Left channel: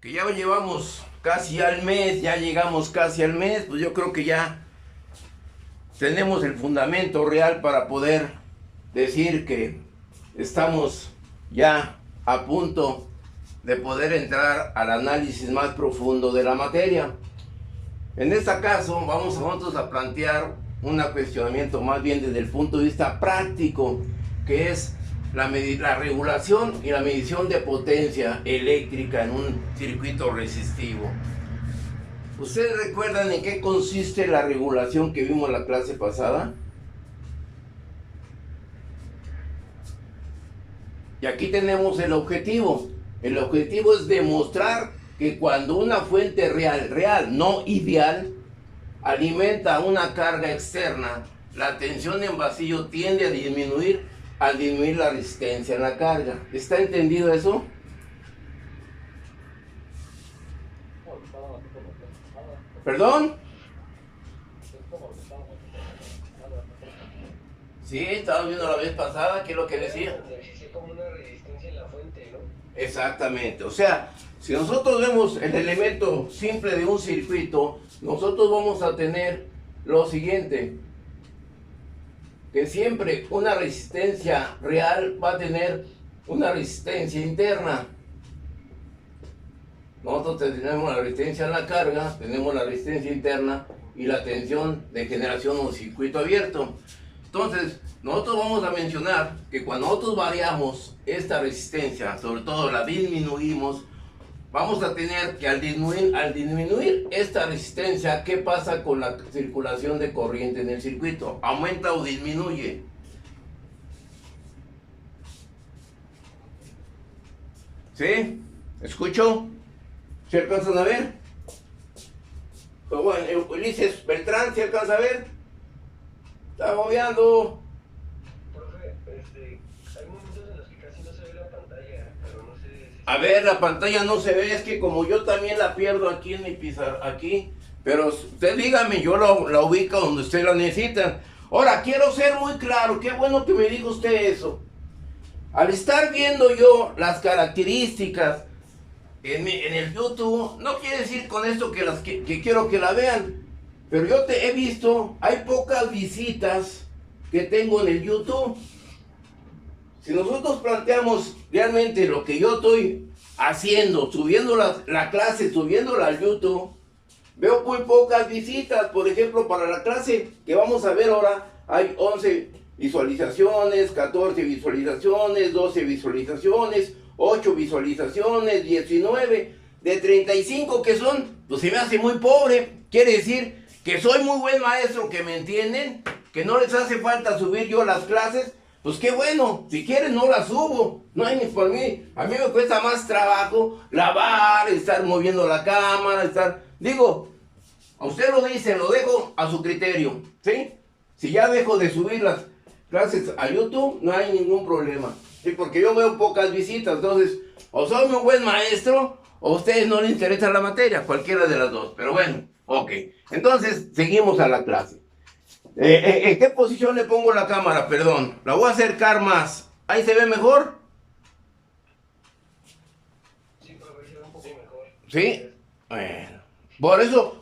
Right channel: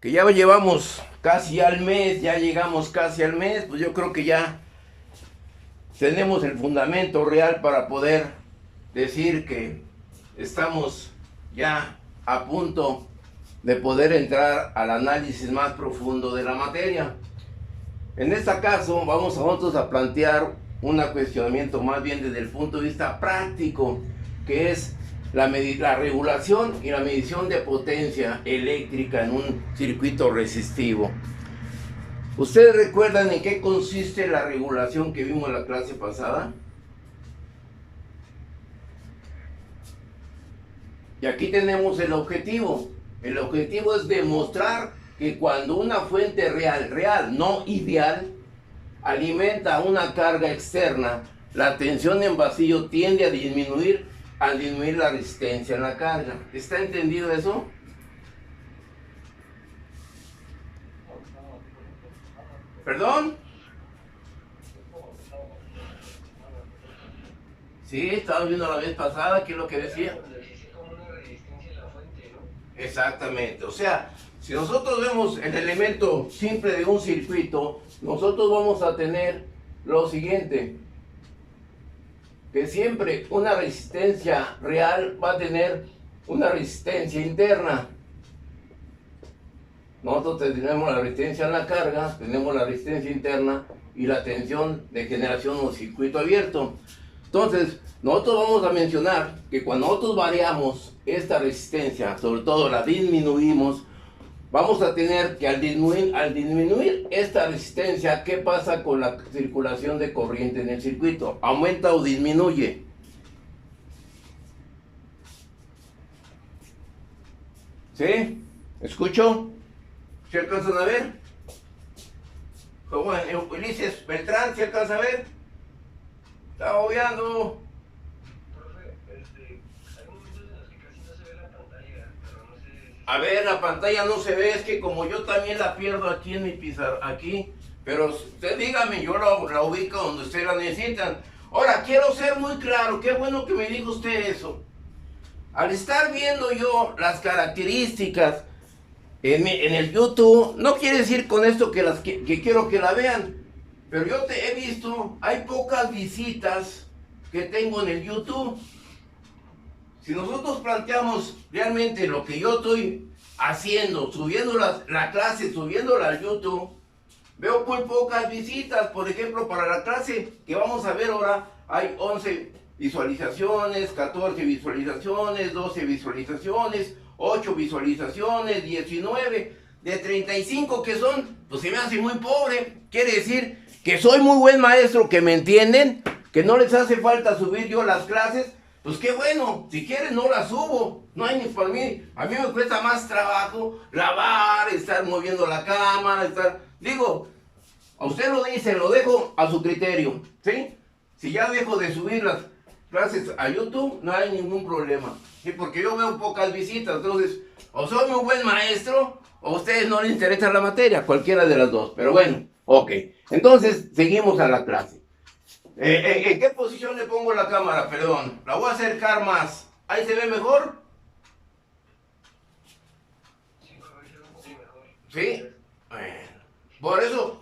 que ya llevamos casi al mes, ya llegamos casi al mes, pues yo creo que ya tenemos el fundamento real para poder decir que estamos ya a punto de poder entrar al análisis más profundo de la materia. En este caso vamos a nosotros a plantear un cuestionamiento más bien desde el punto de vista práctico, que es la regulación y la medición de potencia eléctrica en un circuito resistivo. ¿Ustedes recuerdan en qué consiste la regulación que vimos en la clase pasada? Y aquí tenemos el objetivo. El objetivo es demostrar que cuando una fuente real, no ideal, alimenta una carga externa, la tensión en vacío tiende a disminuir al disminuir la resistencia en la carga. ¿Está entendido eso? ¿Perdón? Sí, estaba viendo la vez pasada, ¿qué es lo que decía? Exactamente, o sea, si nosotros vemos el elemento simple de un circuito, nosotros vamos a tener lo siguiente, que siempre una resistencia real va a tener una resistencia interna. Nosotros tenemos la resistencia en la carga, tenemos la resistencia interna y la tensión de generación de un circuito abierto. Entonces, nosotros vamos a mencionar que cuando nosotros variamos esta resistencia, sobre todo la disminuimos, vamos a tener que al disminuir esta resistencia, ¿qué pasa con la circulación de corriente en el circuito? ¿Aumenta o disminuye? ¿Sí? ¿Escucho? ¿Se alcanzan a ver? Bueno, Ulises Beltrán, ¿se alcanza a ver? Está obviando. Profe, hay momentos en los que casi no se ve la pantalla, pero no sé si... A ver, la pantalla no se ve, es que como yo también la pierdo aquí en mi pizarra, aquí. Pero usted dígame, yo la ubico donde usted la necesita. Ahora, quiero ser muy claro, qué bueno que me diga usted eso. Al estar viendo yo las características en el YouTube, no quiere decir con esto que quiero que la vean, pero yo he visto, hay pocas visitas que tengo en el YouTube. Si nosotros planteamos realmente lo que yo estoy haciendo, subiendo la clase, subiéndola al YouTube, veo muy pocas visitas. Por ejemplo, para la clase que vamos a ver ahora, hay 11 visualizaciones, 14 visualizaciones, 12 visualizaciones, 8 visualizaciones, 19 de 35 que son, pues se me hace muy pobre. Quiere decir que soy muy buen maestro, que me entienden, que no les hace falta subir yo las clases. Pues qué bueno, si quieren no las subo, no hay ni por mí. A mí me cuesta más trabajo lavar, estar moviendo la cámara, digo, a usted lo dice, lo dejo a su criterio, ¿sí? Si ya dejo de subir las clases a YouTube, no hay ningún problema, ¿sí? Porque yo veo pocas visitas. Entonces, o soy muy buen maestro, o a ustedes no les interesa la materia, cualquiera de las dos. Pero bueno, ok. Entonces, seguimos a la clase. ¿En qué posición le pongo la cámara? Perdón, la voy a acercar más. ¿Ahí se ve mejor? Sí, profe, se ve un poco mejor. ¿Sí? Bueno.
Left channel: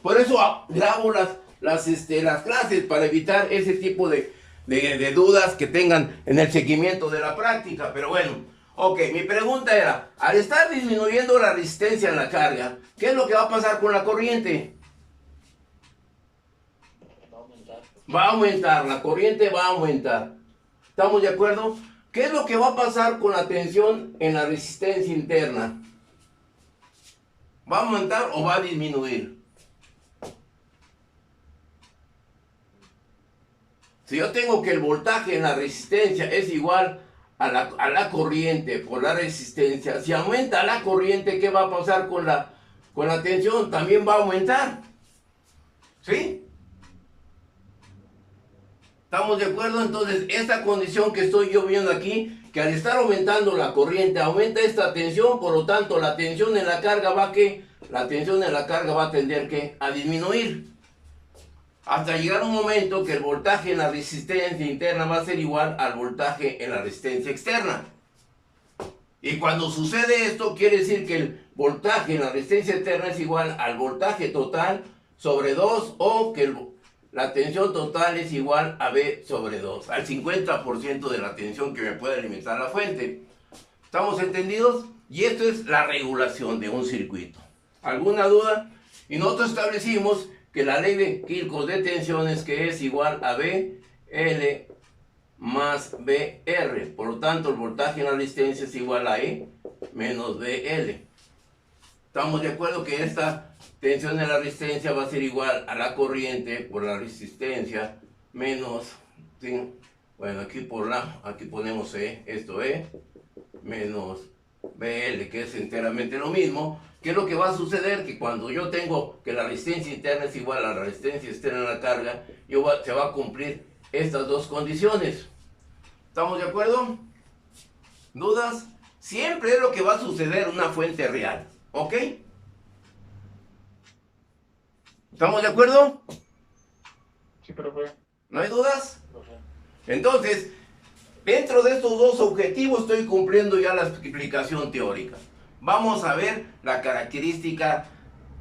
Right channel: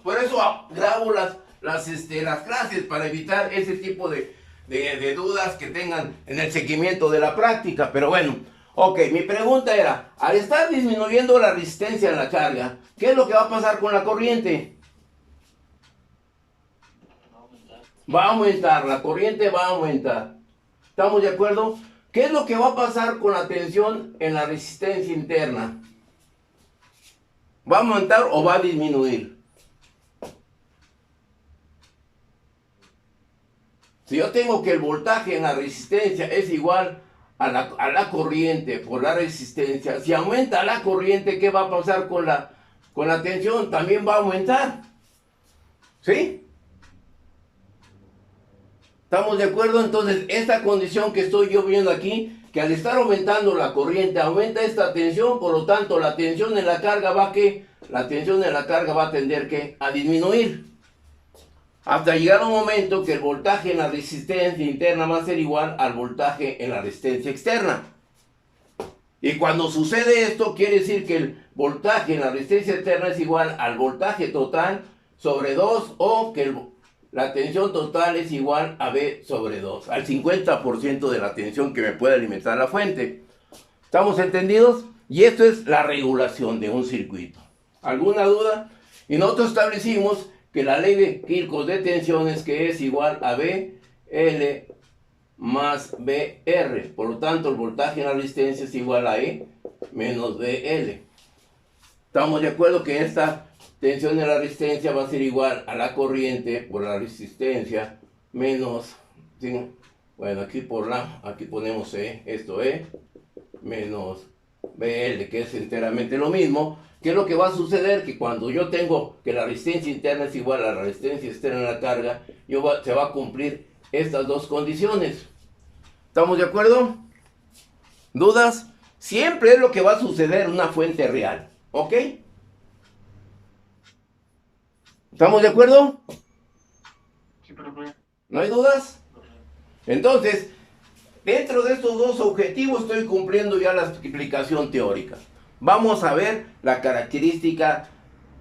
Por eso grabo las clases, para evitar ese tipo de dudas que tengan en el seguimiento de la práctica. Pero bueno, ok, mi pregunta era, al estar disminuyendo la resistencia en la carga, ¿qué es lo que va a pasar con la corriente? Va a aumentar, la corriente va a aumentar. ¿Estamos de acuerdo? ¿Qué es lo que va a pasar con la tensión en la resistencia interna? ¿Va a aumentar o va a disminuir? Si yo tengo que el voltaje en la resistencia es igual a la corriente por la resistencia, si aumenta la corriente, ¿qué va a pasar con la tensión? También va a aumentar. ¿Sí? ¿Estamos de acuerdo? Entonces, esta condición que estoy yo viendo aquí, que al estar aumentando la corriente, aumenta esta tensión, por lo tanto, la tensión en la carga va a tender a disminuir. Hasta llegar a un momento que el voltaje en la resistencia interna va a ser igual al voltaje en la resistencia externa. Y cuando sucede esto, quiere decir que el voltaje en la resistencia externa es igual al voltaje total sobre 2 o que la tensión total es igual a V sobre 2, al 50% de la tensión que me puede alimentar la fuente. ¿Estamos entendidos? Y esto es la regulación de un circuito. ¿Alguna duda? Y nosotros establecimos que la ley de Kirchhoff de tensiones que es igual a VL más VR. Por lo tanto, el voltaje en la resistencia es igual a E menos VL. ¿Estamos de acuerdo que esta tensión de la resistencia va a ser igual a la corriente por la resistencia menos, ¿sí? Bueno, aquí ponemos E, esto E, menos VL, que es enteramente lo mismo. ¿Qué es lo que va a suceder? Que cuando yo tengo que la resistencia interna es igual a la resistencia externa de la carga, se va a cumplir estas dos condiciones. ¿Estamos de acuerdo? ¿Dudas? Siempre es lo que va a suceder en una fuente real. ¿Ok? ¿Estamos de acuerdo? Sí, profe. ¿No hay dudas? Entonces, dentro de estos dos objetivos estoy cumpliendo ya la explicación teórica. Vamos a ver la característica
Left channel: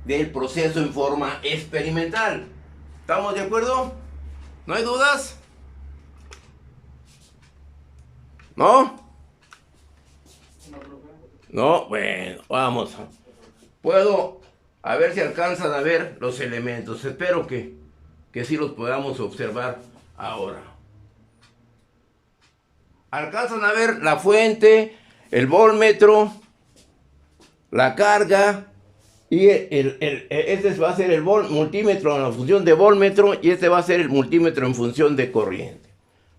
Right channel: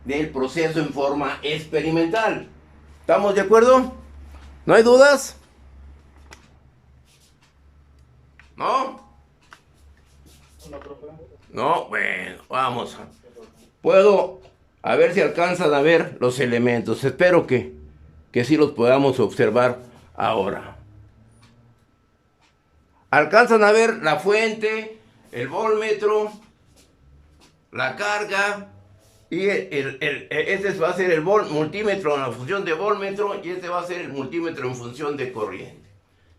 del proceso en forma experimental. ¿Estamos de acuerdo? ¿No hay dudas? ¿No? No, bueno, vamos. Puedo, a ver si alcanzan a ver los elementos. Espero que sí los podamos observar ahora. Alcanzan a ver la fuente, el voltmetro, la carga, y este va a ser el multímetro en la función de voltmetro, y este va a ser el multímetro en función de corriente.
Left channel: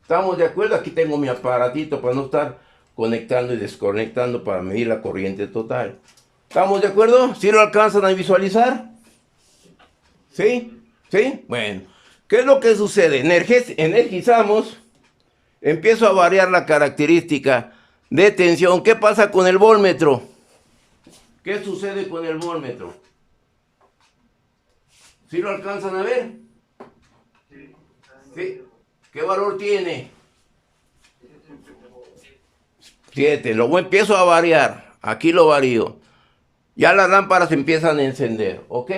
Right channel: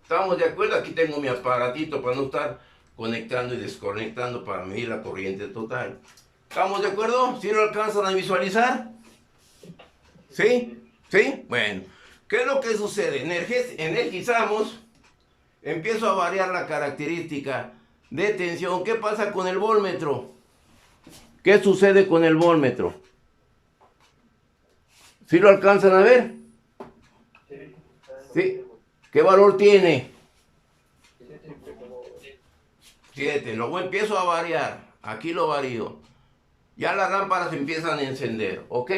¿Estamos de acuerdo? Aquí tengo mi aparatito para no estar conectando y desconectando para medir la corriente total. ¿Estamos de acuerdo? ¿Sí lo alcanzan a visualizar? ¿Sí? ¿Sí? Bueno, ¿qué es lo que sucede? Energizamos, empiezo a variar la característica de tensión. ¿Qué pasa con el voltmetro? ¿Qué sucede con el voltmetro? ¿Sí lo alcanzan a ver? ¿Sí? ¿Qué valor tiene? 7. Luego empiezo a variar. Aquí lo varío. Ya las lámparas empiezan a encender. ¿Ok?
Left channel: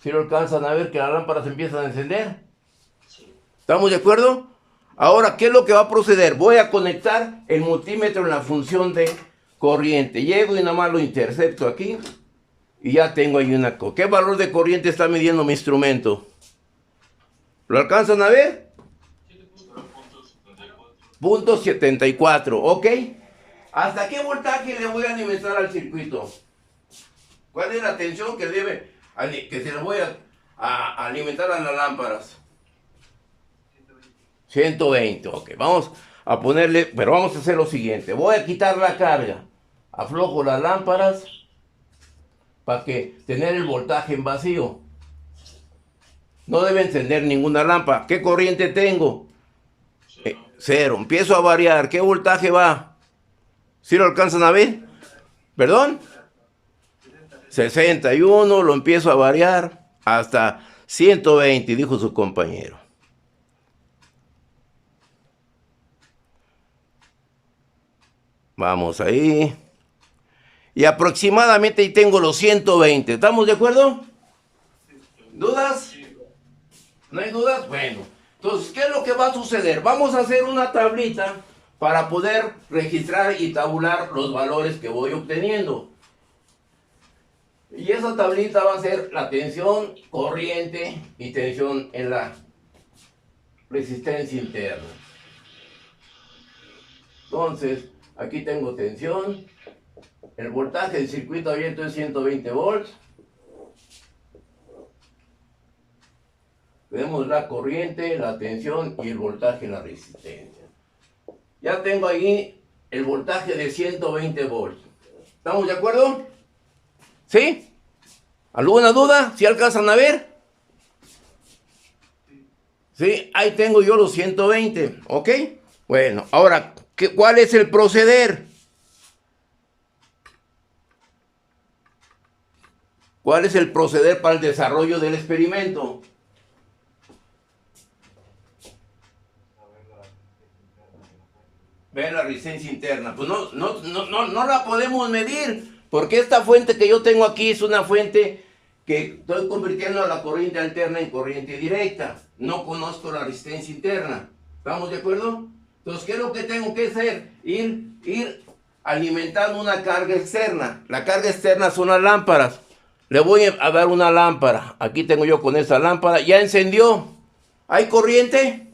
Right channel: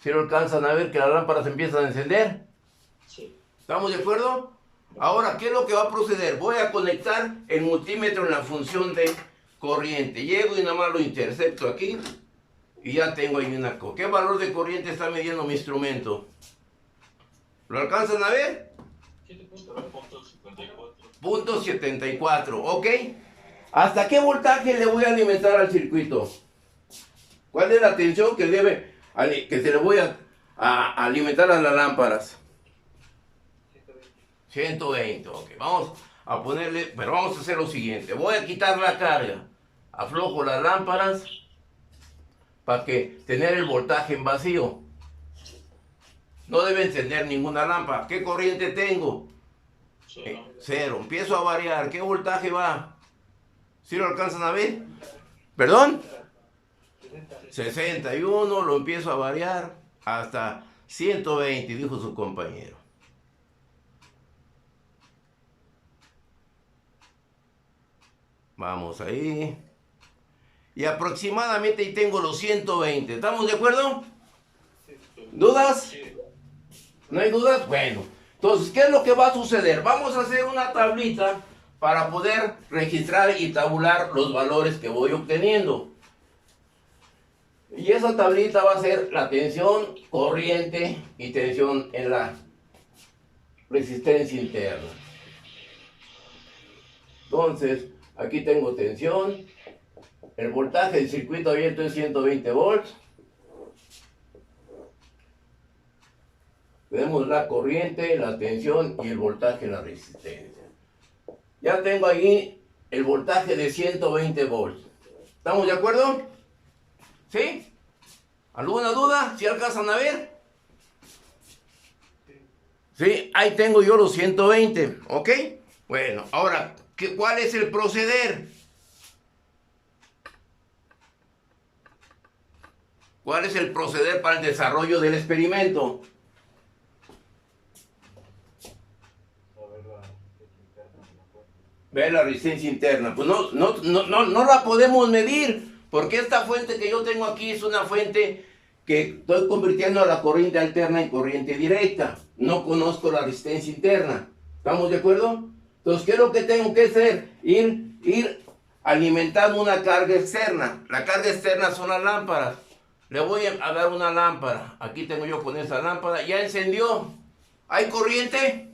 ¿Sí lo alcanzan a ver que las lámparas empiezan a encender? Sí. ¿Estamos de acuerdo? Ahora, ¿qué es lo que va a proceder? Voy a conectar el multímetro en la función de corriente. Llego y nada más lo intercepto aquí. Y ya tengo ahí una... ¿Qué valor de corriente está midiendo mi instrumento? ¿Lo alcanzan a ver? 7.74, ¿ok? ¿Hasta qué voltaje le voy a alimentar al circuito? ¿Cuál es la tensión que se le voy a alimentar a las lámparas? 120, ok. Vamos a ponerle, pero vamos a hacer lo siguiente. Voy a quitar la carga. Aflojo las lámparas para que tener el voltaje en vacío. No debe encender ninguna lámpara. ¿Qué corriente tengo? 0. Empiezo a variar. ¿Qué voltaje va? ¿Sí lo alcanzan a ver? ¿Perdón? 61. Lo empiezo a variar hasta 120, dijo su compañero. Vamos ahí. Y aproximadamente ahí tengo los 120. ¿Estamos de acuerdo? ¿Dudas? ¿No hay dudas? Bueno. Entonces, ¿qué es lo que va a suceder? Vamos a hacer una tablita para poder registrar y tabular los valores que voy obteniendo. Y esa tablita va a ser la tensión, corriente y tensión en la resistencia interna. Entonces, aquí tengo tensión. El voltaje del circuito abierto es 120 volts. Tenemos la corriente, la tensión y el voltaje en la resistencia. Ya tengo ahí el voltaje de 120 volts. ¿Estamos de acuerdo? ¿Sí? ¿Alguna duda? ¿Sí alcanzan a ver? Sí, ahí tengo yo los 120, ¿ok? Bueno, ahora, ¿cuál es el proceder? ¿Cuál es el proceder para el desarrollo del experimento? Ve la resistencia interna. Pues no la podemos medir, porque esta fuente que yo tengo aquí es una fuente que estoy convirtiendo a la corriente alterna en corriente directa. No conozco la resistencia interna. ¿Estamos de acuerdo? Entonces, ¿qué es lo que tengo que hacer? Ir alimentando una carga externa. La carga externa son las lámparas. Le voy a dar una lámpara. Aquí tengo yo con esta lámpara. Ya encendió. ¿Hay corriente?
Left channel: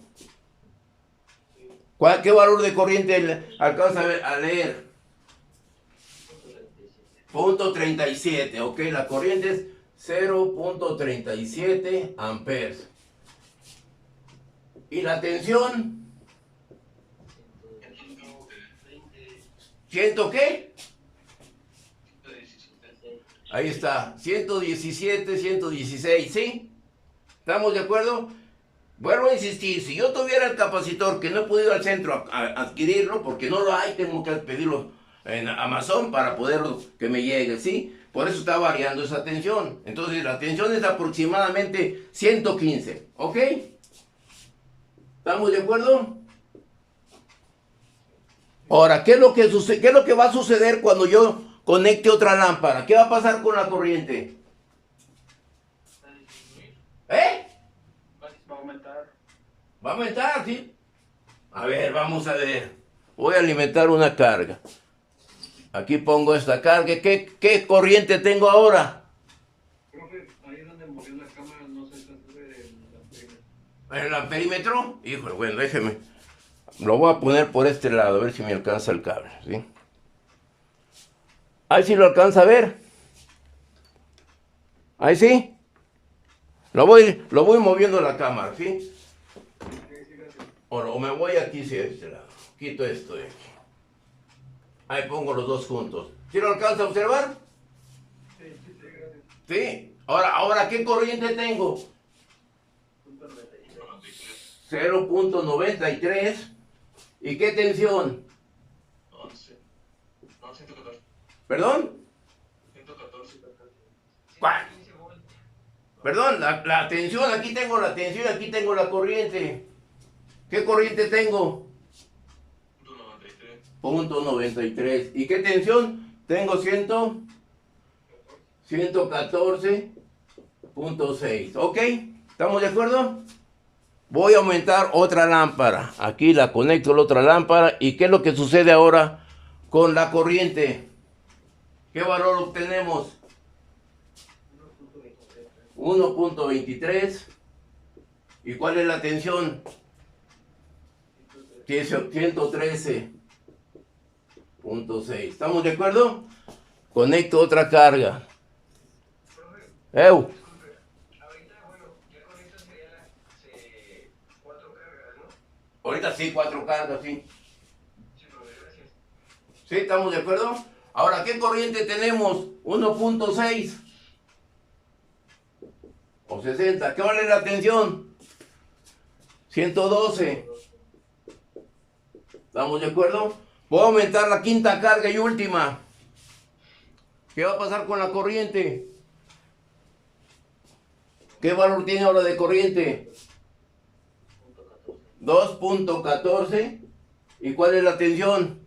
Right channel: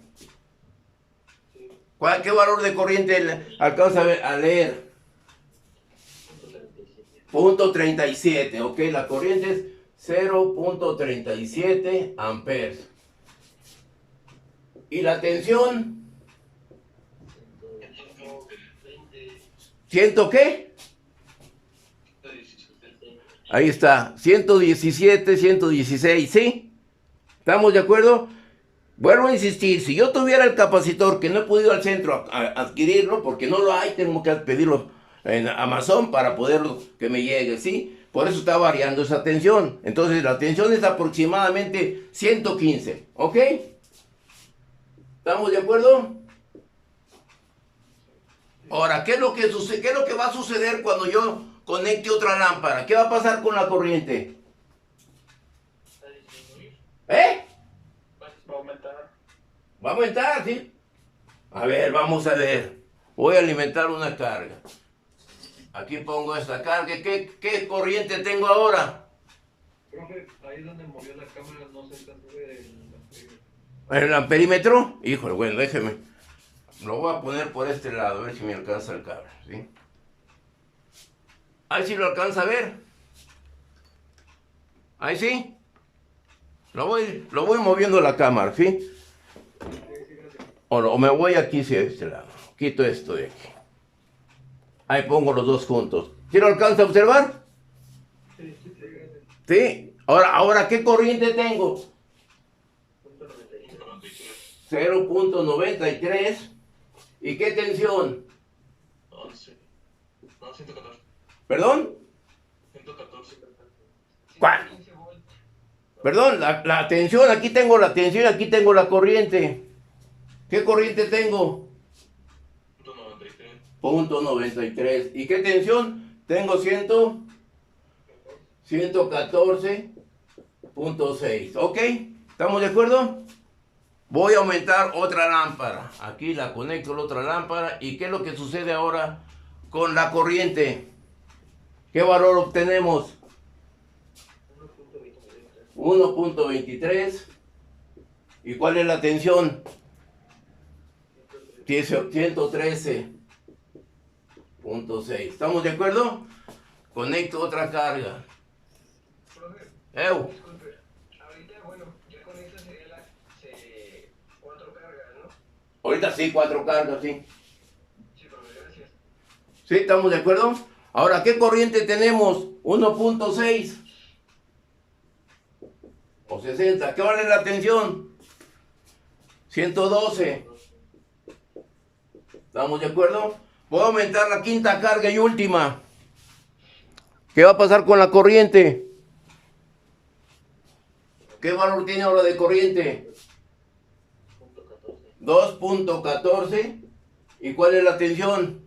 ¿Qué valor de corriente alcanza a leer? Punto 37. Ok, la corriente es 0.37 amperes. ¿Y la tensión? ¿100 qué? Ahí está, 117, 116, ¿sí? ¿Estamos de acuerdo? Vuelvo a insistir, si yo tuviera el capacitor, que no he podido al centro a adquirirlo, porque no lo hay, tengo que pedirlo en Amazon para poderlo que me llegue, ¿sí? Por eso está variando esa tensión. Entonces la tensión es aproximadamente 115, ¿ok? ¿Estamos de acuerdo? Ahora, ¿qué es lo que sucede? ¿Qué es lo que va a suceder cuando yo conecte otra lámpara? ¿Qué va a pasar con la corriente? ¿Eh? Va a aumentar. Va a aumentar, ¿sí? A ver, vamos a ver. Voy a alimentar una carga. Aquí pongo esta carga. ¿Qué corriente tengo ahora? Profe, ahí donde movió la cámara no se alcanza a ver el amperímetro. ¿El amperímetro? Híjole, bueno, déjeme. Lo voy a poner por este lado, a ver si me alcanza el cable, ¿sí? Ahí sí lo alcanza a ver. Ahí sí. Lo voy moviendo la cámara, ¿sí? O me voy aquí hacia este lado. Quito esto de aquí. Ahí pongo los dos juntos. ¿Sí lo alcanza a observar? Sí, gracias. ¿Sí? Ahora, ¿qué corriente tengo? 0.93. ¿Y qué tensión? 11. No, 114. ¿Perdón? 114. ¿Cuál? Perdón, la tensión, aquí tengo la tensión, aquí tengo la corriente. ¿Qué corriente tengo? 0.93. ¿Y qué tensión? Tengo 114.6. ¿Ok? ¿Estamos de acuerdo? Voy a aumentar otra lámpara. Aquí la conecto a la otra lámpara. ¿Y qué es lo que sucede ahora con la corriente? ¿Qué valor obtenemos? 1.23. ¿Y cuál es la tensión? 113.6. ¿Estamos de acuerdo? Conecto otra carga. Disculpe, ahorita, bueno, ya con esta sería la 4 cargas, ¿no? Ahorita sí, 4 cargas, sí. Sí, profe, gracias. ¿Sí? ¿Estamos de acuerdo? Ahora, ¿qué corriente tenemos? 1.6 o 60. ¿Qué vale la tensión? 112. ¿Estamos de acuerdo? Voy a aumentar la quinta carga y última. ¿Qué va a pasar con la corriente? ¿Qué valor tiene ahora de corriente? 2.14. ¿Y cuál es la tensión?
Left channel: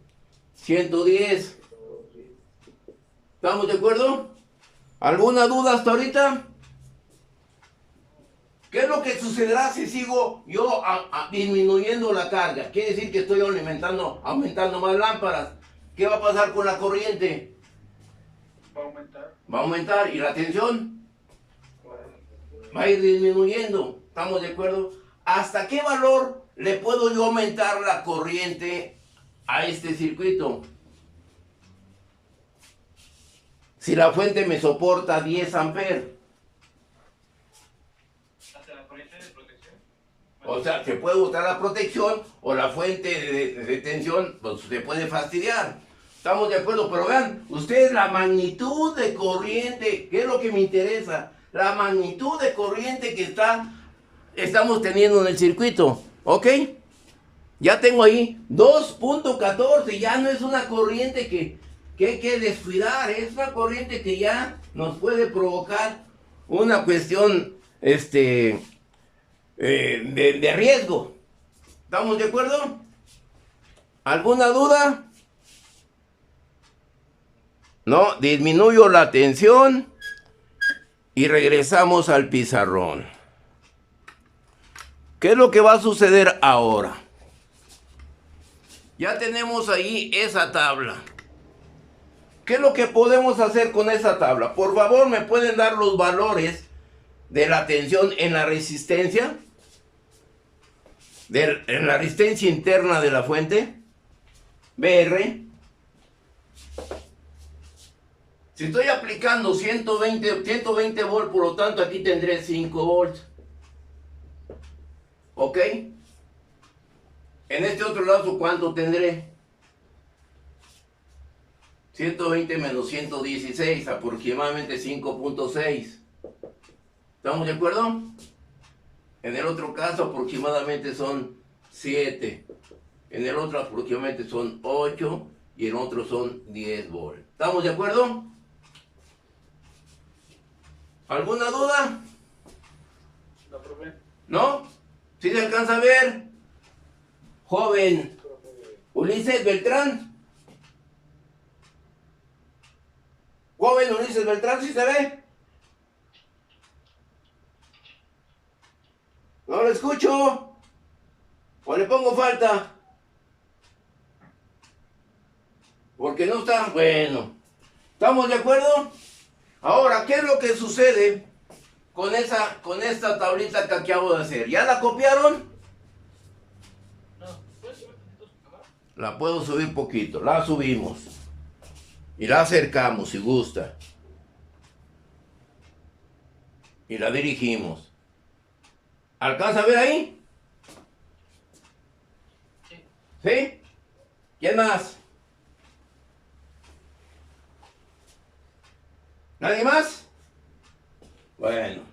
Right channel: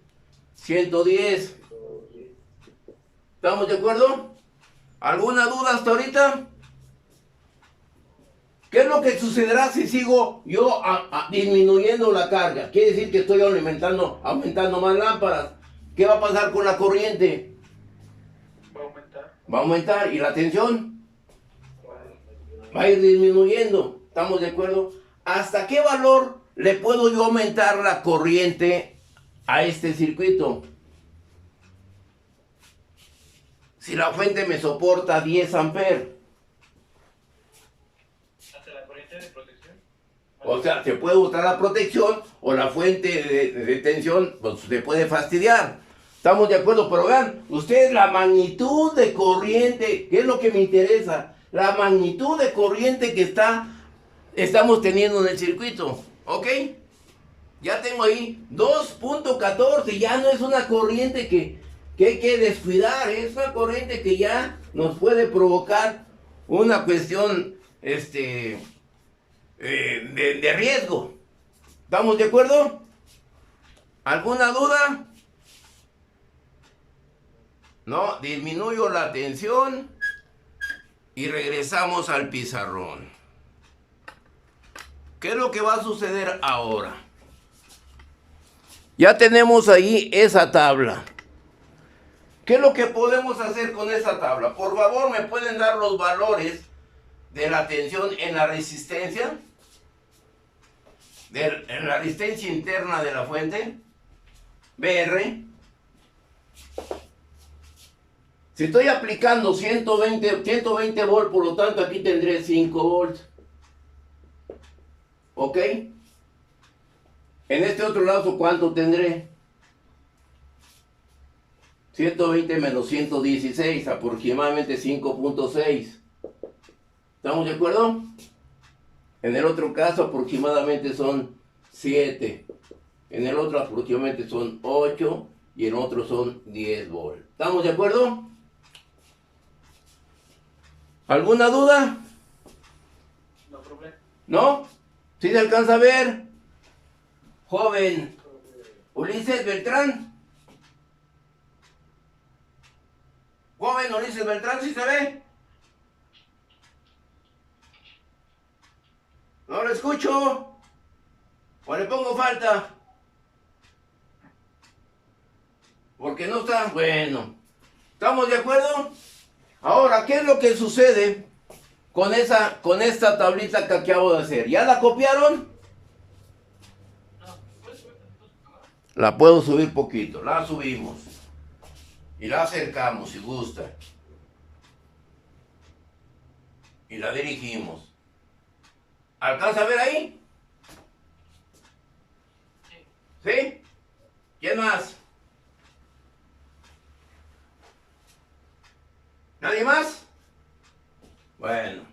110. ¿Estamos de acuerdo? ¿Alguna duda hasta ahorita? ¿Qué es lo que sucederá si sigo yo disminuyendo la carga? Quiere decir que estoy aumentando más lámparas. ¿Qué va a pasar con la corriente? Va a aumentar. Va a aumentar. ¿Y la tensión? Va a ir disminuyendo. ¿Estamos de acuerdo? ¿Hasta qué valor le puedo yo aumentar la corriente a este circuito? Si la fuente me soporta 10 amperes. ¿Hasta la corriente de protección? O sea, se puede botar la protección o la fuente de tensión pues, se puede fastidiar. Estamos de acuerdo, pero vean, ustedes la magnitud de corriente, ¿qué es lo que me interesa? La magnitud de corriente que estamos teniendo en el circuito, ¿ok? Ya tengo ahí 2.14, ya no es una corriente que hay que descuidar, es una corriente que ya nos puede provocar una cuestión, de riesgo. ¿Estamos de acuerdo? ¿Alguna duda? No, disminuyo la tensión y regresamos al pizarrón. ¿Qué es lo que va a suceder ahora? Ya tenemos ahí esa tabla. ¿Qué es lo que podemos hacer con esa tabla? Por favor, ¿me pueden dar los valores de la tensión en la resistencia? En la resistencia interna de la fuente. BR. Si estoy aplicando 120 volts, por lo tanto aquí tendré 5 volts. ¿Ok? En este otro lado, ¿cuánto tendré? 120 menos 116, aproximadamente 5.6. ¿Estamos de acuerdo? En el otro caso aproximadamente son 7. En el otro aproximadamente son 8. Y en otro son 10 volts. ¿Estamos de acuerdo? ¿Alguna duda? No, profe. ¿No? ¿Sí se alcanza a ver? Joven Ulises Beltrán. Joven Ulises Beltrán, ¿sí se ve? No lo escucho. ¿O le pongo falta? Porque no está. Bueno. ¿Estamos de acuerdo? Ahora, ¿qué es lo que sucede con esta tablita que acabo de hacer? ¿Ya la copiaron? La puedo subir poquito. La subimos. Y la acercamos si gusta. Y la dirigimos. ¿Alcanza a ver ahí? ¿Sí? ¿Quién más? ¿Nadie más? Bueno.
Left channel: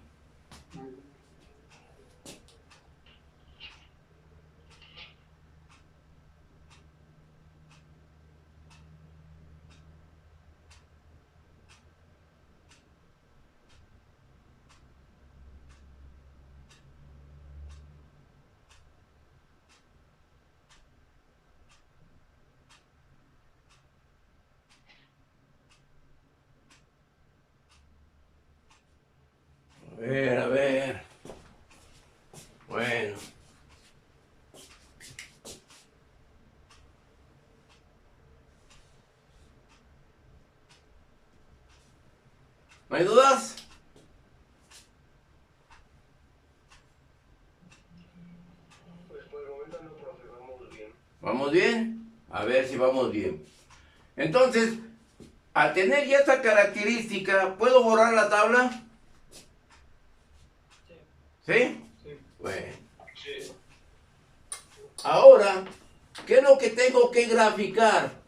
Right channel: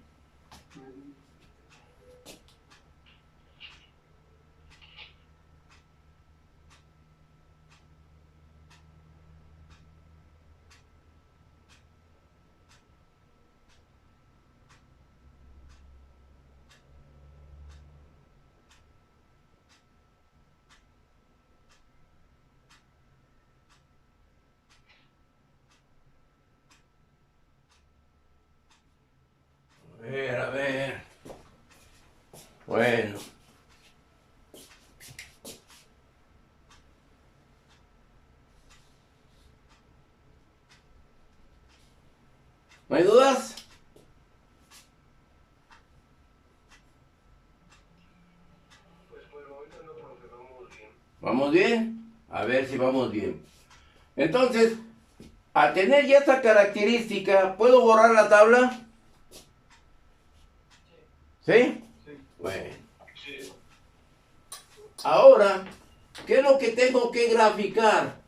A ver. Bueno. ¿No hay dudas? Pues por el momento no, profe, vamos bien. ¿Vamos bien? A ver si vamos bien. Entonces, al tener ya esta característica, ¿puedo borrar la tabla? ¿Sí? Sí. Bueno. Sí. Ahora, ¿qué es lo que tengo que graficar?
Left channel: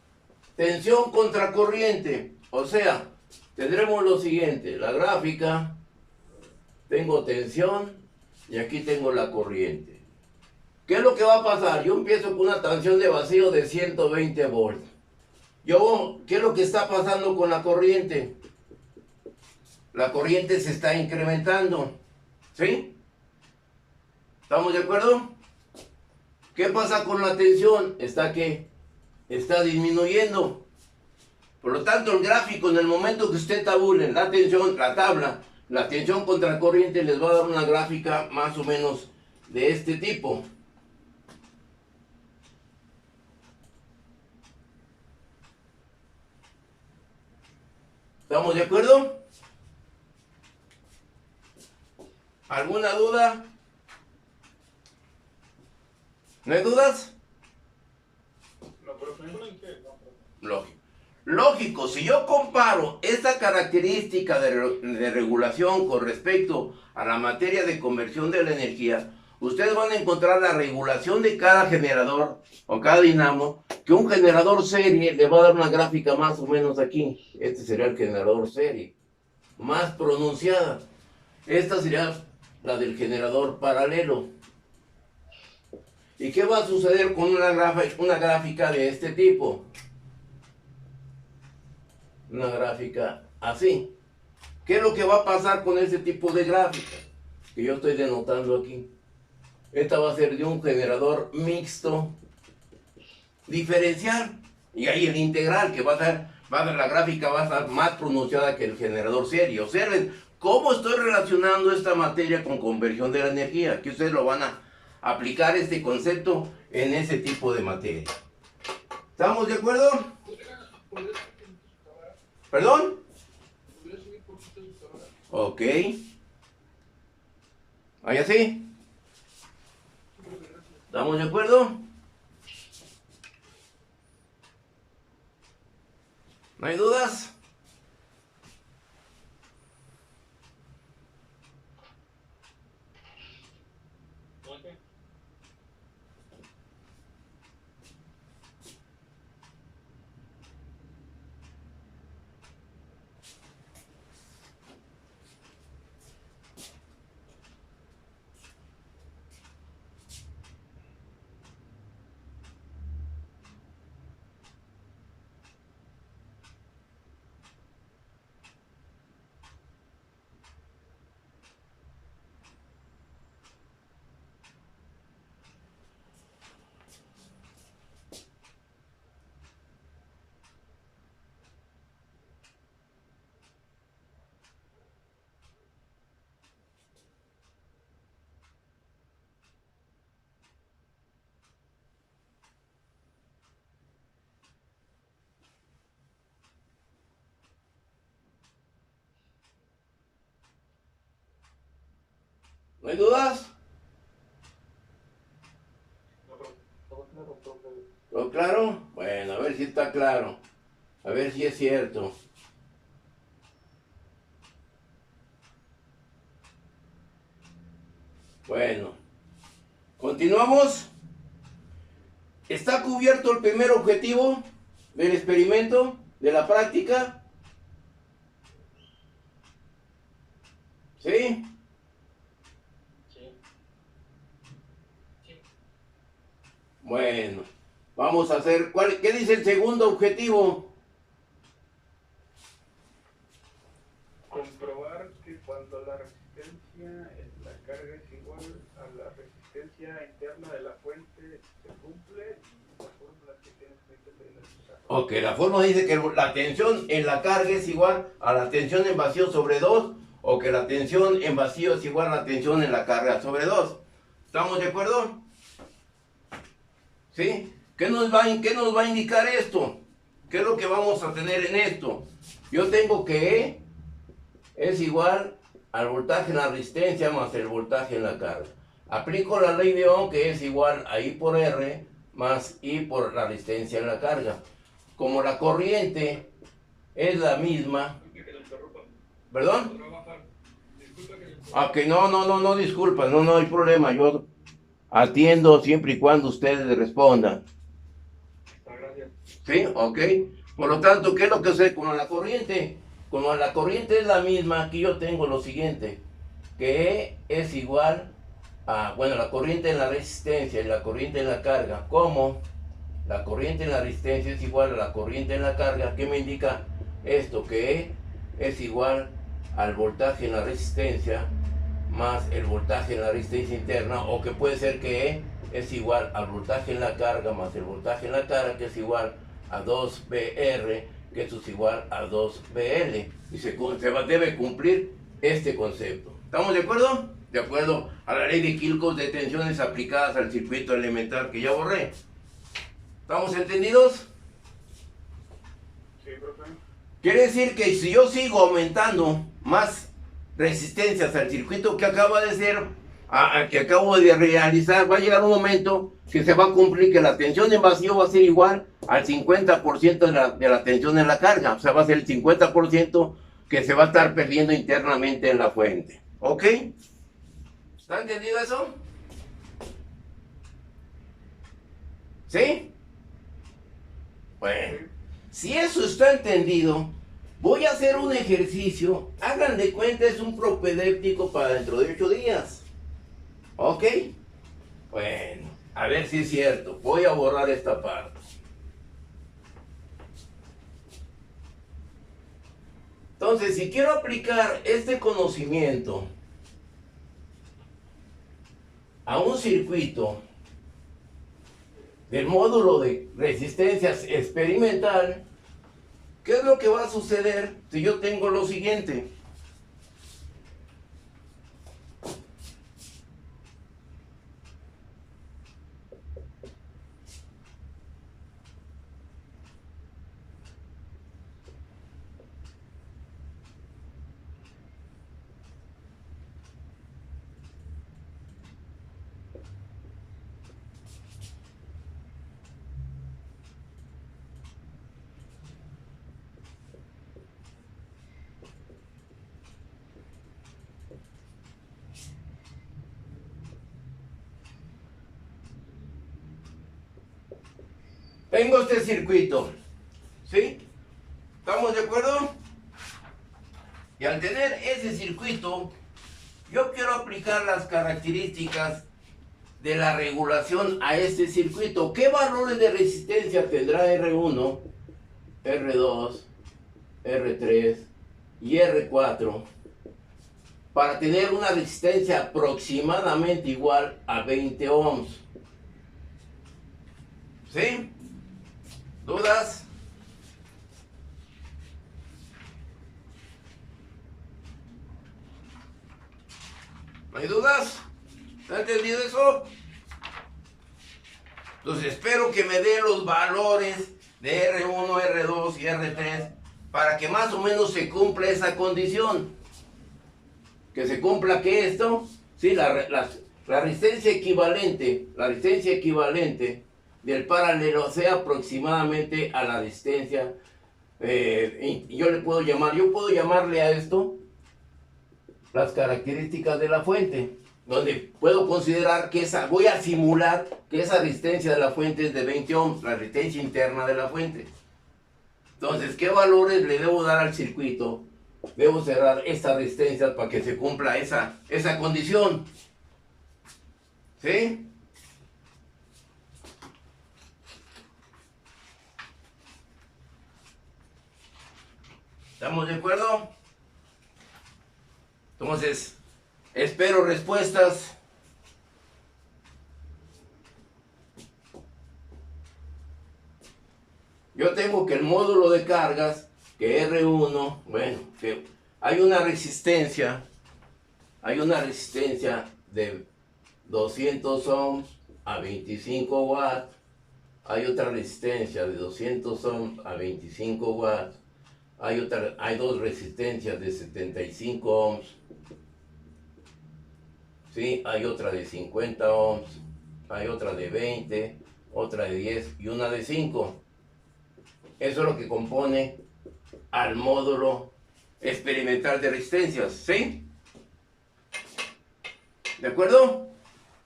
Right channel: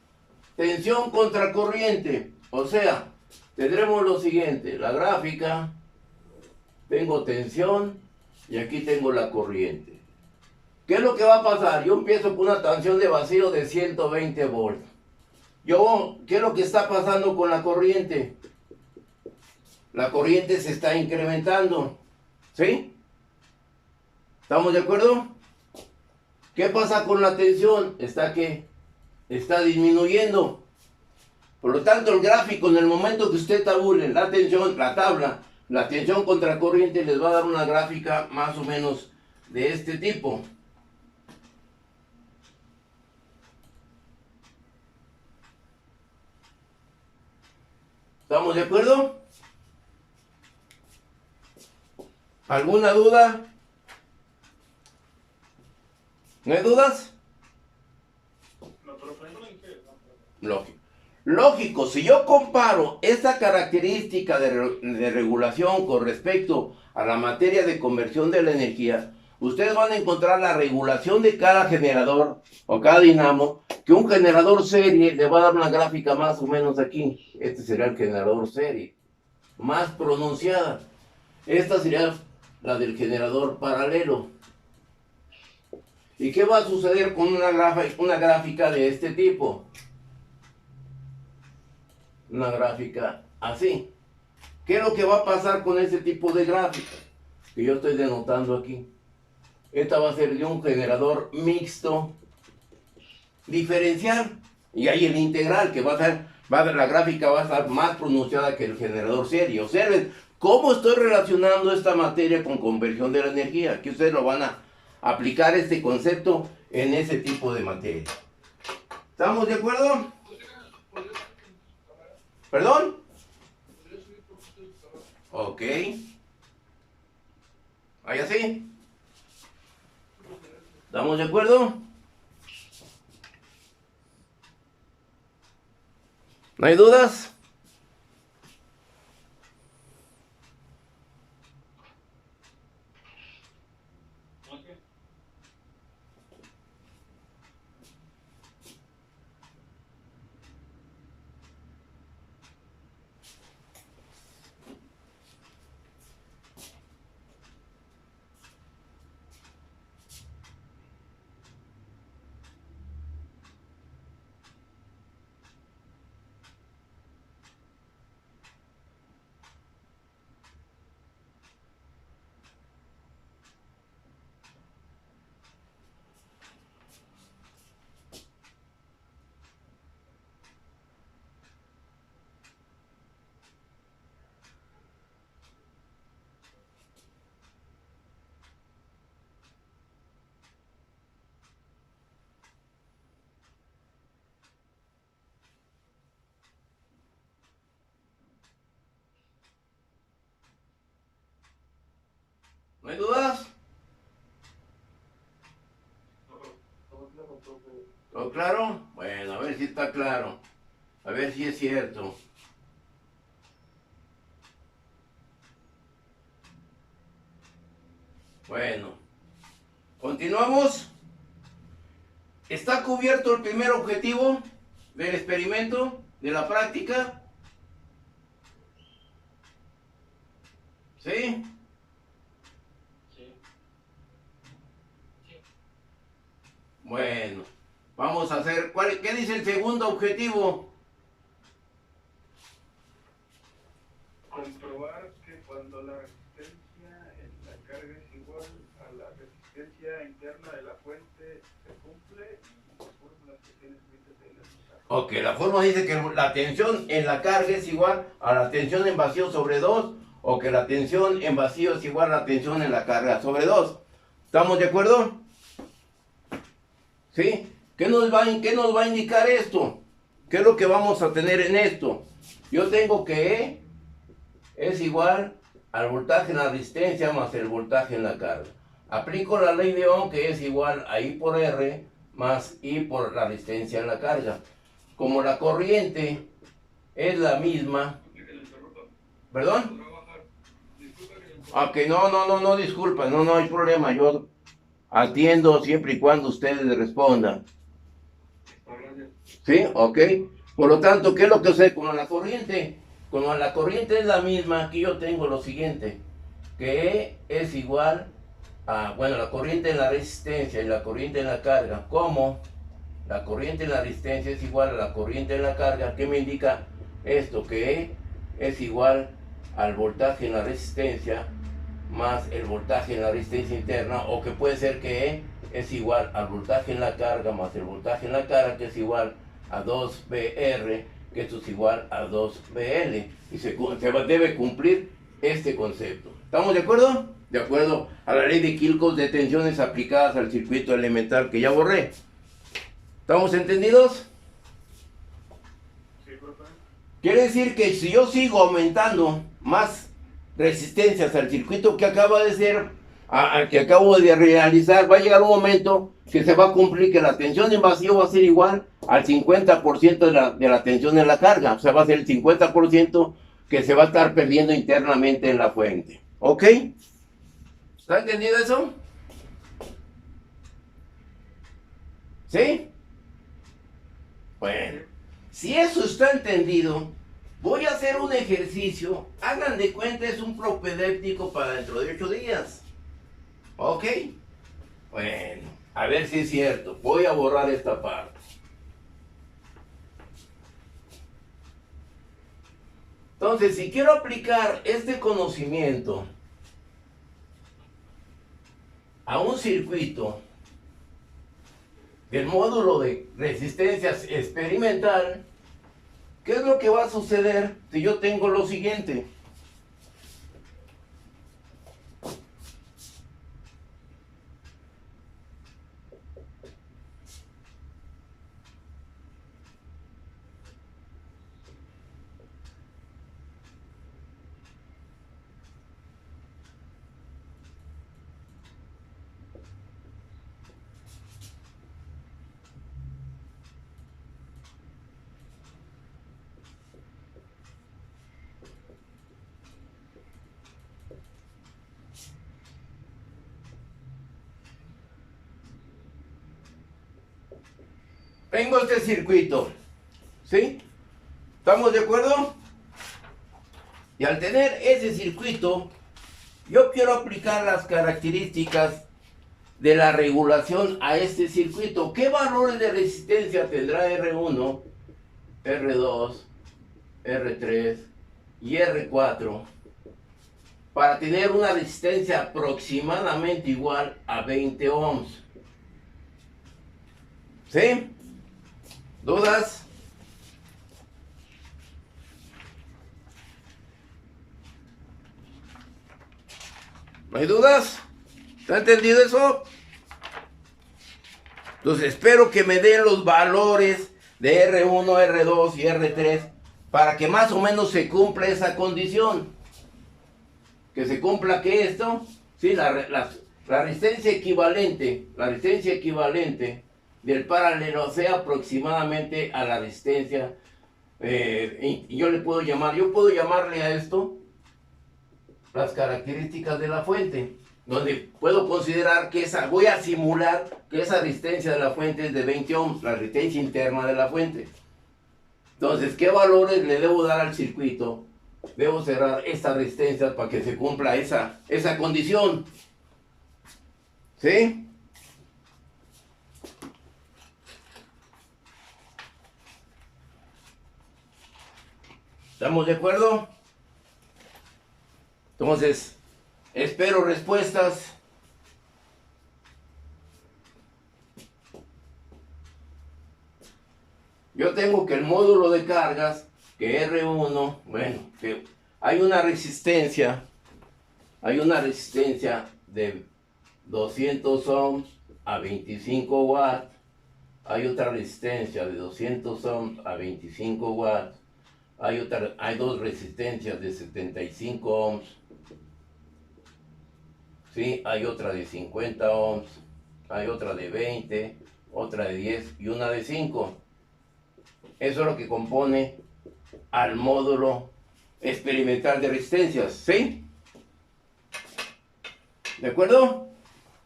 Tensión contra corriente. O sea, tendremos lo siguiente. La gráfica, tengo tensión y aquí tengo la corriente. ¿Qué es lo que va a pasar? Yo empiezo con una tensión de vacío de 120 volts. ¿Qué es lo que está pasando con la corriente? La corriente se está incrementando. ¿Sí? ¿Estamos de acuerdo? ¿Qué pasa con la tensión? Está disminuyendo. Por lo tanto, el gráfico, en el momento que usted tabule la tensión, la tabla, la tensión contra corriente, les va a dar una gráfica más o menos de este tipo. ¿Estamos de acuerdo? ¿Alguna duda? ¿No hay dudas? No, profe. Lógico. Lógico, si yo comparo esta característica de regulación con respecto a la materia de conversión de la energía, ustedes van a encontrar la regulación de cada generador o cada dinamo, que un generador serie le va a dar una gráfica más o menos aquí. Este sería el generador serie, más pronunciada. Esta sería la del generador paralelo. ¿Y qué va a suceder con una gráfica de este tipo? Una gráfica así. ¿Qué es lo que va a pasar con ese tipo de gráfica? Que yo estoy denotando aquí. Esta va a ser de un generador mixto diferencial. Y ahí el integral, que la gráfica va a estar más pronunciada que el generador serie. Observen cómo estoy relacionando esta materia con conversión de la energía. Aquí ustedes lo van a aplicar este concepto en ese tipo de materia. ¿Estamos de acuerdo? ¿Perdón? Ok. ¿Ahí así? ¿Estamos de acuerdo? ¿No hay dudas? ¿No hay dudas? ¿Todo claro? Bueno, a ver si está claro. A ver si es cierto. Bueno, continuamos. ¿Está cubierto el primer objetivo del experimento, de la práctica? ¿Sí? Bueno, vamos a hacer, ¿qué dice el segundo objetivo? Comprobar que cuando la resistencia en la carga es igual a la resistencia interna de la fuente se cumple y las fórmulas que tienes escritas ahí las usas. Ok, la fórmula dice que la tensión en la carga es igual a la tensión en vacío sobre 2, o que la tensión en vacío es igual a la tensión en la carga sobre 2. ¿Estamos de acuerdo? ¿Sí? ¿Qué nos va a indicar esto? ¿Qué es lo que vamos a tener en esto? Yo tengo que E es igual al voltaje en la resistencia más el voltaje en la carga. Aplico la ley de Ohm, que es igual a I por R más I por la resistencia en la carga. Como la corriente es la misma... ¿Perdón? Ok, no, disculpa, no hay problema, yo atiendo siempre y cuando ustedes respondan. ¿Sí? Ok. Por lo tanto, ¿qué es lo que sucede con la corriente? Como la corriente es la misma, aquí yo tengo lo siguiente, que E es igual a, bueno, la corriente en la resistencia y la corriente en la carga. ¿Cómo? La corriente en la resistencia es igual a la corriente en la carga. ¿Qué me indica esto? Que E es igual al voltaje en la resistencia más el voltaje en la resistencia interna, o que puede ser que E es igual al voltaje en la carga más el voltaje en la carga, que es igual a 2BR, que esto es igual a 2BL, y debe cumplir este concepto. ¿Estamos de acuerdo? De acuerdo a la ley de Kirchhoff de tensiones aplicadas al circuito elemental que ya borré. ¿Estamos entendidos? Sí, profe. Quiere decir que si yo sigo aumentando más resistencias al circuito que acaba de ser, que acabo de realizar, va a llegar un momento que se va a cumplir que la tensión en vacío va a ser igual al 50% de la tensión en la carga. O sea, va a ser el 50% que se va a estar perdiendo internamente en la fuente. ¿Ok? ¿Está entendido eso? ¿Sí? Bueno, si eso está entendido, voy a hacer un ejercicio. Hagan de cuenta, es un propedéutico para dentro de 8 días. ¿Ok? Bueno, a ver si es cierto. Voy a borrar esta parte. Entonces, si quiero aplicar este conocimiento a un circuito, del módulo de resistencias experimental, ¿qué es lo que va a suceder si yo tengo lo siguiente? Tengo este circuito, ¿sí? ¿Estamos de acuerdo? Y al tener ese circuito, yo quiero aplicar las características de la regulación a este circuito. ¿Qué valores de resistencia tendrá R1, R2, R3 y R4 para tener una resistencia aproximadamente igual a 20 ohms? ¿Sí? ¿Dudas? ¿No hay dudas? ¿Está entendido eso? Entonces espero que me den los valores de R1, R2 y R3 para que más o menos se cumpla esa condición. Que se cumpla que esto, sí, la resistencia equivalente del paralelo sea aproximadamente a la resistencia. Yo puedo llamarle a esto las características de la fuente, donde puedo considerar que voy a simular que esa resistencia de la fuente es de 20 ohms, la resistencia interna de la fuente. Entonces, ¿qué valores le debo dar al circuito? Debo cerrar esta resistencia para que se cumpla esa condición. ¿Sí? ¿Estamos de acuerdo? Entonces, espero respuestas. Yo tengo que el módulo de cargas, que R1, bueno, que hay una resistencia de 200 ohms a 25 watts, hay otra resistencia de 200 ohms a 25 watts, hay dos resistencias de 75 ohms, ¿sí? Hay otra de 50 ohms, hay otra de 20, otra de 10 y una de 5. Eso es lo que compone al módulo experimental de resistencias, ¿sí? ¿De acuerdo?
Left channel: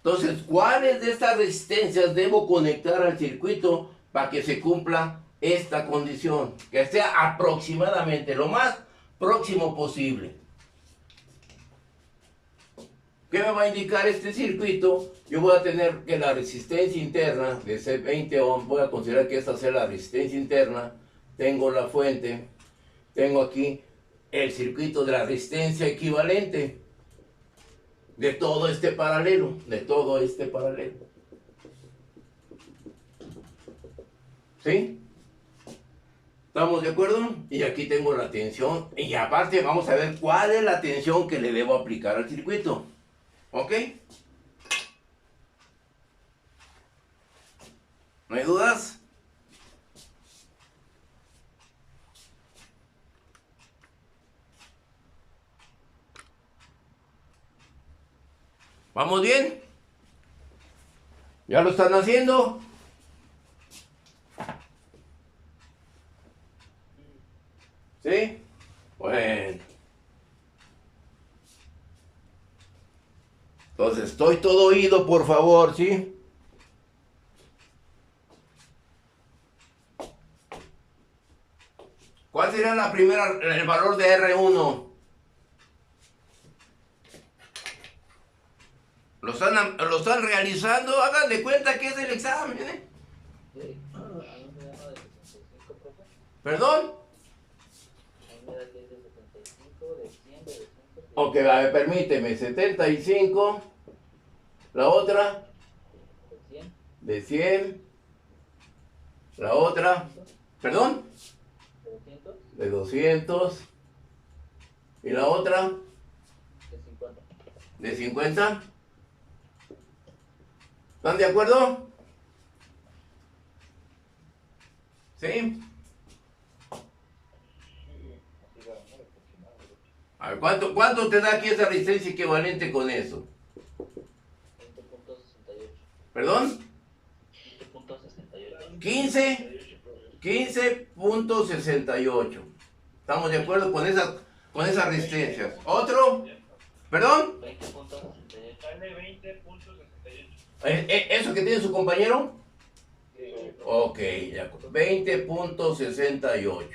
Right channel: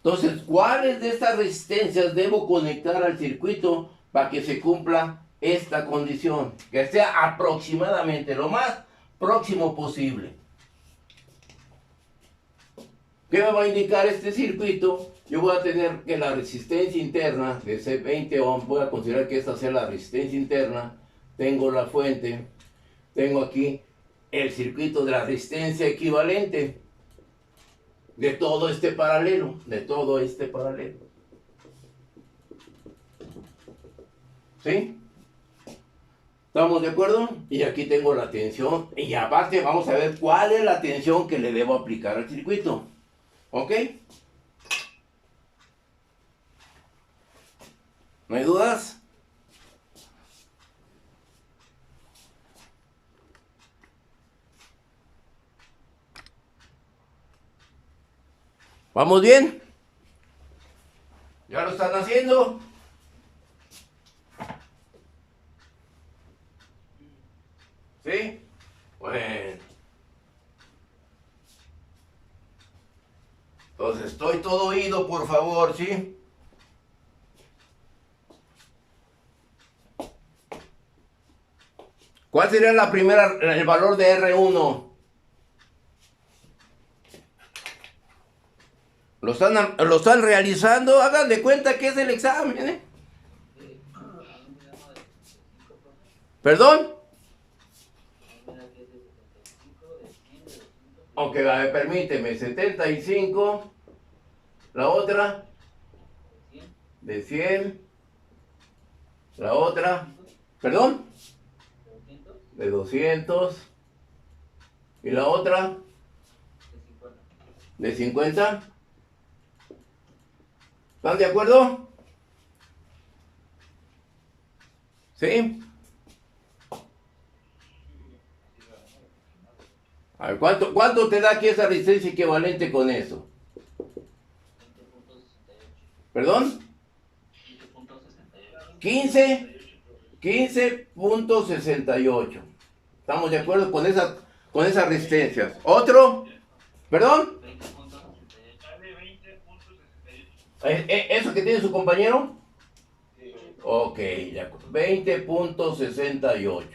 Entonces, ¿cuáles de estas resistencias debo conectar al circuito para que se cumpla esta condición? Que sea aproximadamente lo más próximo posible. ¿Qué me va a indicar este circuito? Yo voy a tener que la resistencia interna de ese 20 ohms, voy a considerar que esta sea la resistencia interna. Tengo la fuente, tengo aquí el circuito de la resistencia equivalente de todo este paralelo, ¿Sí? ¿Estamos de acuerdo? Y aquí tengo la tensión, y aparte vamos a ver cuál es la tensión que le debo aplicar al circuito. ¿Ok? ¿No hay dudas? ¿Vamos bien? ¿Ya lo están haciendo? ¿Sí? Bueno. Entonces, estoy todo oído, por favor, ¿sí? ¿Cuál sería el valor de R1? ¿Lo están realizando? Hagan de cuenta que es el examen, ¿eh? ¿Perdón? Ok, a ver, permíteme, 75, la otra, de 100, La otra, perdón, de 200, de 200. Y la otra, de 50. de 50. ¿Están de acuerdo? ¿Sí? A ver, ¿cuánto te da aquí esa resistencia equivalente con eso? 20.68. ¿Perdón? 20.68. 15.68. ¿Estamos de acuerdo con esas resistencias? ¿Otro? ¿Perdón? 20.68. Sale 20.68. ¿Eso que tiene su compañero? Sí. Ok, de acuerdo. 20.68.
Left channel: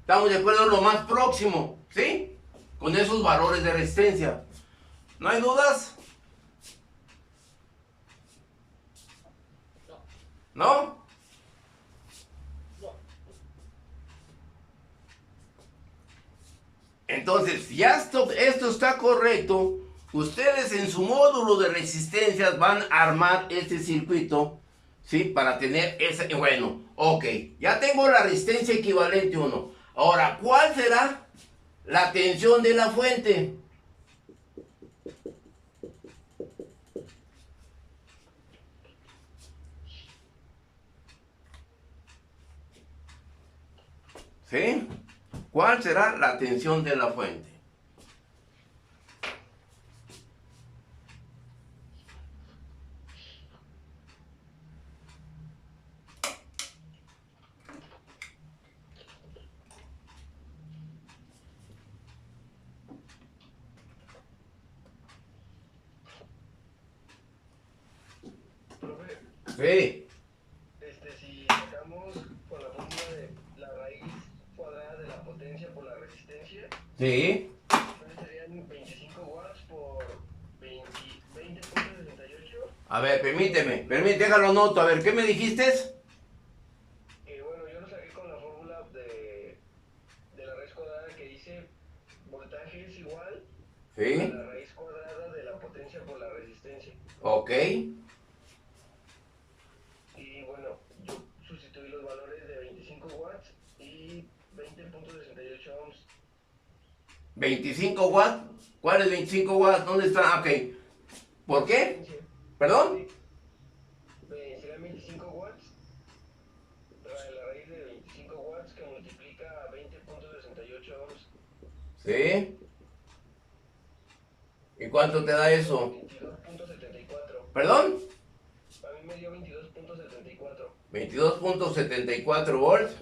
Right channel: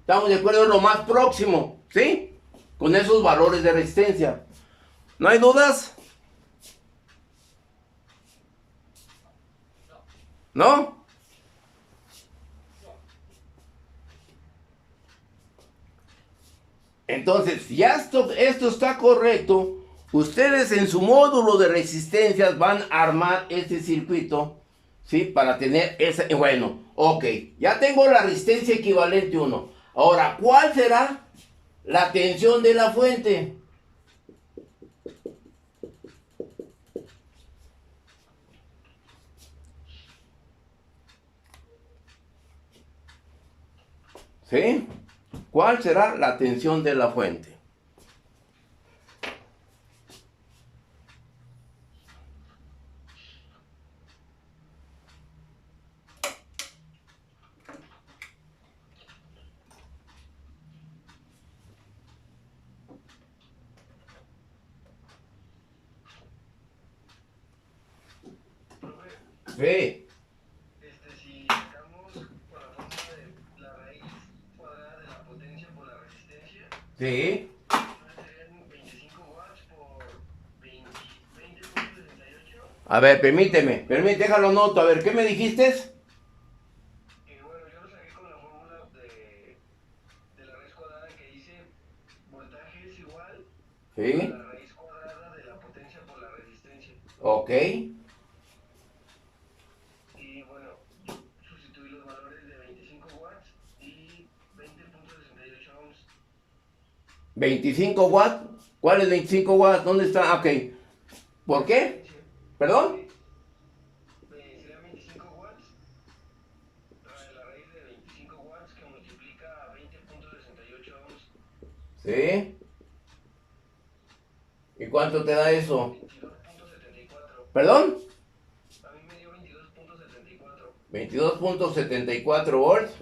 Estamos de acuerdo en lo más próximo, ¿sí? Con esos valores de resistencia. ¿No hay dudas? ¿No? Entonces, ya esto está correcto. Ustedes en su módulo de resistencias van a armar este circuito, ¿sí? Para tener esa... Bueno, ok. Ya tengo la resistencia equivalente 1. Ahora, ¿cuál será la tensión de la fuente? ¿Sí? ¿Cuál será la tensión de la fuente? Profe, Sí, si sacamos con la fórmula de la raíz cuadrada de la potencia por la resistencia, sí. entonces serían 25 watts por 20.68. A ver, permíteme, déjalo noto. A ver, ¿qué me dijiste? Bueno, yo lo saqué con la fórmula de la raíz cuadrada que dice voltaje es igual a Sí, la raíz cuadrada de la potencia por la resistencia. ok. Y bueno, yo sustituí los valores de 25 watts y 20.68 ohms. 25 watts. ¿Cuál es 25 watts? ¿Dónde está? Ok. ¿Por qué? ¿Perdón? Serían 25 watts, la raíz de 25 watts que multiplica a 20.68 ohms. Sí. ¿Y cuánto te da eso? 22.74. ¿Perdón? A mí me dio 22.74. 22.74 volts.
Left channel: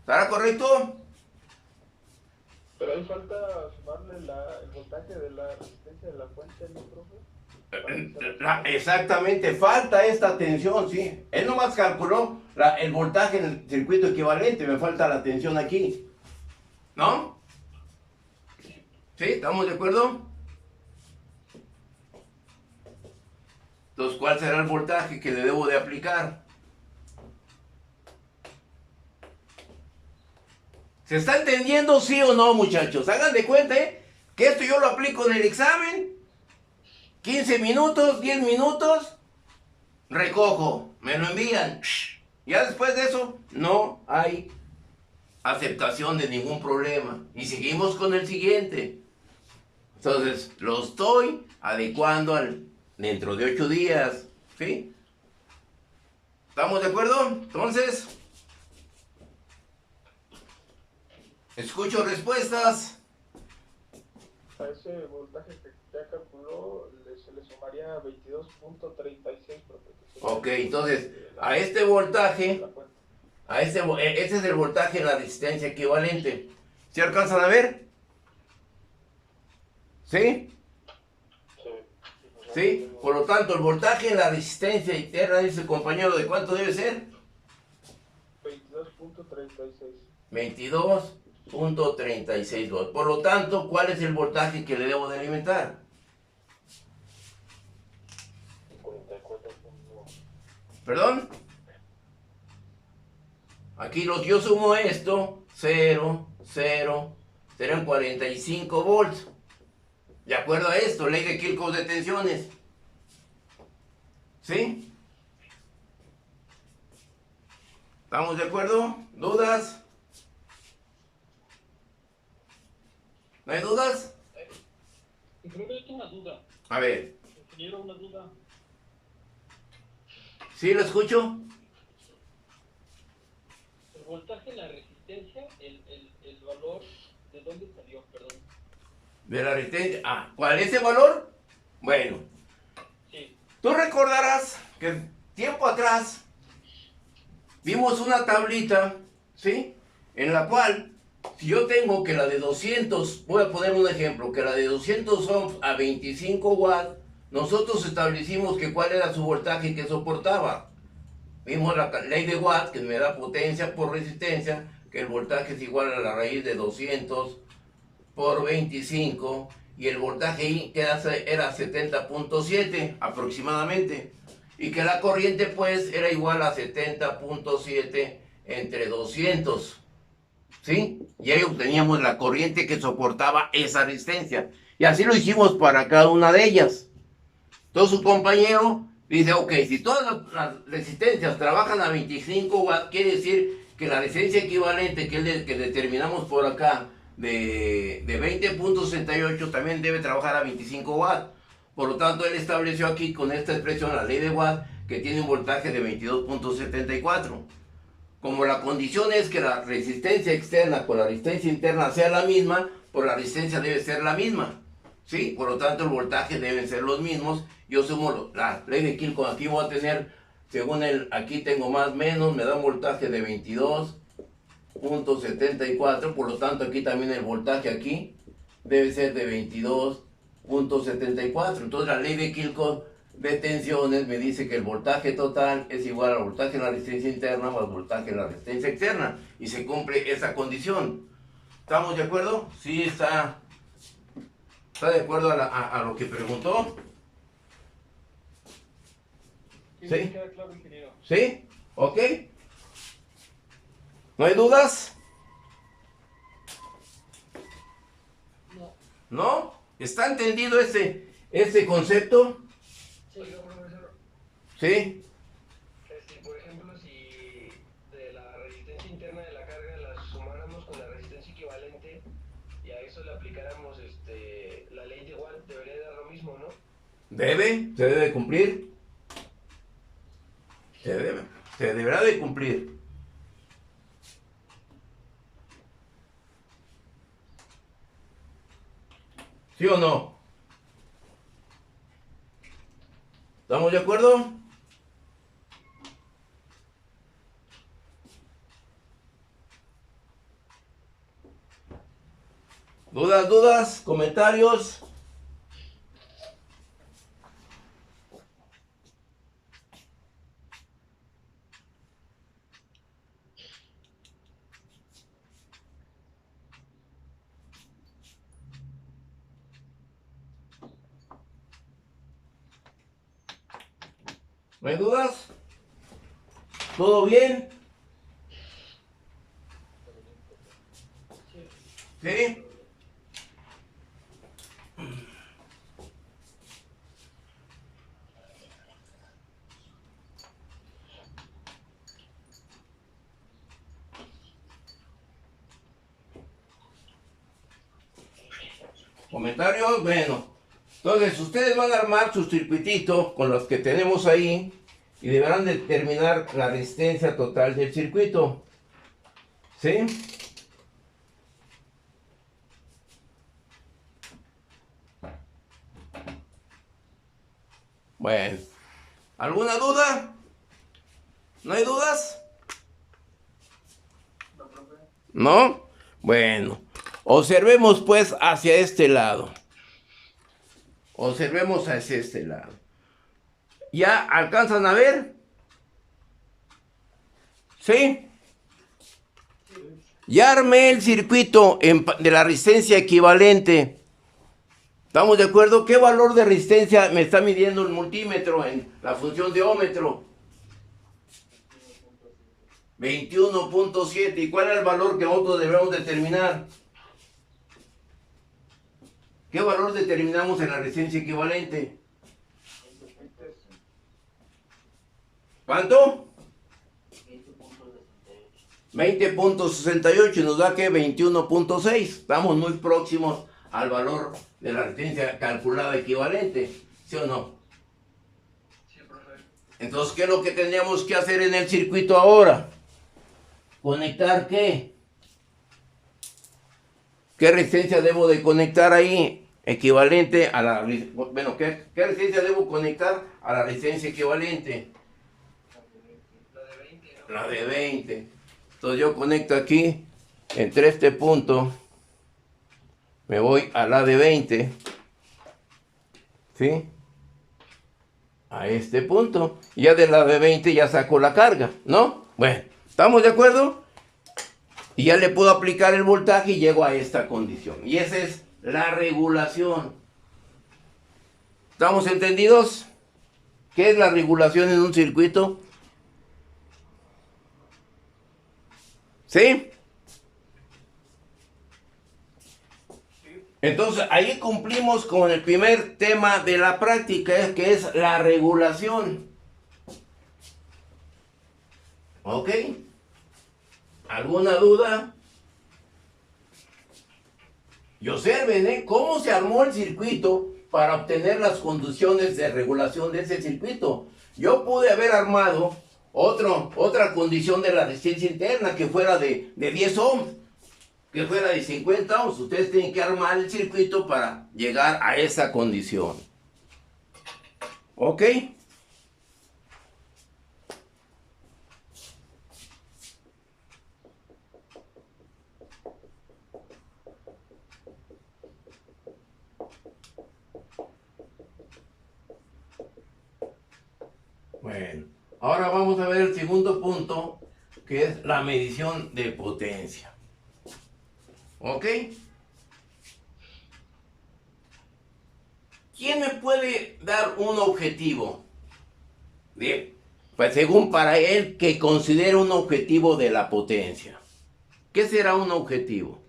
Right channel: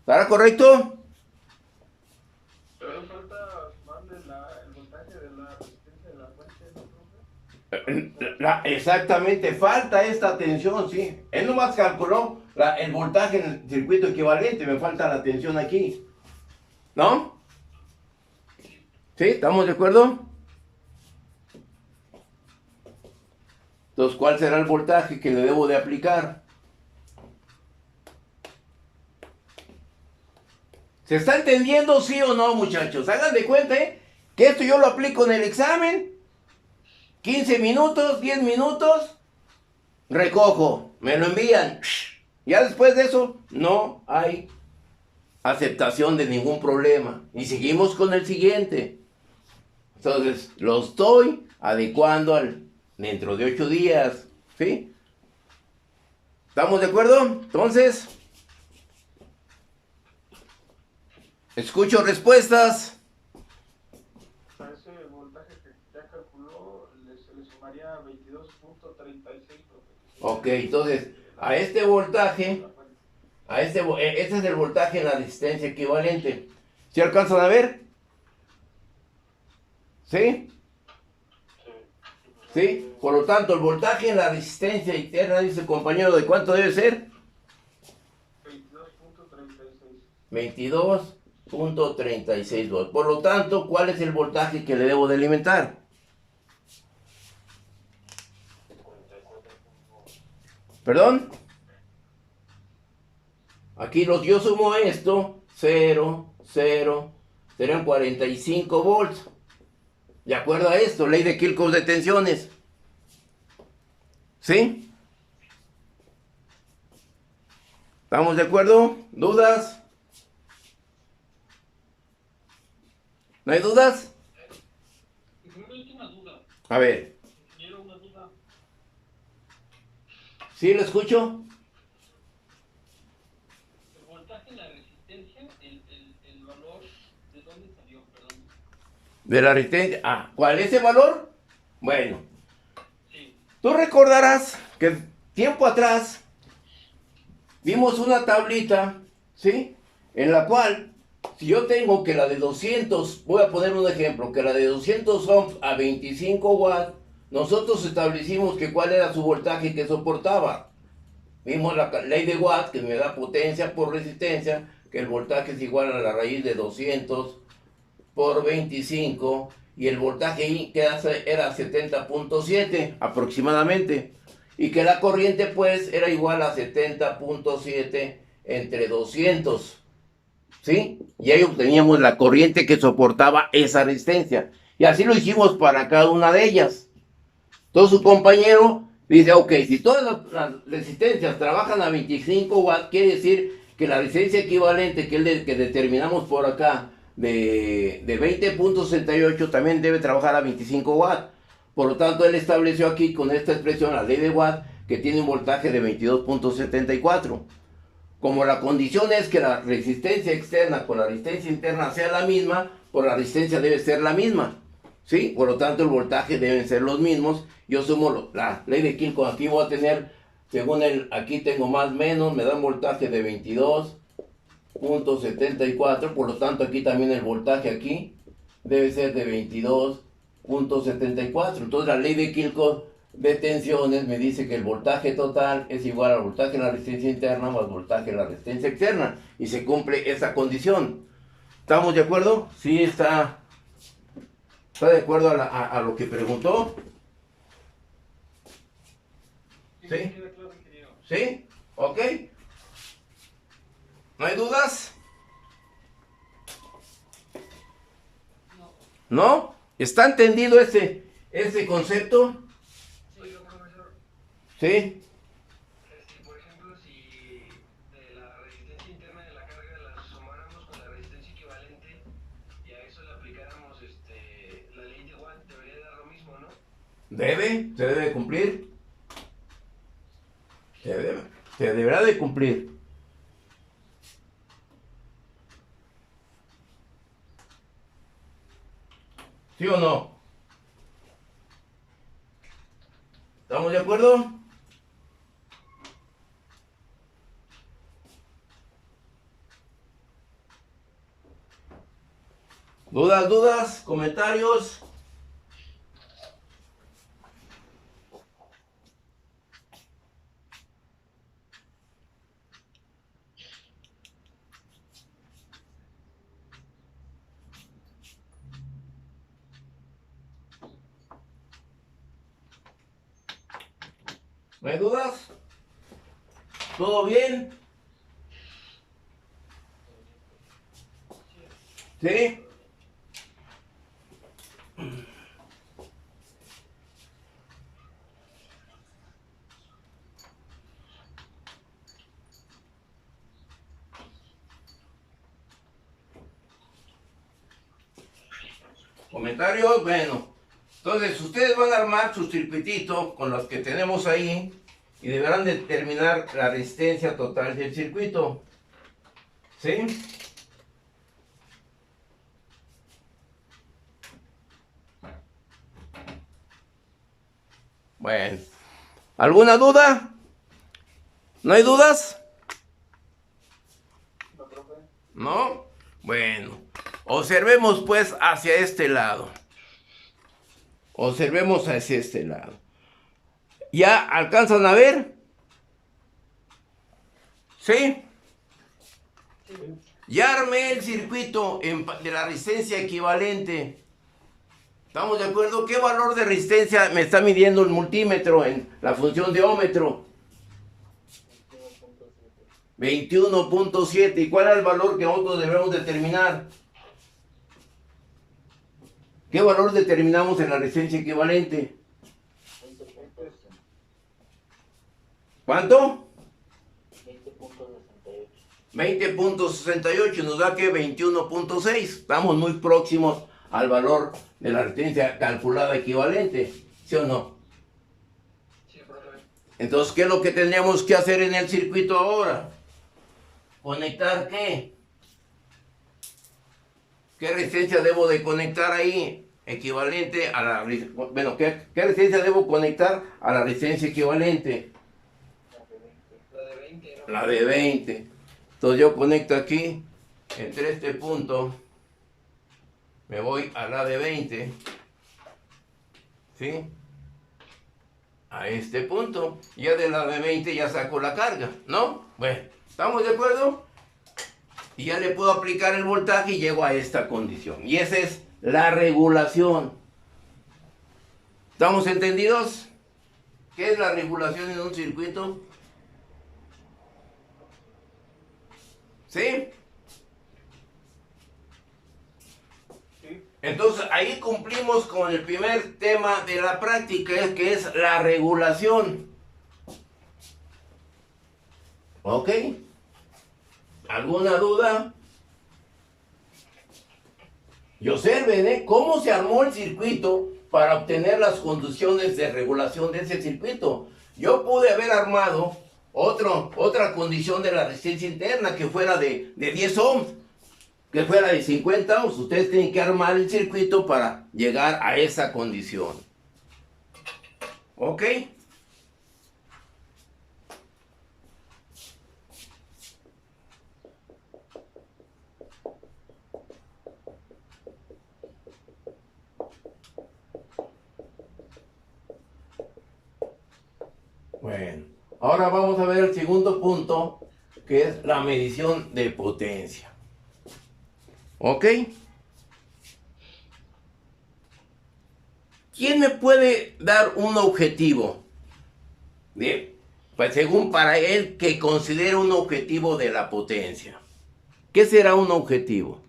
¿Estará correcto? Pero ahí falta sumarle el voltaje de la resistencia de la fuente, ¿no, profe? Exactamente, falta esta tensión, sí. Él nomás calculó el voltaje en el circuito equivalente, me falta la tensión aquí. ¿No? ¿Sí? ¿Estamos de acuerdo? Entonces, ¿cuál será el voltaje que le debo de aplicar? ¿Se está entendiendo sí o no, muchachos? Hagan de cuenta, que esto yo lo aplico en el examen. 15 minutos, 10 minutos, recojo, me lo envían. Ya después de eso, no hay aceptación de ningún problema. Y seguimos con el siguiente. Entonces, lo estoy adecuando dentro de 8 días. ¿Sí? ¿Estamos de acuerdo? Entonces, escucho respuestas. A ese voltaje que ya calculó, se le sumaría 22.36, profe. Ok, entonces, a este voltaje, este es el voltaje en la resistencia equivalente. ¿Sí alcanzan a ver? ¿Sí? ¿Sí? Por lo tanto, el voltaje en la resistencia interna, dice el compañero, ¿de cuánto debe ser? 22.36. 22.36 volts. Por lo tanto, ¿cuál es el voltaje que le debo de alimentar? 44. ¿Perdón? Aquí yo sumo esto, 0, 0, serán 45 volts. De acuerdo a esto, ley de Kirchhoff de tensiones. ¿Sí? ¿Estamos de acuerdo? ¿Dudas? ¿No hay dudas? Creo que hay una duda. A ver. Ingeniero, una duda. ¿Sí lo escucho? El voltaje en la resistencia, el valor, ¿de dónde salió? Perdón. De la resistencia. Ah, ¿cuál es ese valor? Bueno, Sí. tú recordarás que tiempo atrás vimos una tablita, ¿sí? En la cual, si yo tengo que la de 200, voy a poner un ejemplo, que la de 200 ohms a 25 watts, nosotros establecimos que cuál era su voltaje que soportaba. Vimos la ley de Watt, que me da potencia por resistencia, que el voltaje es igual a la raíz de 200 por 25, y el voltaje I que era 70.7 aproximadamente, y que la corriente pues era igual a 70.7 entre 200, ¿sí? Y ahí obteníamos la corriente que soportaba esa resistencia, y así lo hicimos para cada una de ellas. Entonces su compañero dice, ok, si todas las resistencias trabajan a 25 watts, quiere decir que la resistencia equivalente que determinamos por acá de 20.68 también debe trabajar a 25 watts. Por lo tanto, él estableció aquí con esta expresión, la ley de Watt, que tiene un voltaje de 22.74. Como la condición es que la resistencia externa con la resistencia interna sea la misma, pues la resistencia debe ser la misma, ¿sí? Por lo tanto, el voltaje deben ser los mismos. Yo sumo la ley de Kilcon, aquí voy a tener, según aquí tengo más menos, me da un voltaje de 22.74, por lo tanto aquí también el voltaje aquí debe ser de 22.74. Entonces la ley de Kilcon de tensiones me dice que el voltaje total es igual al voltaje en la resistencia interna más voltaje en la resistencia externa, y se cumple esa condición. ¿Estamos de acuerdo? Sí, está de acuerdo a lo que preguntó. Sí, ¿Sí? me queda claro, ingeniero. ¿Sí? ¿Ok? ¿No hay dudas? No. ¿No? ¿Está entendido ese concepto? Oiga, profesor, ¿Sí? por ejemplo, si de la resistencia interna de la carga la sumáramos con la resistencia equivalente y a eso le aplicáramos la ley de Watt, debería dar lo mismo, ¿no? Se debe cumplir. Se deberá de cumplir. ¿Sí o no? ¿Estamos de acuerdo? ¿Dudas? ¿Comentarios? ¿No hay dudas? ¿Todo bien? ¿Sí? ¿Comentarios? Bueno. Entonces, ustedes van a armar su circuitito con los que tenemos ahí y deberán determinar la resistencia total del circuito. ¿Sí? Bueno. ¿Alguna duda? ¿No hay dudas? No, profe. ¿No? Bueno. Observemos pues hacia este lado. Observemos hacia este lado. ¿Ya alcanzan a ver? ¿Sí? Ya armé el circuito de la resistencia equivalente. ¿Estamos de acuerdo? ¿Qué valor de resistencia me está midiendo el multímetro en la función de ómetro? 21.7. ¿Y cuál es el valor que nosotros debemos determinar? ¿Qué valor determinamos en la resistencia equivalente? 20.68. ¿Cuánto? 20.68. 20.68 y nos da que 21.6. Estamos muy próximos al valor de la resistencia calculada equivalente, ¿sí o no? Sí, profe. Entonces, ¿qué es lo que teníamos que hacer en el circuito ahora? ¿Conectar qué? ¿Qué resistencia debo de conectar ahí? Equivalente a la... Bueno, ¿qué resistencia debo conectar a la resistencia equivalente? La de 20, ¿no? La de 20. Entonces yo conecto aquí, entre este punto, me voy a la de 20, ¿sí? A este punto. Ya de la de 20 ya saco la carga, ¿no? Bueno, ¿estamos de acuerdo? Y ya le puedo aplicar el voltaje y llego a esta condición. Y esa es la regulación. ¿Estamos entendidos? ¿Qué es la regulación en un circuito? ¿Sí? Entonces ahí cumplimos con el primer tema de la práctica, que es la regulación. ¿Ok? ¿Alguna duda? Y observen, cómo se armó el circuito para obtener las condiciones de regulación de ese circuito. Yo pude haber armado otra condición de la resistencia interna que fuera de 10 ohms, que fuera de 50 ohms. Ustedes tienen que armar el circuito para llegar a esa condición. ¿Ok? Bueno, ahora vamos a ver el segundo punto, que es la medición de potencia. ¿Ok? ¿Quién me puede dar un objetivo? Bien, pues según para él que considere un objetivo de la potencia. ¿Qué será un objetivo?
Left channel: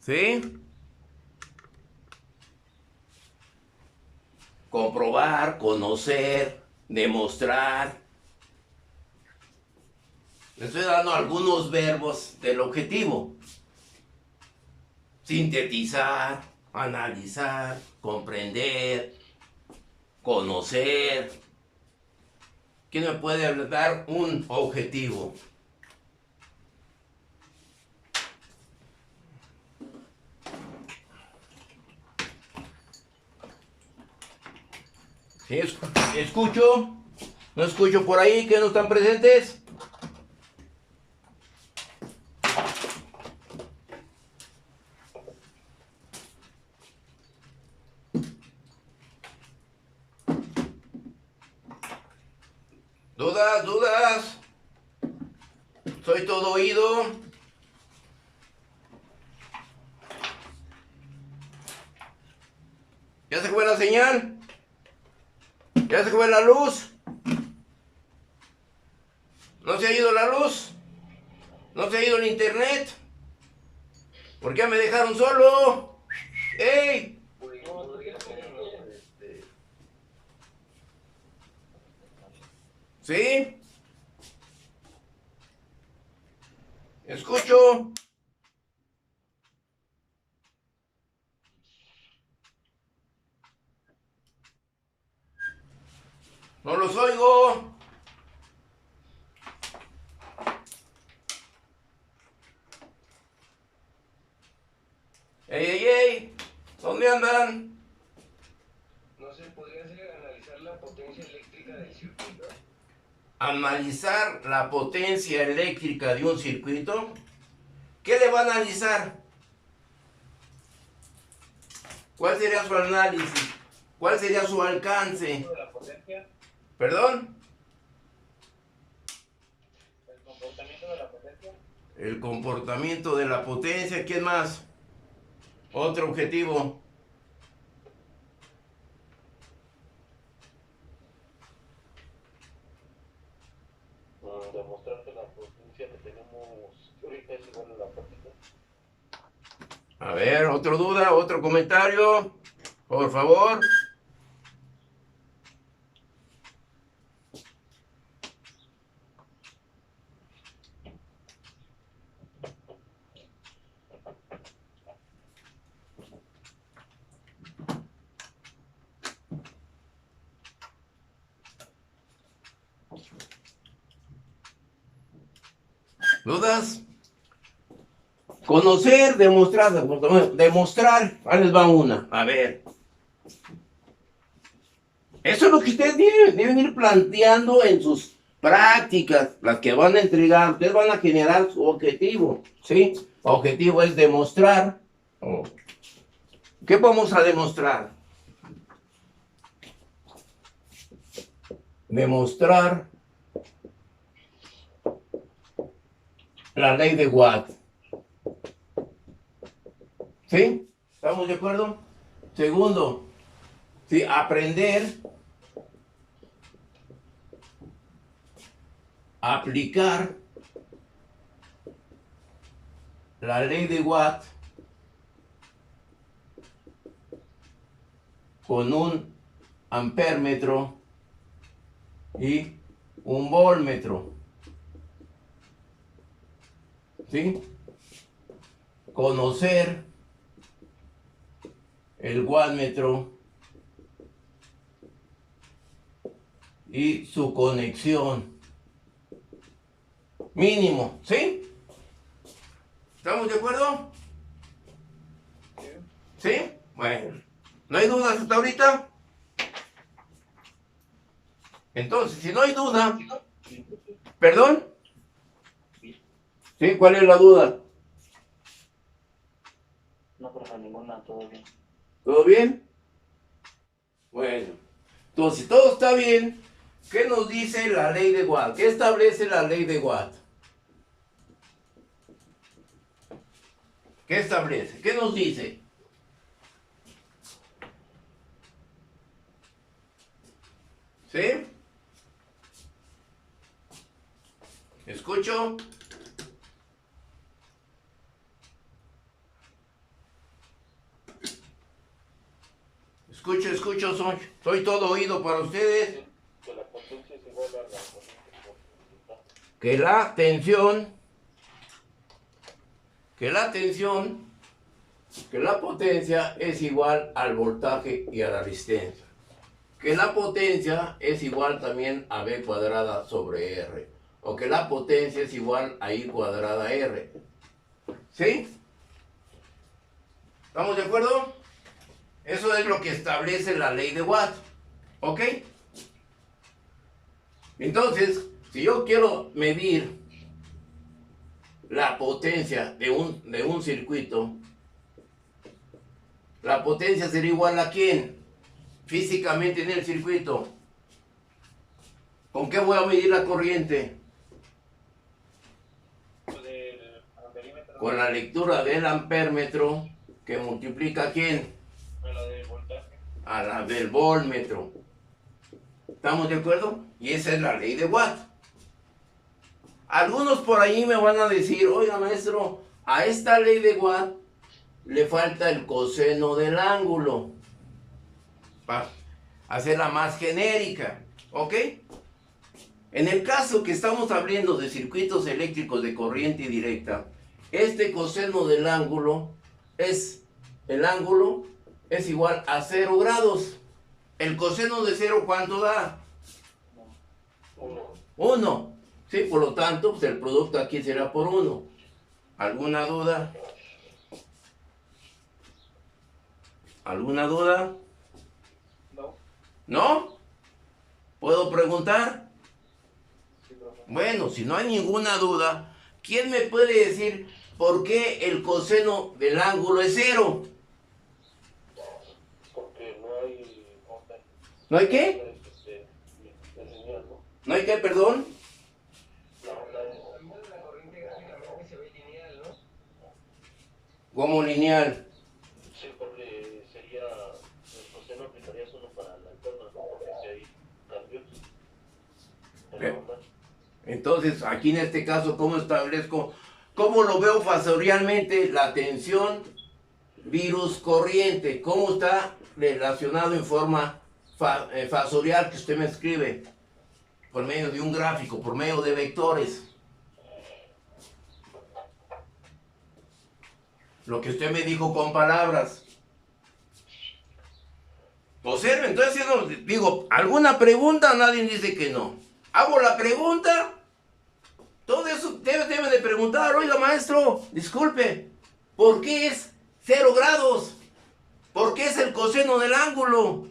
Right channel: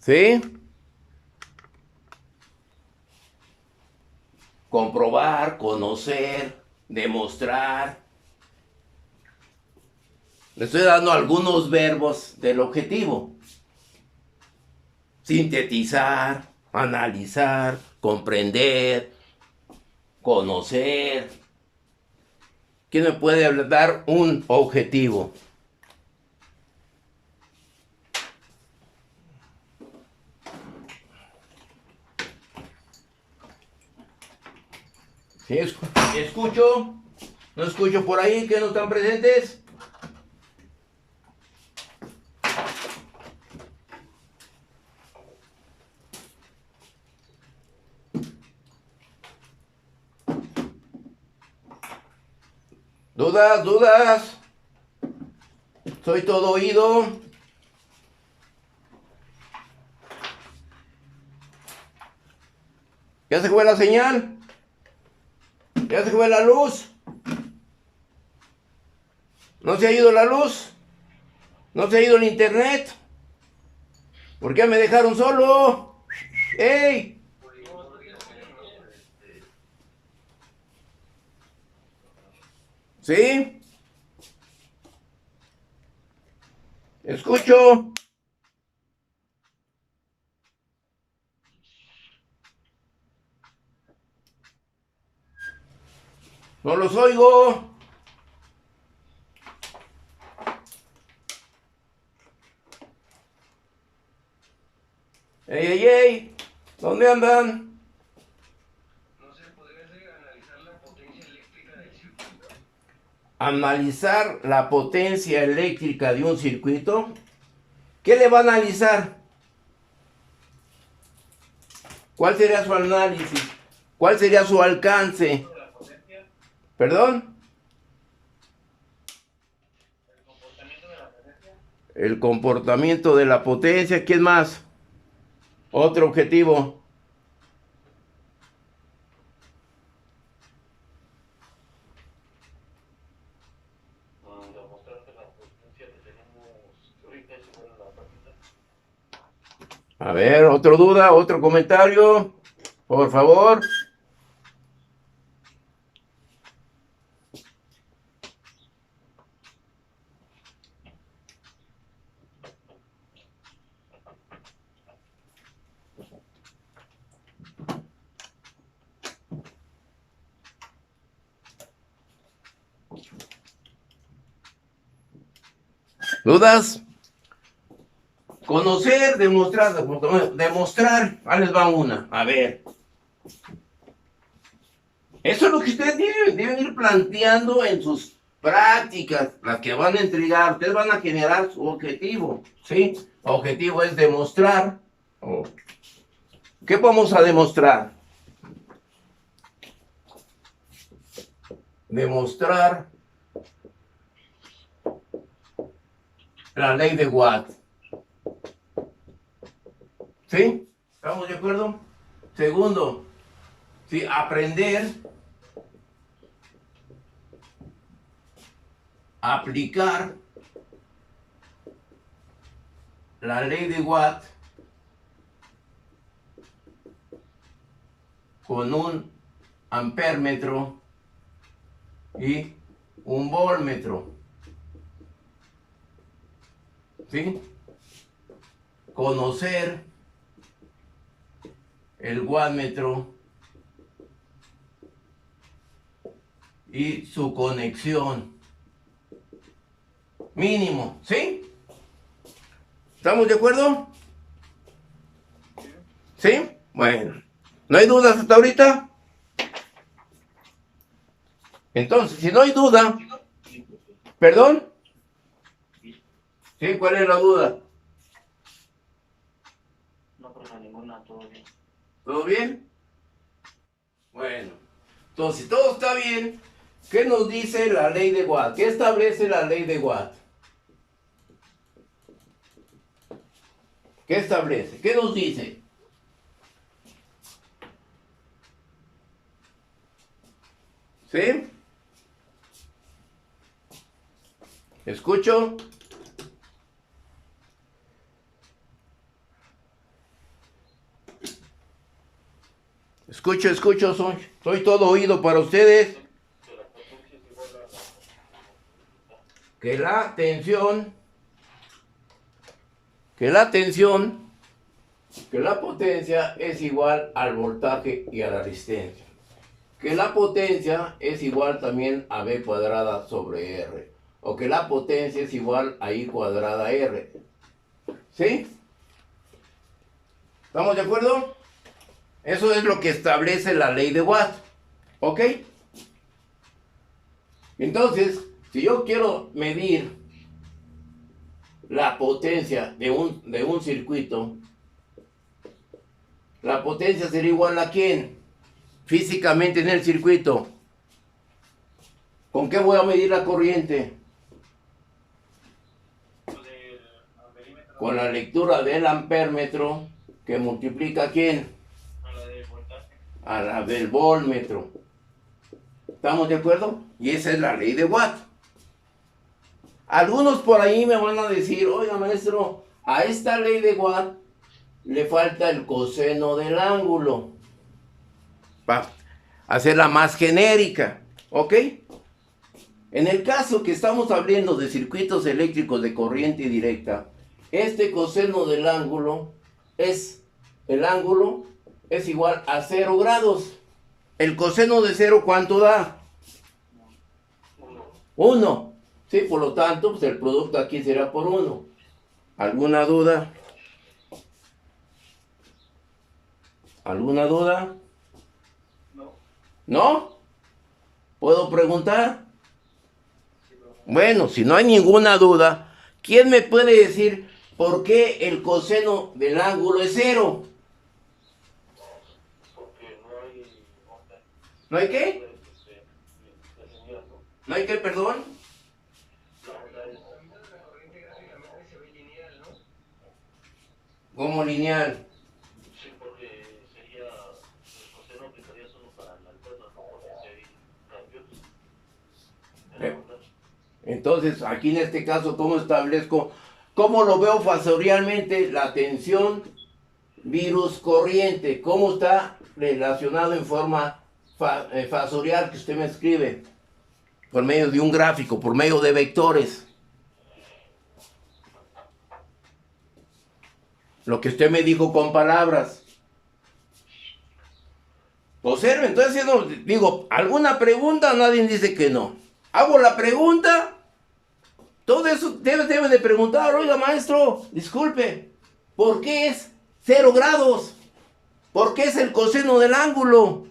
¿Sí? Comprobar, conocer, demostrar. Le estoy dando algunos verbos del objetivo. Sintetizar, analizar, comprender, conocer. ¿Quién me puede dar un objetivo? ¿Sí? ¿Escucho? ¿No escucho por ahí que no están presentes? ¿Dudas? ¿Dudas? Soy todo oído. ¿Ya se fue la señal? ¿Ya se fue la luz? ¿No se ha ido la luz? ¿No se ha ido el internet? ¿Por qué me dejaron solo? ¡Ey! ¿Sí? Escucho. No los oigo. ¡Ey, ey, ey! ¿Dónde andan? No sé, podría ser analizar la potencia eléctrica del circuito. Analizar la potencia eléctrica de un circuito. ¿Qué le va a analizar? ¿Cuál sería su análisis? ¿Cuál sería su alcance? De la potencia, ¿Perdón? el comportamiento de la potencia, El comportamiento de la potencia. ¿Quién más? Otro objetivo. Demostrar que la potencia que tenemos ahorita es igual a la práctica. A ver, ¿otra duda? ¿Otro comentario? Por favor. ¿Dudas? Conocer, demostrar. Ahí les va una. A ver. Eso es lo que ustedes deben ir planteando en sus prácticas, las que van a entregar. Ustedes van a generar su objetivo, ¿sí? El objetivo es demostrar. ¿Qué vamos a demostrar? Demostrar la ley de Watt. ¿Sí? ¿Estamos de acuerdo? Segundo, ¿sí? Aprender, aplicar la ley de Watt con un ampérmetro y un voltmetro. ¿Sí? Conocer el wattmetro y su conexión. Mínimo, ¿sí? ¿Estamos de acuerdo? ¿Sí? Bueno, ¿no hay dudas hasta ahorita? Entonces, si no hay duda, ¿perdón? ¿Sí? ¿Cuál es la duda? No, pero ninguna, todo bien. ¿Todo bien? Bueno, entonces, si todo está bien, ¿qué nos dice la ley de Watt? ¿Qué establece la ley de Watt? ¿Qué establece? ¿Qué nos dice? ¿Sí? ¿Escucho? Escucho, soy todo oído para ustedes. Que la potencia es igual a la potencia. Que la potencia es igual al voltaje y a la resistencia. Que la potencia es igual también a B cuadrada sobre R. O que la potencia es igual a I cuadrada R. ¿Sí? ¿Estamos de acuerdo? Eso es lo que establece la ley de Watt. ¿Ok? Entonces, si yo quiero medir la potencia de un circuito, la potencia sería igual a ¿quién? Físicamente en el circuito. ¿Con qué voy a medir la corriente? Con la lectura del ampérmetro que multiplica ¿quién? A la de voltaje. A la del voltmetro. ¿Estamos de acuerdo? Y esa es la ley de Watt. Algunos por ahí me van a decir, oiga maestro, a esta ley de Watt le falta el coseno del ángulo. Para hacerla más genérica. ¿Ok? En el caso que estamos hablando de circuitos eléctricos de corriente directa, este coseno del ángulo es igual a 0 grados. ¿El coseno de 0 cuánto da? 1. Sí, por lo tanto, pues el producto aquí será por 1. ¿Alguna duda? ¿Alguna duda? No. ¿No? ¿Puedo preguntar? Bueno, si no hay ninguna duda, ¿quién me puede decir por qué el coseno del ángulo es 0? Porque no hay onda. ¿No hay qué? La señal, ¿no? ¿No hay qué, perdón? La onda es La mitad de la corriente gráficamente se ve lineal, ¿no? Como lineal. sí, porque sería el coseno aplicaría solo para la alterna, ¿no? Porque si hay cambios en la onda. Entonces, aquí en este caso, ¿cómo establezco? ¿Cómo lo veo fasorialmente? La tensión virus corriente. ¿Cómo está relacionado en forma fasorial que usted me escribe? Por medio de un gráfico, por medio de vectores. Lo que usted me dijo con palabras. Observe, entonces digo, ¿alguna pregunta? Nadie dice que no. Hago la pregunta. Todo usted debe de preguntar, oiga maestro, disculpe, ¿por qué es 0 grados? ¿Por qué es el coseno del ángulo?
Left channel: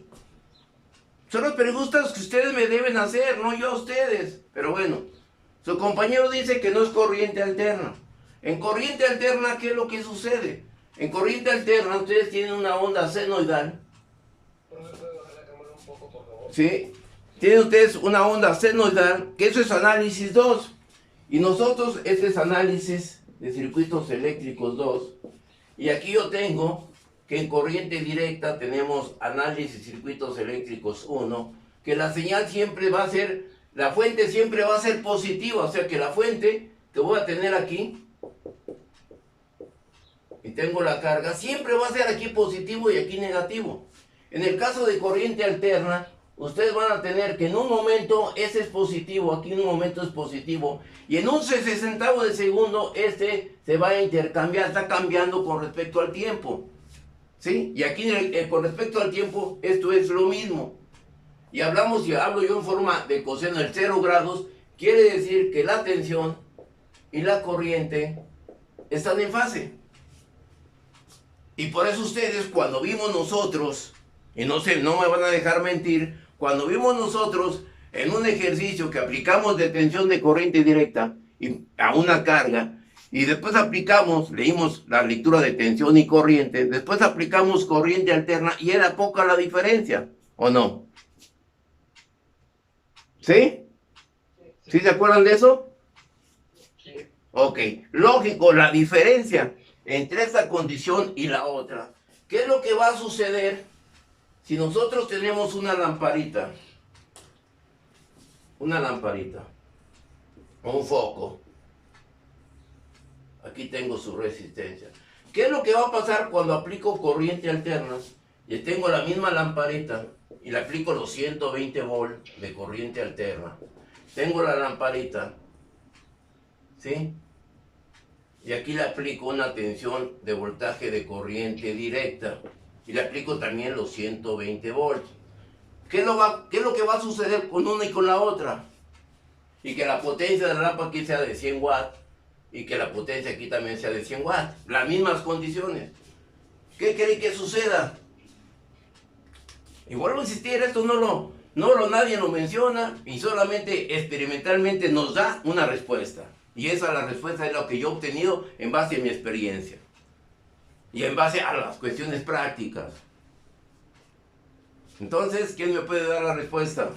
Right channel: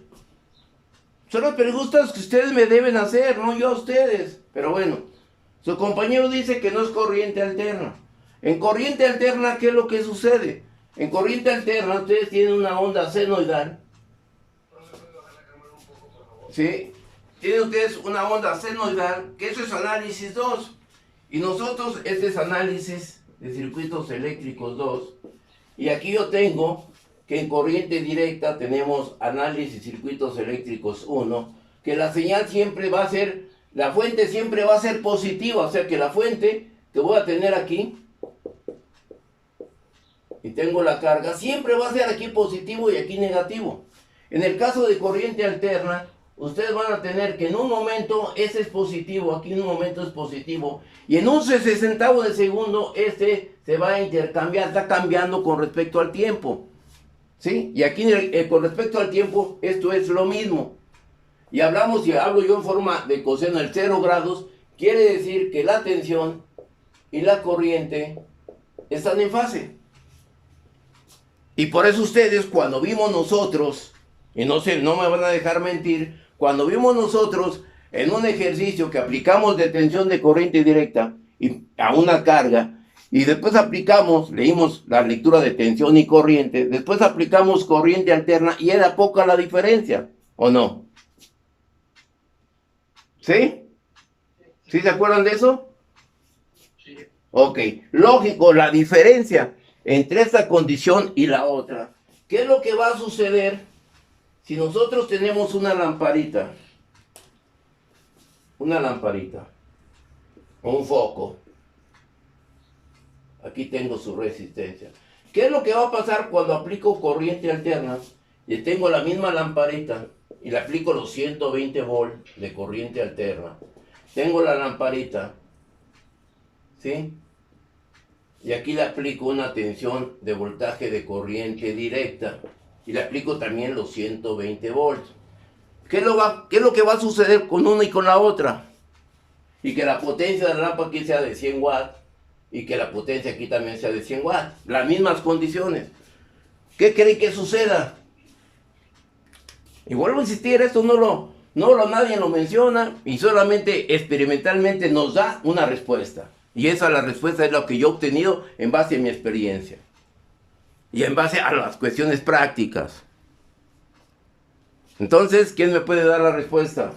Son las preguntas que ustedes me deben hacer, no yo a ustedes. Pero bueno, su compañero dice que no es corriente alterna. En corriente alterna, ¿qué es lo que sucede? En corriente alterna, ustedes tienen una onda senoidal. ¿No me puede bajar la cámara un poco, por favor? ¿Sí? Tienen ustedes una onda senoidal, que eso es análisis 2. Y nosotros, este es análisis de circuitos eléctricos 2. Y aquí yo tengo que en corriente directa tenemos análisis circuitos eléctricos 1, que la señal siempre va a ser, la fuente siempre va a ser positiva, o sea que la fuente que voy a tener aquí, y tengo la carga, siempre va a ser aquí positivo y aquí negativo. En el caso de corriente alterna, ustedes van a tener que en un momento ese es positivo, aquí en un momento es positivo, y en un 60avo de segundo este se va a intercambiar, está cambiando con respecto al tiempo. ¿Sí? Y aquí con respecto al tiempo, esto es lo mismo. Y hablo yo en forma de coseno del 0 grados, quiere decir que la tensión y la corriente están en fase. Y por eso ustedes, cuando vimos nosotros, y no me van a dejar mentir, cuando vimos nosotros en un ejercicio que aplicamos de tensión de corriente directa y a una carga, y después leímos la lectura de tensión y corriente, después aplicamos corriente alterna y era poca la diferencia, ¿o no? ¿Sí? ¿Sí se acuerdan de eso? Sí. Ok, lógico, la diferencia entre esta condición y la otra. ¿Qué es lo que va a suceder si nosotros tenemos una lamparita? Una lamparita, o un foco. Aquí tengo su resistencia. ¿Qué es lo que va a pasar cuando aplico corriente alterna y tengo la misma lamparita y le aplico los 120 volt de corriente alterna? Tengo la lamparita, ¿sí? Y aquí le aplico una tensión de voltaje de corriente directa y le aplico también los 120 volts. ¿Qué es lo que va a suceder con una y con la otra? Y que la potencia de la lámpara aquí sea de 100 watts y que la potencia aquí también sea de 100 watts. Las mismas condiciones. ¿Qué creen que suceda? Y vuelvo a insistir, esto nadie lo menciona y solamente experimentalmente nos da una respuesta. Y la respuesta es lo que yo he obtenido en base a mi experiencia. Y en base a las cuestiones prácticas. Entonces, ¿quién me puede dar la respuesta?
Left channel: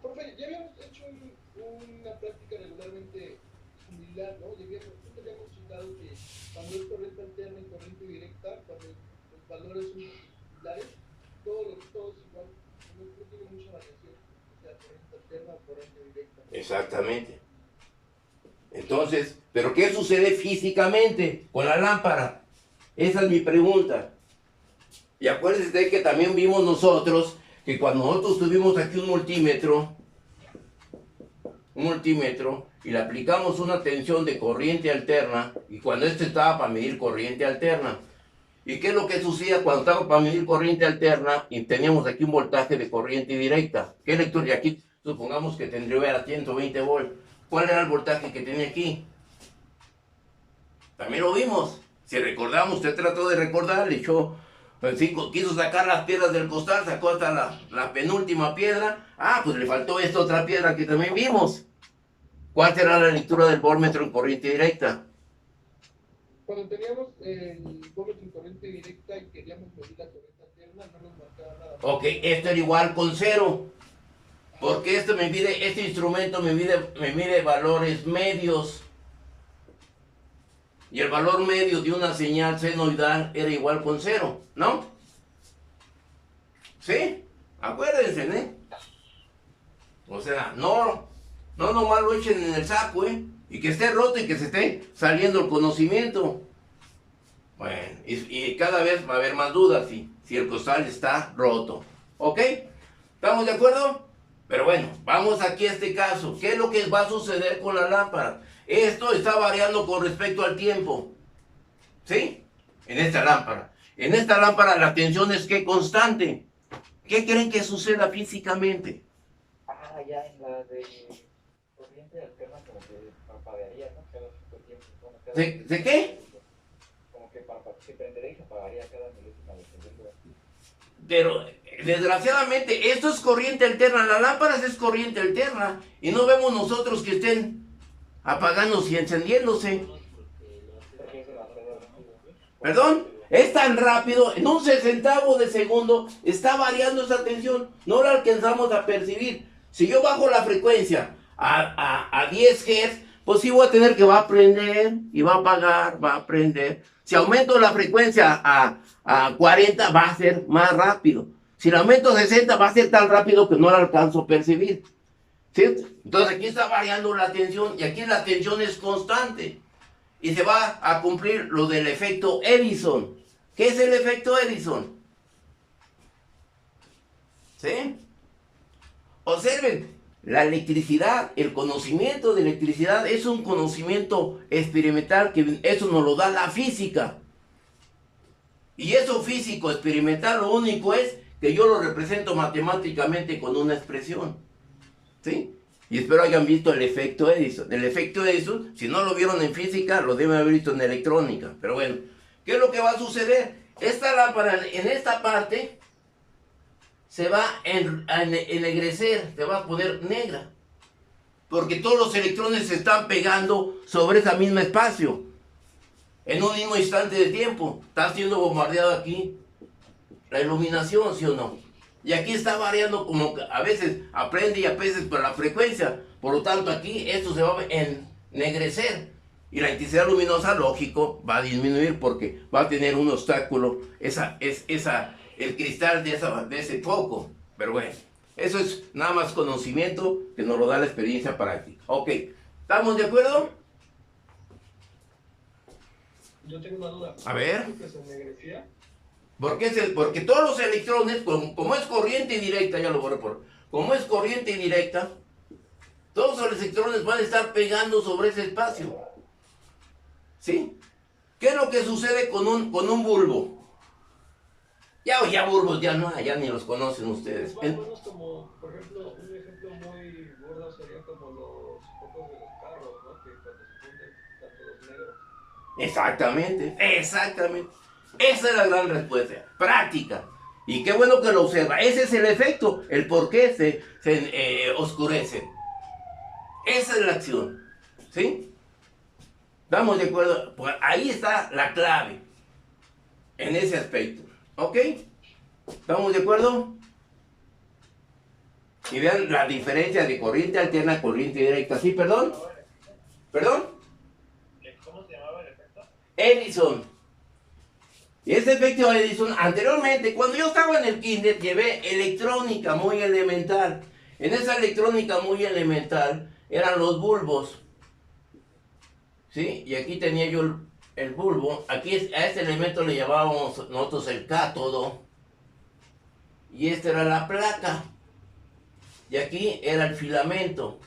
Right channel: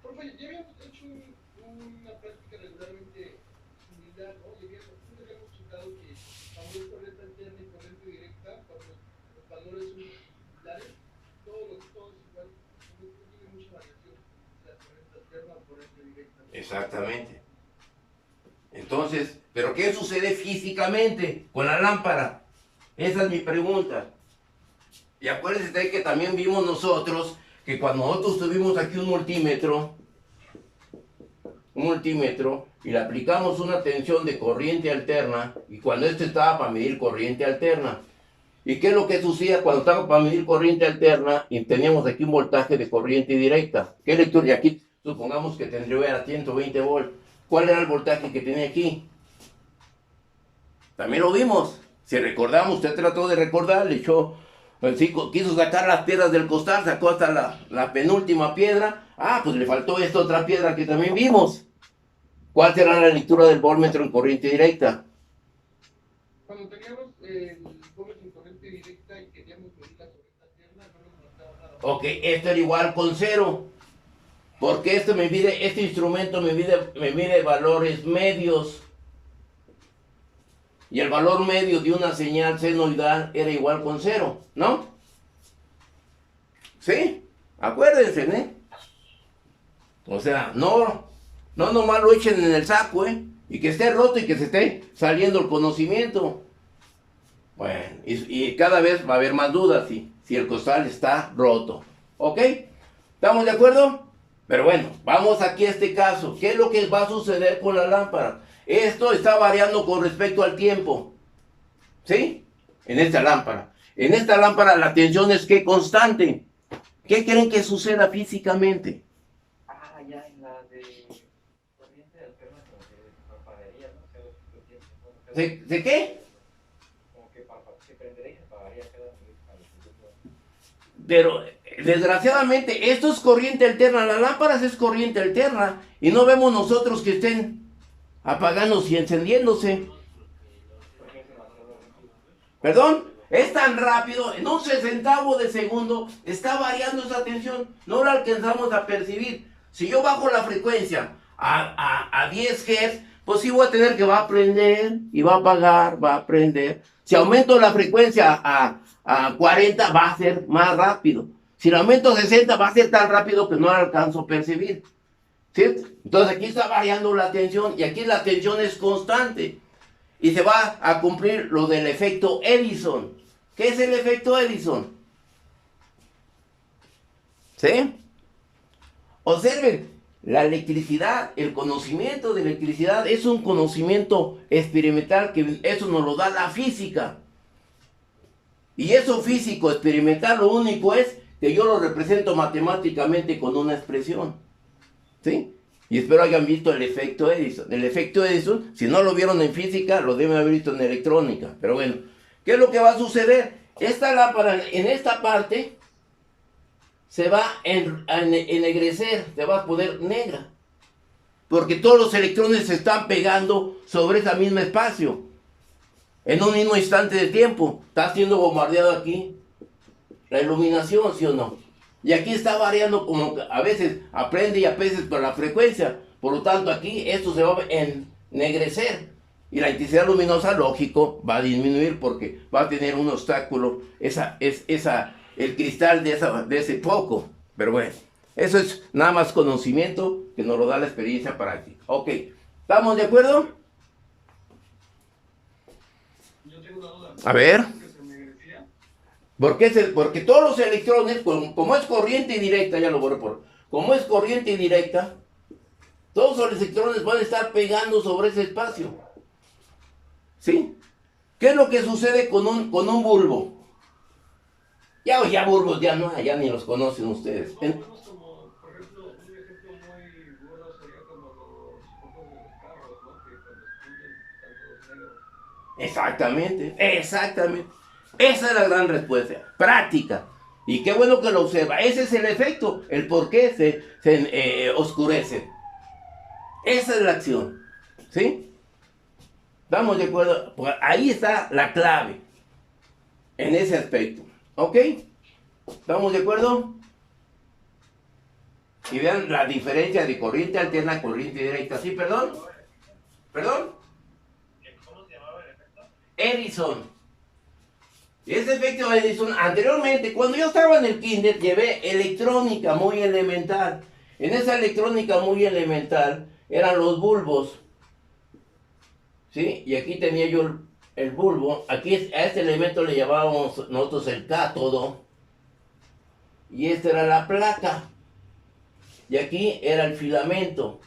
Profe, ya habíamos hecho una práctica regularmente similar, ¿no? Siempre habíamos checado que cuando es corriente alterna y corriente directa, cuando los valores son similares, todo es igual, no tiene mucha variación, o sea, corriente alterna o corriente directa. Exactamente. Entonces, ¿pero qué sucede físicamente con la lámpara? Esa es mi pregunta. Y acuérdense de que también vimos nosotros que cuando nosotros tuvimos aquí un multímetro y le aplicamos una tensión de corriente alterna, y cuando estaba para medir corriente alterna, ¿y qué es lo que sucedía cuando estaba para medir corriente alterna y teníamos aquí un voltaje de corriente directa? ¿Qué lectura? Y aquí supongamos que tendría 120 volts. ¿Cuál era el voltaje que tenía aquí? También lo vimos. Si recordamos, usted trató de recordar, le echó, quiso sacar las piedras del costal, sacó hasta la penúltima piedra. Ah, pues le faltó esta otra piedra que también vimos. ¿Cuál será la lectura del voltmetro en corriente directa? Cuando teníamos el voltmetro en corriente directa y queríamos medir la corriente alterna, no nos marcaba nada. Ok, esto era igual con 0. Porque este instrumento me mide valores medios. Y el valor medio de una señal senoidal era igual con 0, ¿no? ¿Sí? Acuérdense, ¿eh? O sea, no nomás lo echen en el saco, ¿eh? Y que esté roto y que se esté saliendo el conocimiento. Bueno, y cada vez va a haber más dudas si el costal está roto. ¿Ok? ¿Estamos de acuerdo? Pero bueno, vamos aquí a este caso. ¿Qué es lo que va a suceder con la lámpara? Esto está variando con respecto al tiempo. ¿Sí? En esta lámpara. En esta lámpara la tensión es que constante. ¿Qué creen que suceda físicamente? Ya en la de corriente alterna como que apagaría, ¿no? Cada cierto tiempo. Bueno, cada ¿De qué? como que se prendería y se apagaría cada milésima de segundo. Pero desgraciadamente esto es corriente alterna, las lámparas es corriente alterna y no vemos nosotros que estén apagándose y encendiéndose. Porque es demasiado rápido. Perdón, es tan rápido, en un sesentavo de segundo está variando esa tensión, no la alcanzamos a percibir. Si yo bajo la frecuencia a 10 Hz, pues sí voy a tener que va a prender y va a apagar, va a prender. Si aumento la frecuencia a 40 va a ser más rápido. Si la aumento a 60 va a ser tan rápido que no la alcanzo a percibir. ¿Sí? Entonces aquí está variando la tensión y aquí la tensión es constante. Y se va a cumplir lo del efecto Edison. ¿Qué es el efecto Edison? ¿Sí? Observen, la electricidad, el conocimiento de electricidad es un conocimiento experimental que eso nos lo da la física. Y eso físico experimental lo único es que yo lo represento matemáticamente con una expresión. ¿Sí? Y espero hayan visto el efecto Edison. El efecto Edison, si no lo vieron en física, lo deben haber visto en electrónica. Pero bueno, ¿qué es lo que va a suceder? Esta lámpara en esta parte se va a ennegrecer, se va a poner negra. Porque todos los electrones se están pegando sobre ese mismo espacio. En un mismo instante de tiempo. Está siendo bombardeado aquí la iluminación, ¿sí o no? Y aquí está variando como a veces aprende y a veces por la frecuencia. Por lo tanto aquí esto se va a ennegrecer. Y la intensidad luminosa, lógico, va a disminuir porque va a tener un obstáculo, el cristal de ese foco. Pero bueno, eso es nada más conocimiento que nos lo da la experiencia práctica. Ok, ¿estamos de acuerdo? Yo tengo una duda. A ver. ¿Que se ennegrecía? Porque todos los electrones, como es corriente directa, ya lo borré como es corriente directa, todos los electrones van a estar pegando sobre ese espacio. ¿Sí? ¿Qué es lo que sucede con un bulbo? Ya bulbos ya no hay, ya ni los conocen ustedes. Más o menos como, por ejemplo, un ejemplo muy gordo sería como los focos de los carros, ¿no? Que cuando se funden están todos negros. Exactamente. Esa es la gran respuesta. Práctica. Y qué bueno que lo observa. Ese es el efecto, el por qué se oscurece. Esa es la acción. ¿Sí? ¿Estamos de acuerdo? Pues ahí está la clave. En ese aspecto. ¿Ok? ¿Estamos de acuerdo? Y vean la diferencia de corriente alterna a corriente directa. ¿Sí, perdón? ¿Perdón? ¿Cómo se llamaba el efecto? Edison. Y ese efecto Edison, anteriormente, cuando yo estaba en el kinder, llevé electrónica muy elemental. En esa electrónica muy elemental eran los bulbos. ¿Sí? Y aquí tenía yo el bulbo. Aquí a este elemento le llamábamos nosotros el cátodo. Y esta era la placa. Y aquí era el filamento.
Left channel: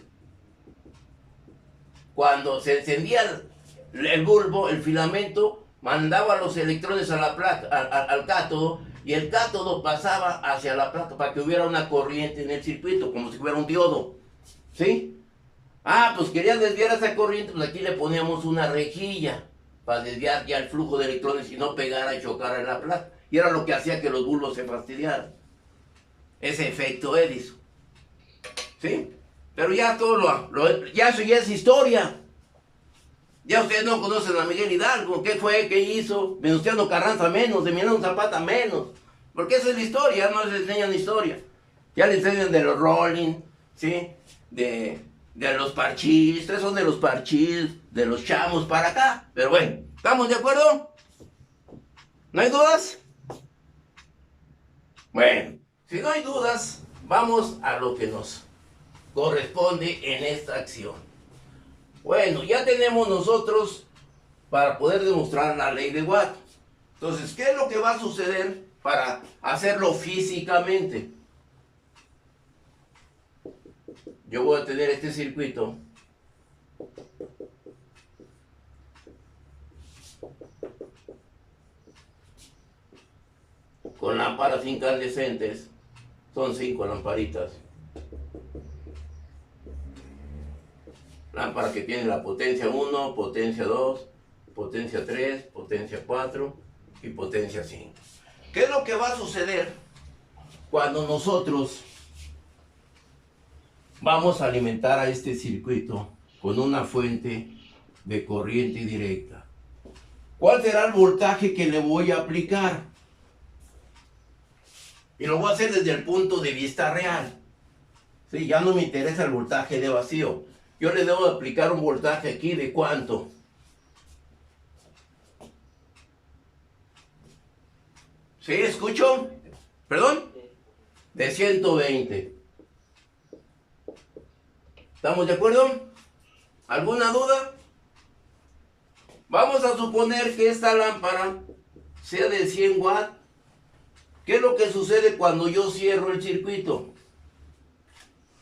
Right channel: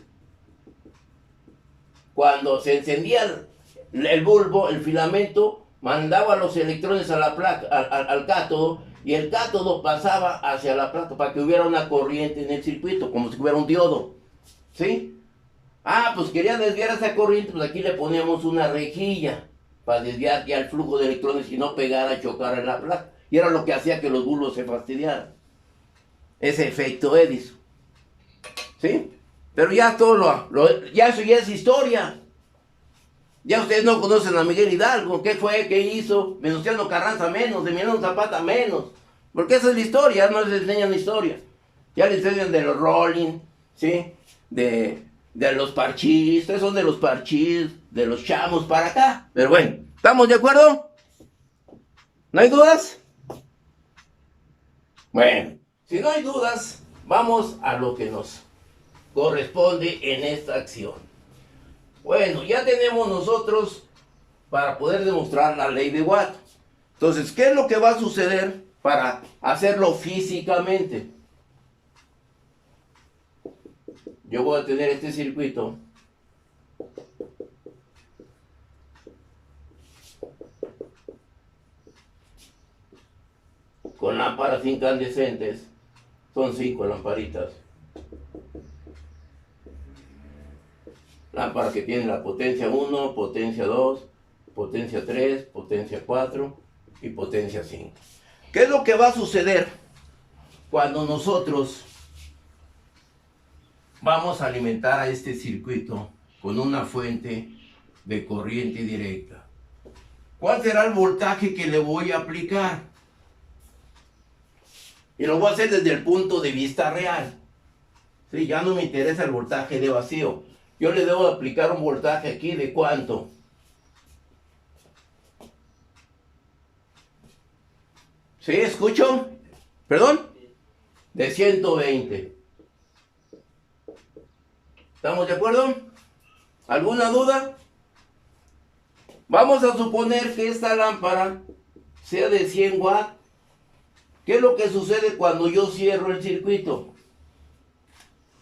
Cuando se encendía el bulbo, el filamento mandaba los electrones a la placa, al cátodo, y el cátodo pasaba hacia la placa para que hubiera una corriente en el circuito, como si hubiera un diodo. ¿Sí? Ah, pues quería desviar esa corriente, pues aquí le poníamos una rejilla para desviar ya el flujo de electrones y no pegara y chocara en la placa. Y era lo que hacía que los bulbos se fastidiaran. Ese efecto Edison. ¿Sí? Pero ya todo ya eso ya es historia. Ya ustedes no conocen a Miguel Hidalgo, qué fue, qué hizo, Venustiano Carranza menos, Emiliano Zapata menos. Porque esa es la historia, no les enseñan historia. Ya les enseñan de los Rolling, ¿sí? De los Parchís, ustedes son de los Parchís, de los Chamos para acá. Pero bueno, ¿estamos de acuerdo? ¿No hay dudas? Bueno, si no hay dudas, vamos a lo que nos corresponde en esta acción. Bueno, ya tenemos nosotros para poder demostrar la ley de Watt. Entonces, ¿qué es lo que va a suceder para hacerlo físicamente? Yo voy a tener este circuito. Con lámparas incandescentes. Son 5 lamparitas. Lámpara que tiene la potencia 1, potencia 2, potencia 3, potencia 4 y potencia 5. ¿Qué es lo que va a suceder cuando nosotros vamos a alimentar a este circuito con una fuente de corriente directa? ¿Cuál será el voltaje que le voy a aplicar? Y lo voy a hacer desde el punto de vista real. Sí, ya no me interesa el voltaje de vacío. Yo le debo aplicar un voltaje aquí de ¿cuánto? ¿Sí? ¿Escucho? ¿Perdón? De 120. ¿Estamos de acuerdo? ¿Alguna duda? Vamos a suponer que esta lámpara sea de 100 watts. ¿Qué es lo que sucede cuando yo cierro el circuito?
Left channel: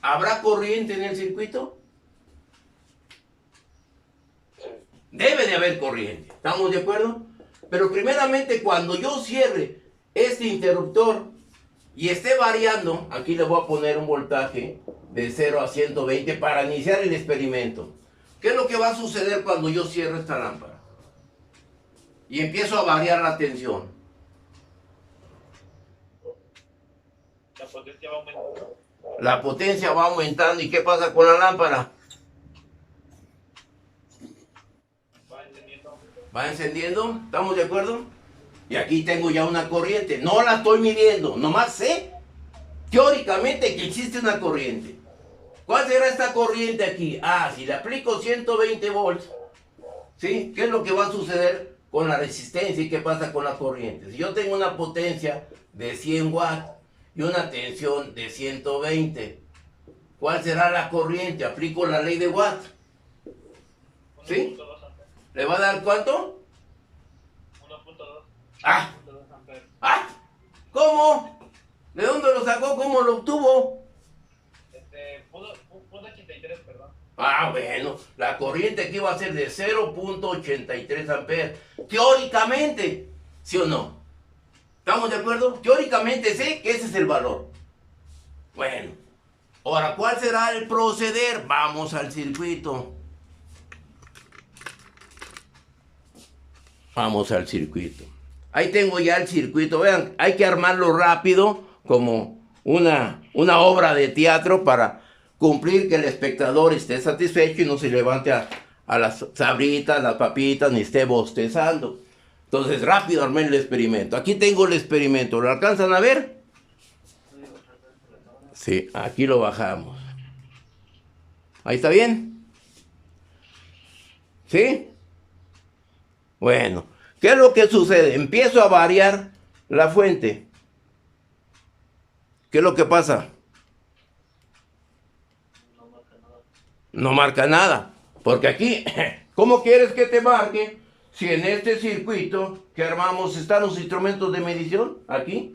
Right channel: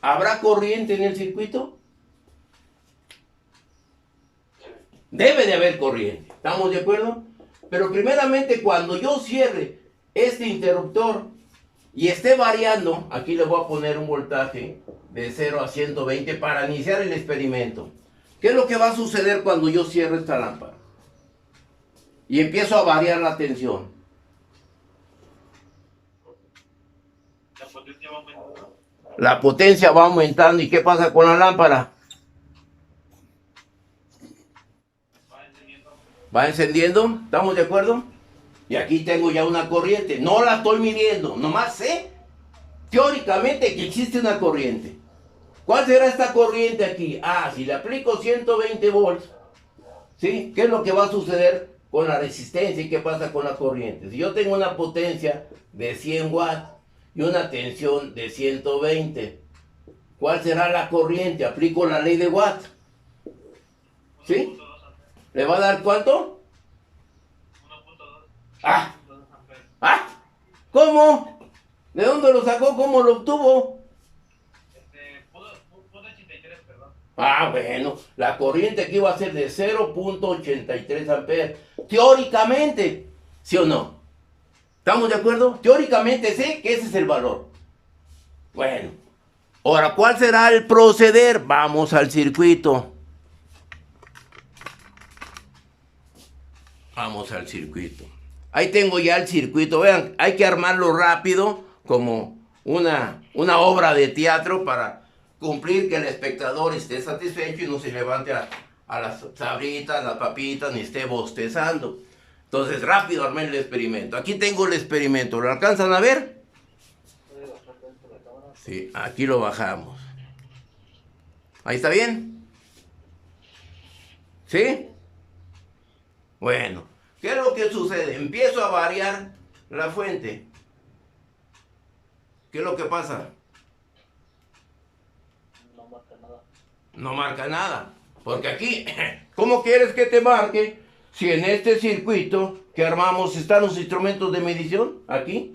¿Habrá corriente en el circuito? Debe de haber corriente. ¿Estamos de acuerdo? Pero primeramente cuando yo cierre este interruptor y esté variando, aquí le voy a poner un voltaje de 0 a 120 para iniciar el experimento. ¿Qué es lo que va a suceder cuando yo cierro esta lámpara? Y empiezo a variar la tensión. La potencia va aumentando. La potencia va aumentando. ¿Y qué pasa con la lámpara? Va encendiendo. ¿Va encendiendo? ¿Estamos de acuerdo? Y aquí tengo ya una corriente. No la estoy midiendo. Nomás sé teóricamente que existe una corriente. ¿Cuál será esta corriente aquí? Ah, si le aplico 120 volts, ¿sí? ¿Qué es lo que va a suceder con la resistencia y qué pasa con la corriente? Si yo tengo una potencia de 100 watts y una tensión de 120, ¿cuál será la corriente? Aplico la ley de Watt. ¿Sí? 1.2 amperes. ¿Le va a dar cuánto? 1.2. Ah, 1.2 amperes. ah, ¿cómo? ¿De dónde lo sacó? ¿Cómo lo obtuvo? Punto 83, perdón. Ah, bueno, la corriente aquí va a ser de 0.83 amperes. Teóricamente, ¿sí o no? ¿Estamos de acuerdo? Teóricamente sé que ese es el valor. Bueno, ahora, ¿cuál será el proceder? Vamos al circuito. Vamos al circuito. Ahí tengo ya el circuito. Vean, hay que armarlo rápido, como una obra de teatro para cumplir que el espectador esté satisfecho y no se levante a las sabritas, las papitas, ni esté bostezando. Entonces, rápido armé el experimento. Aquí tengo el experimento. ¿Lo alcanzan a ver? Sí, aquí lo bajamos. ¿Ahí está bien? ¿Sí? Bueno, ¿qué es lo que sucede? Empiezo a variar la fuente. ¿Qué es lo que pasa? No marca nada. No marca nada. Porque aquí, ¿cómo quieres que te marque si en este circuito que armamos están los instrumentos de medición? Aquí.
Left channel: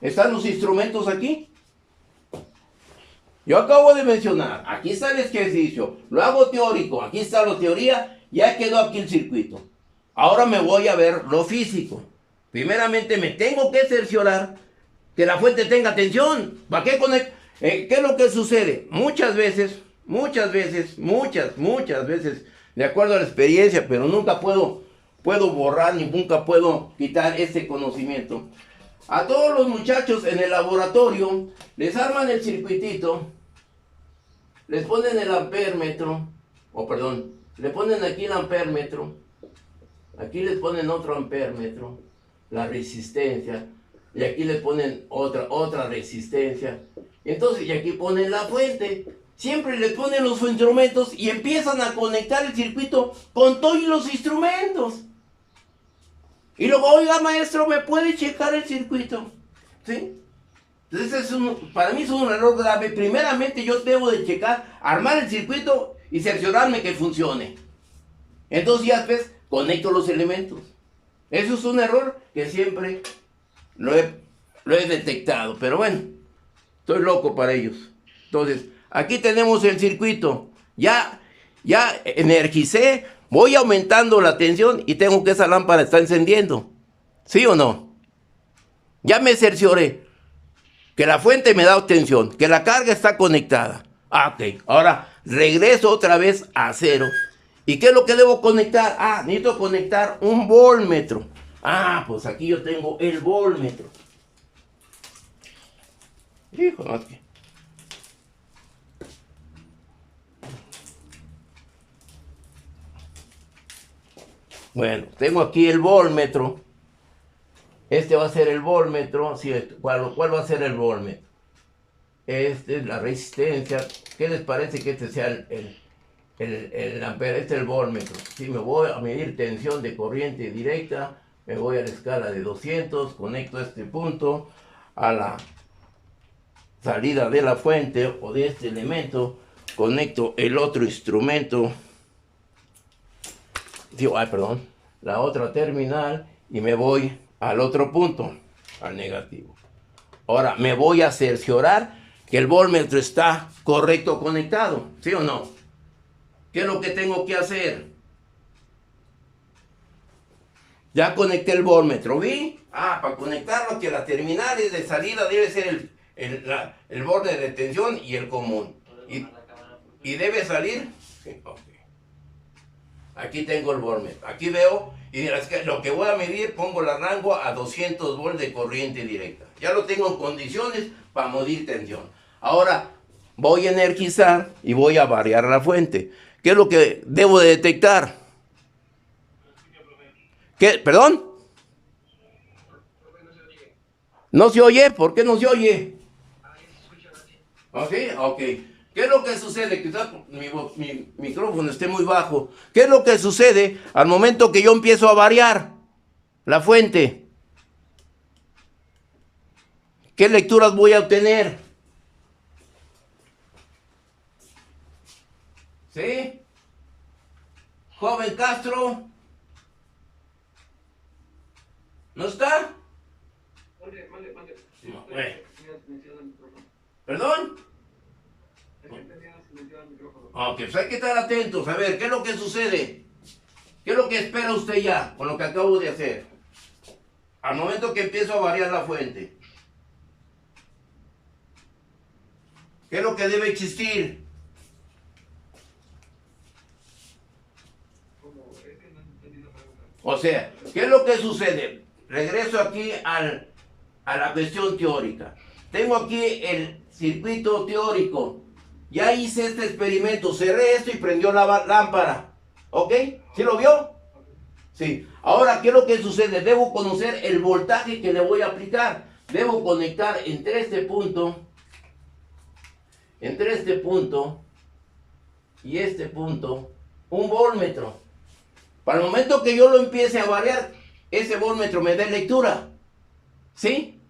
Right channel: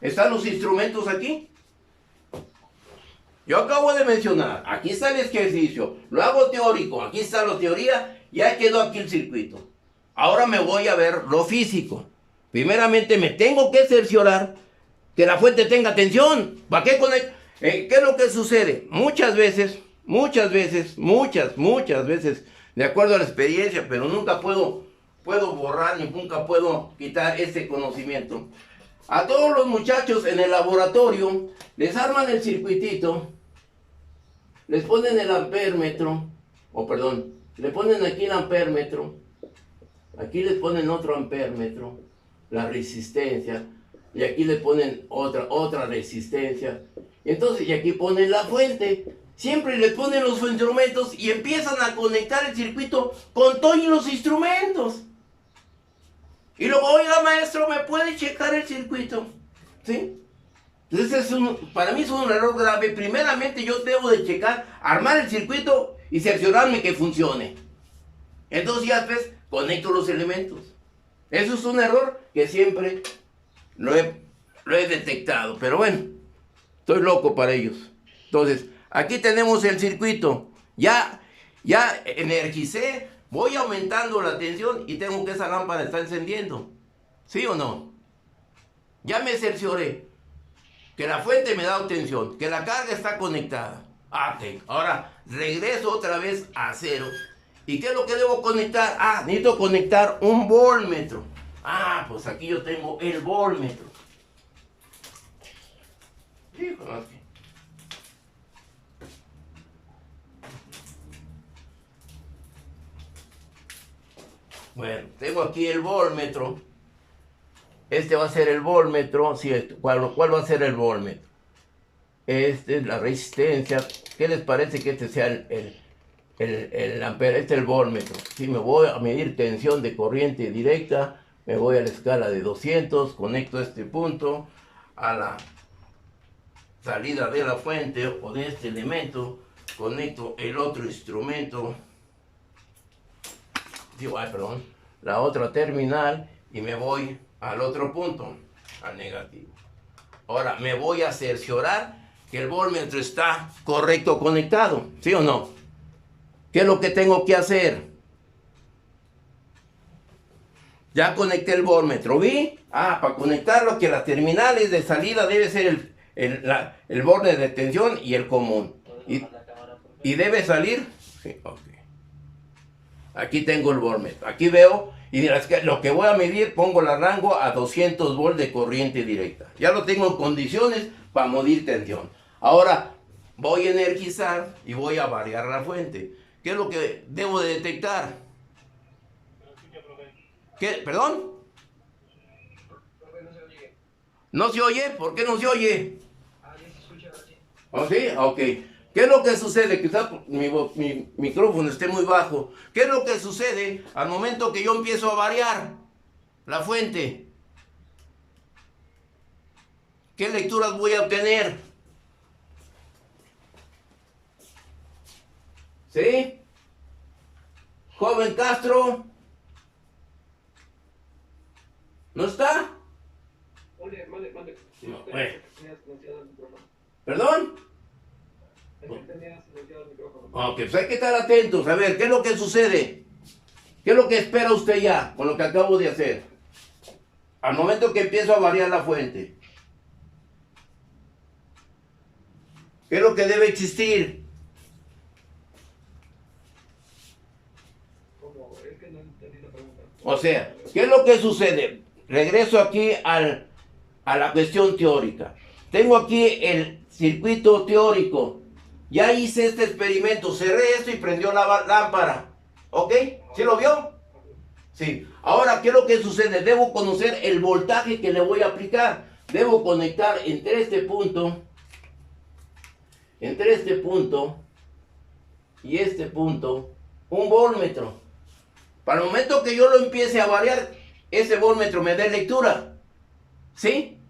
¿Están los instrumentos aquí? Yo acabo de mencionar, aquí está el ejercicio, lo hago teórico, aquí está la teoría, ya quedó aquí el circuito. Ahora me voy a ver lo físico. Primeramente me tengo que cerciorar que la fuente tenga tensión. ¿Para qué conectar? ¿Qué es lo que sucede? Muchas veces, de acuerdo a la experiencia, pero nunca puedo borrar ni nunca puedo quitar este conocimiento. A todos los muchachos en el laboratorio les arman el circuitito, les ponen el ampérmetro, le ponen aquí el ampérmetro, aquí les ponen otro ampérmetro, la resistencia, y aquí le ponen otra resistencia, entonces y aquí ponen la fuente. Siempre les ponen los instrumentos y empiezan a conectar el circuito con todos los instrumentos. Y luego, oiga maestro, ¿me puede checar el circuito? ¿Sí? Entonces para mí es un error grave. Primeramente yo debo de checar, armar el circuito y cerciorarme que funcione. Entonces ya después conecto los elementos. Eso es un error que siempre lo he detectado. Pero bueno, estoy loco para ellos. Entonces, aquí tenemos el circuito. Ya energicé. Voy aumentando la tensión y tengo que esa lámpara está encendiendo. ¿Sí o no? Ya me cercioré que la fuente me da tensión, que la carga está conectada. Ah, ok. Ahora regreso otra vez a 0. ¿Y qué es lo que debo conectar? Ah, necesito conectar un voltmetro. Ah, pues aquí yo tengo el voltmetro. Hijo, no, que... Bueno, tengo aquí el voltmetro. Este va a ser el voltmetro. Sí, ¿cuál va a ser el voltmetro? Este es la resistencia. ¿Qué les parece que este sea el ampere? Este es el voltmetro. Si me voy a medir tensión de corriente directa, me voy a la escala de 200, conecto este punto a la salida de la fuente o de este elemento, conecto el otro instrumento, la otra terminal, y me voy al otro punto, al negativo. Ahora me voy a cerciorar que el voltmetro está correcto conectado, ¿sí o no? ¿Qué es lo que tengo que hacer? Ya conecté el voltmetro, ¿vi? Ah, para conectarlo, que las terminales de salida debe ser el borde de tensión y el común. Y debe salir, sí, ok. Aquí tengo el voltmetro, aquí veo, y lo que voy a medir, pongo el rango a 200 volts de corriente directa. Ya lo tengo en condiciones para medir tensión. Ahora voy a energizar y voy a variar la fuente. ¿Qué es lo que debo de detectar? ¿Qué? ¿Perdón? ¿No se oye? ¿Por qué no se oye? ¿Oh, sí? Ok. ¿Qué es lo que sucede? Quizás mi micrófono esté muy bajo. ¿Qué es lo que sucede al momento que yo empiezo a variar la fuente? ¿Qué lecturas voy a obtener? ¿Sí? Joven Castro. ¿No está? Mande. No, ¿Perdón? Ok, pues hay que estar atentos. A ver, ¿qué es lo que sucede? ¿Qué es lo que espera usted ya con lo que acabo de hacer? Al momento que empiezo a variar la fuente. ¿Qué es lo que debe existir? O sea, ¿qué es lo que sucede? Regreso aquí a la cuestión teórica. Tengo aquí el circuito teórico. Ya hice este experimento, cerré esto y prendió la lámpara. ¿Ok? ¿Sí lo vio? Sí. Ahora, ¿qué es lo que sucede? Debo conocer el voltaje que le voy a aplicar. Debo conectar entre este punto y este punto, un voltmetro. Para el momento que yo lo empiece a variar, ese voltmetro me dé lectura. ¿Sí?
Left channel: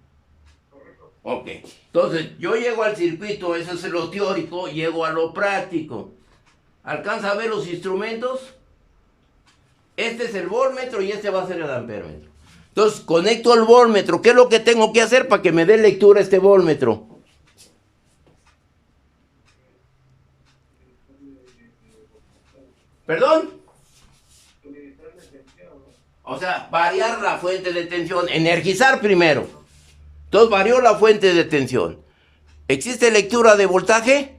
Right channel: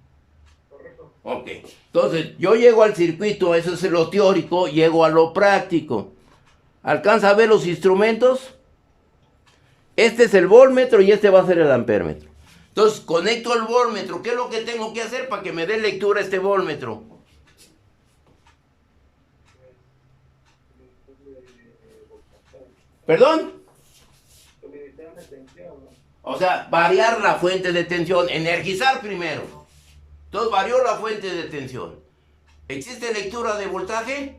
Correcto. Ok. Entonces, yo llego al circuito, eso es lo teórico, llego a lo práctico. ¿Alcanza a ver los instrumentos? Este es el voltmetro y este va a ser el ampéretro. Entonces, conecto el voltmetro. ¿Qué es lo que tengo que hacer para que me dé lectura este voltmetro? ¿Perdón? O sea, variar la fuente de tensión, energizar primero. Entonces varió la fuente de tensión. ¿Existe lectura de voltaje?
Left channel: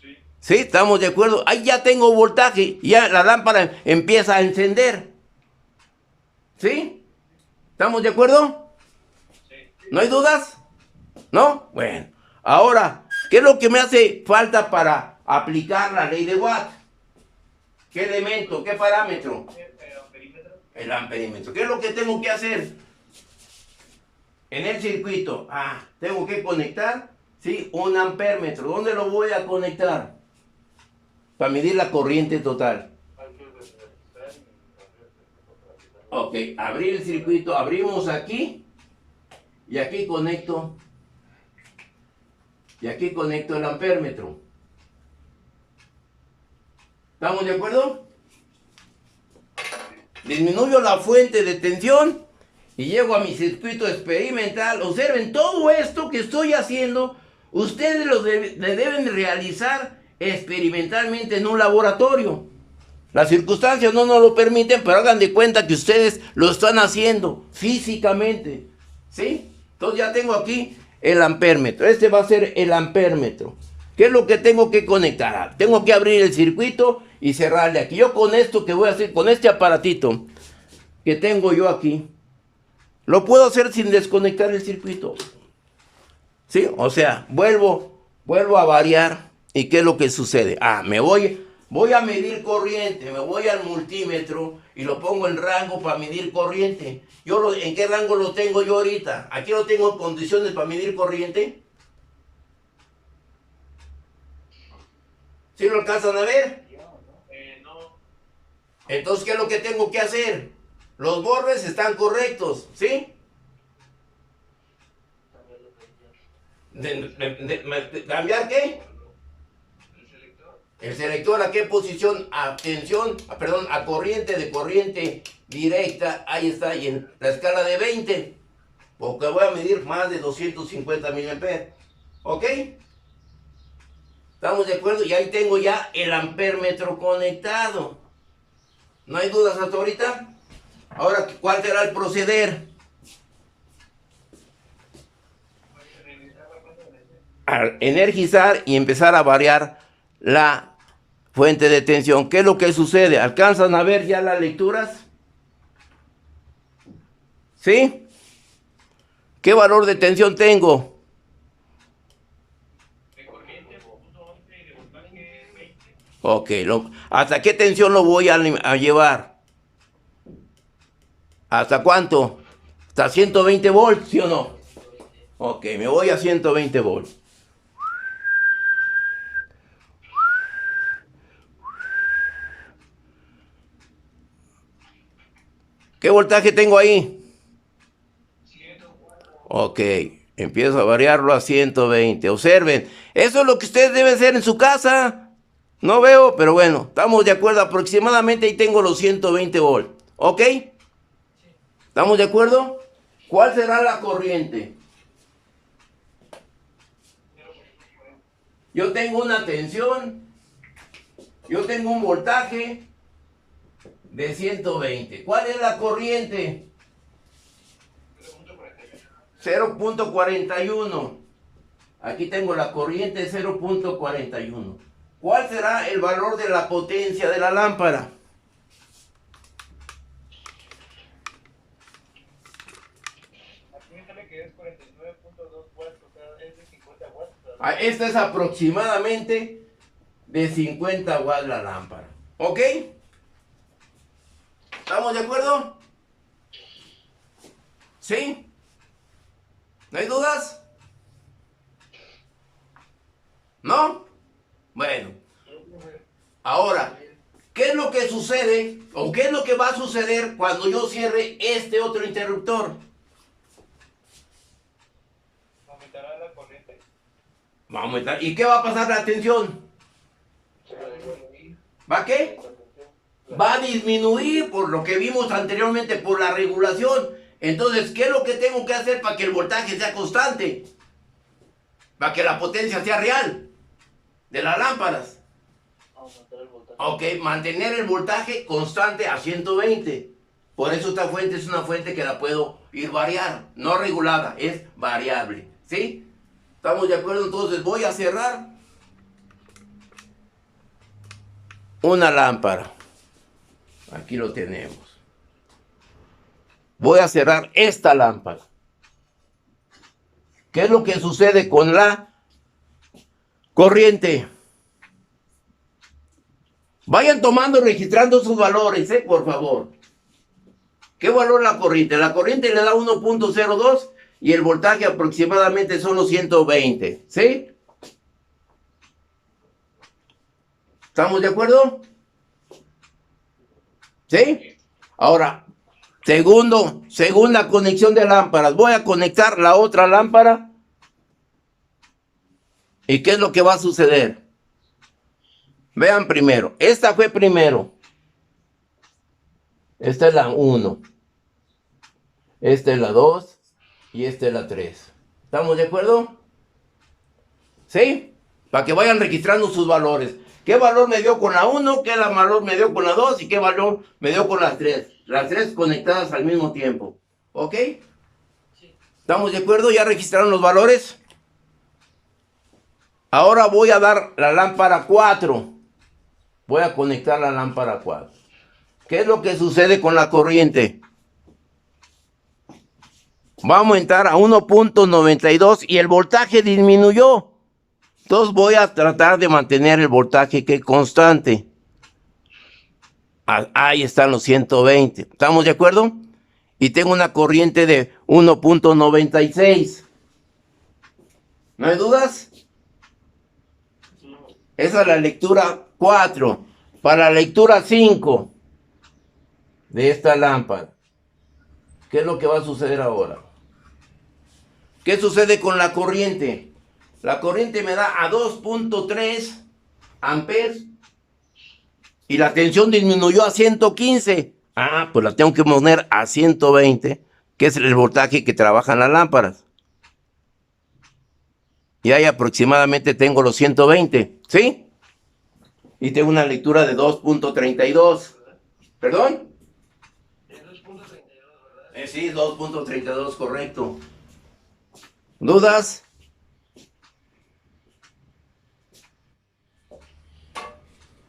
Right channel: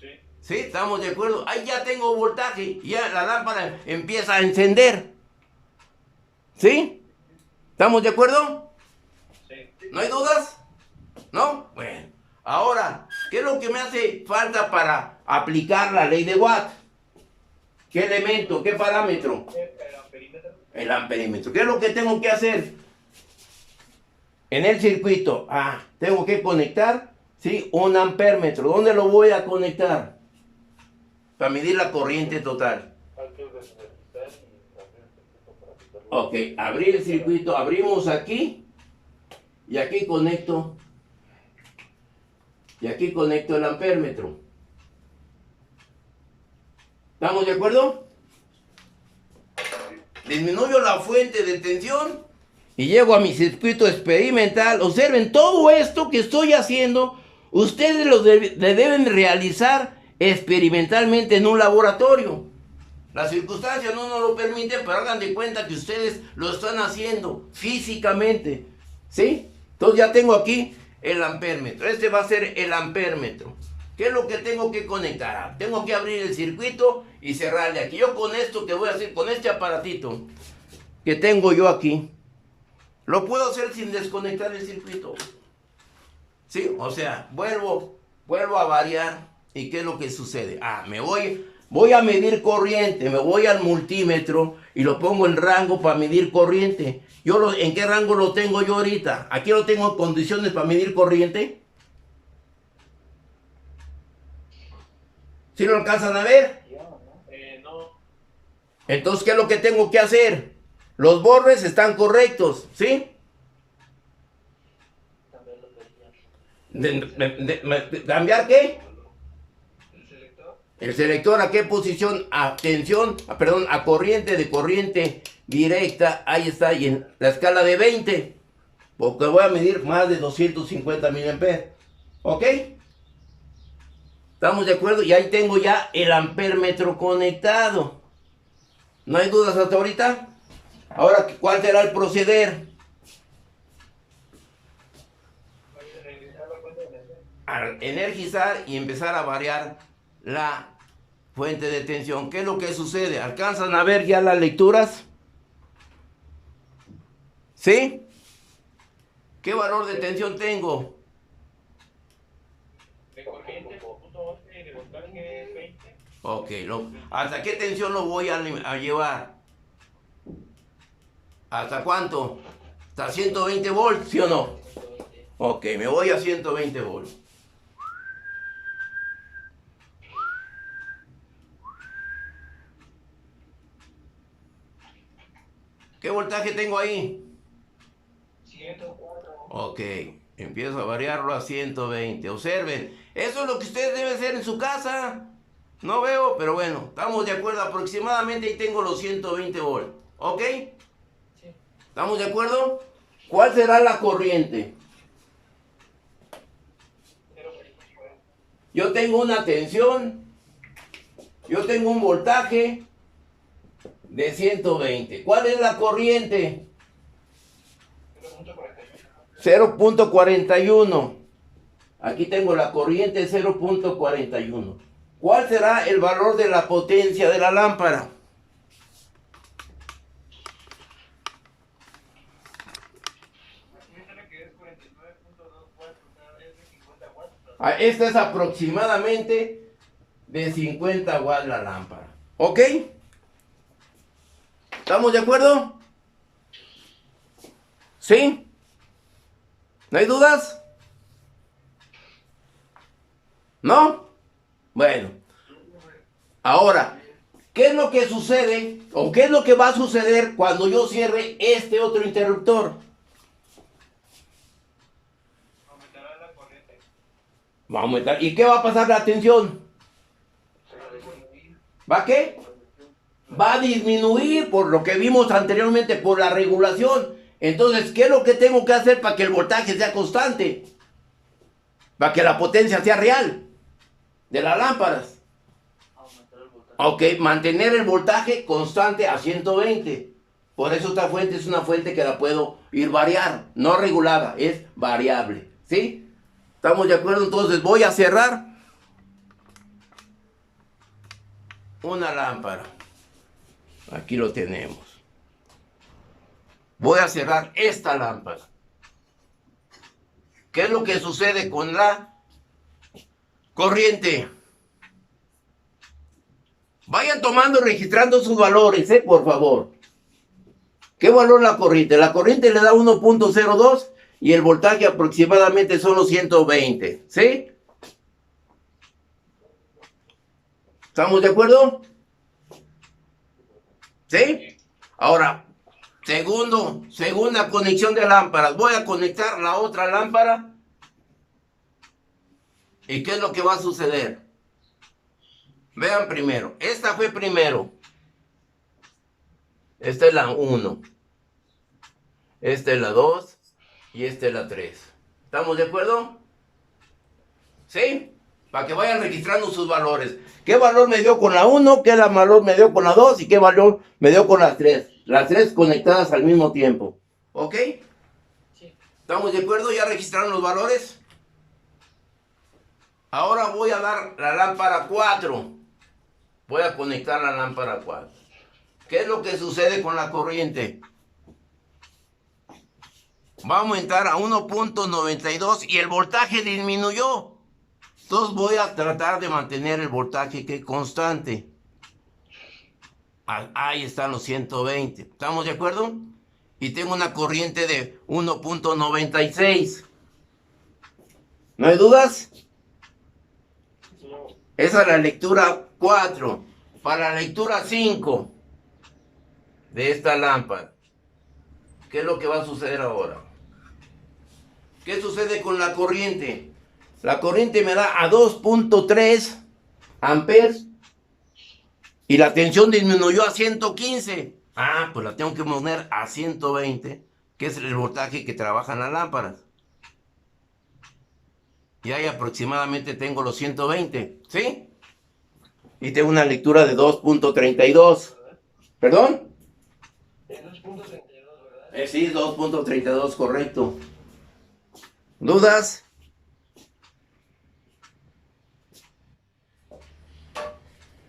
Sí. ¿Sí? ¿Estamos de acuerdo? Ahí ya tengo voltaje, ya la lámpara empieza a encender. ¿Sí? ¿Estamos de acuerdo? Sí. ¿No hay dudas? ¿No? Bueno, ahora, ¿qué es lo que me hace falta para aplicar la ley de Watt? ¿Qué elemento? ¿Qué parámetro? El amperímetro. ¿Qué es lo que tengo que hacer? En el circuito, tengo que conectar, ¿sí? Un ampéretro. ¿Dónde lo voy a conectar? Para medir la corriente total. Ok, abrir el circuito, abrimos aquí y aquí conecto el ampéretro. ¿Estamos de acuerdo? Disminuyo la fuente de tensión y llego a mi circuito experimental. Observen, todo esto que estoy haciendo, ustedes lo deben realizar experimentalmente en un laboratorio. Las circunstancias no nos lo permiten, pero hagan de cuenta que ustedes lo están haciendo físicamente. ¿Sí? Entonces ya tengo aquí el ampéretro. Este va a ser el ampéretro. ¿Qué es lo que tengo que conectar? Tengo que abrir el circuito y cerrarle aquí. Yo con esto que voy a hacer, con este aparatito que tengo yo aquí, lo puedo hacer sin desconectar el circuito. ¿Sí? O sea, vuelvo a variar. ¿Y qué es lo que sucede? Voy a medir corriente, me voy al multímetro y lo pongo en rango para medir corriente. ¿En qué rango lo tengo yo ahorita? Aquí lo tengo en condiciones para medir corriente. ¿Sí lo alcanzan a ver? No. Entonces, ¿qué es lo que tengo que hacer? Los bordes están correctos, ¿sí? ¿Cambiar qué? El selector, ¿a qué posición? A corriente, de corriente directa, ahí está, y en la escala de 20, porque voy a medir más de 250 miliamperes, ¿ok? ¿Estamos de acuerdo? Y ahí tengo ya el amperímetro conectado. ¿No hay dudas hasta ahorita? Ahora, ¿cuál será el proceder? A energizar y empezar a variar la fuente de tensión. ¿Qué es lo que sucede? ¿Alcanzan a ver ya las lecturas? ¿Sí? ¿Qué valor de tensión tengo? De corriente, 11 y de voltaje 20. Ok, ¿hasta qué tensión lo voy a llevar? ¿Hasta cuánto? ¿Hasta 120 volts, sí o no? Ok, me voy a 120 volts. ¿Qué voltaje tengo ahí? 104. Ok, empiezo a variarlo a 120. Observen, eso es lo que ustedes deben hacer en su casa. No veo, pero bueno, estamos de acuerdo. Aproximadamente ahí tengo los 120 volts. ¿Ok? ¿Estamos de acuerdo? ¿Cuál será la corriente? Yo tengo una tensión. Yo tengo un voltaje de 120. ¿Cuál es la corriente? 0.41. Aquí tengo la corriente 0.41. ¿Cuál será el valor de la potencia de la lámpara? Acuérdame que es 49.2 watts, o sea, es de 50 watts. Esta es aproximadamente de 50 watts la lámpara. ¿Ok? ¿Estamos de acuerdo? ¿Sí? ¿No hay dudas? ¿No? Bueno. Ahora, ¿qué es lo que sucede o qué es lo que va a suceder cuando yo cierre este otro interruptor? Aumentará la corriente. Va a aumentar. ¿Y qué va a pasar la tensión? ¿Va a qué? Va a disminuir por lo que vimos anteriormente, por la regulación. Entonces, ¿qué es lo que tengo que hacer para que el voltaje sea constante? Para que la potencia sea real de las lámparas. Aumentar el voltaje. Ok, mantener el voltaje constante a 120. Por eso esta fuente es una fuente que la puedo ir variar, no regulada, es variable. ¿Sí? ¿Estamos de acuerdo? Entonces voy a cerrar una lámpara. Aquí lo tenemos. Voy a cerrar esta lámpara. ¿Qué es lo que sucede con la corriente? Vayan tomando y registrando sus valores, por favor. ¿Qué valor la corriente? La corriente le da 1.02 y el voltaje aproximadamente son los 120. ¿Sí? ¿Estamos de acuerdo? ¿Sí? Ahora, segunda conexión de lámparas. Voy a conectar la otra lámpara. ¿Y qué es lo que va a suceder? Vean primero. Esta fue primero. Esta es la 1. Esta es la 2. Y esta es la 3. ¿Estamos de acuerdo? ¿Sí? Para que vayan registrando sus valores. ¿Qué valor me dio con la 1? ¿Qué valor me dio con la 2? ¿Y qué valor me dio con las 3? Las 3 conectadas al mismo tiempo. ¿Ok? Sí. ¿Estamos de acuerdo? ¿Ya registraron los valores? Ahora voy a dar la lámpara 4. Voy a conectar la lámpara 4. ¿Qué es lo que sucede con la corriente? Va a aumentar a 1.92 y el voltaje disminuyó. Entonces voy a tratar de mantener el voltaje que es constante. Ahí están los 120. ¿Estamos de acuerdo? Y tengo una corriente de 1.96. ¿No hay dudas? No. Esa es la lectura 4. Para la lectura 5 de esta lámpara, ¿qué es lo que va a suceder ahora? ¿Qué sucede con la corriente? La corriente me da a 2.3 amperes y la tensión disminuyó a 115. Ah, pues la tengo que poner a 120, que es el voltaje que trabajan las lámparas. Y ahí aproximadamente tengo los 120, ¿sí? Y tengo una lectura de 2.32. ¿Perdón? Es 2.32, ¿verdad? Sí, 2.32, correcto. ¿Dudas?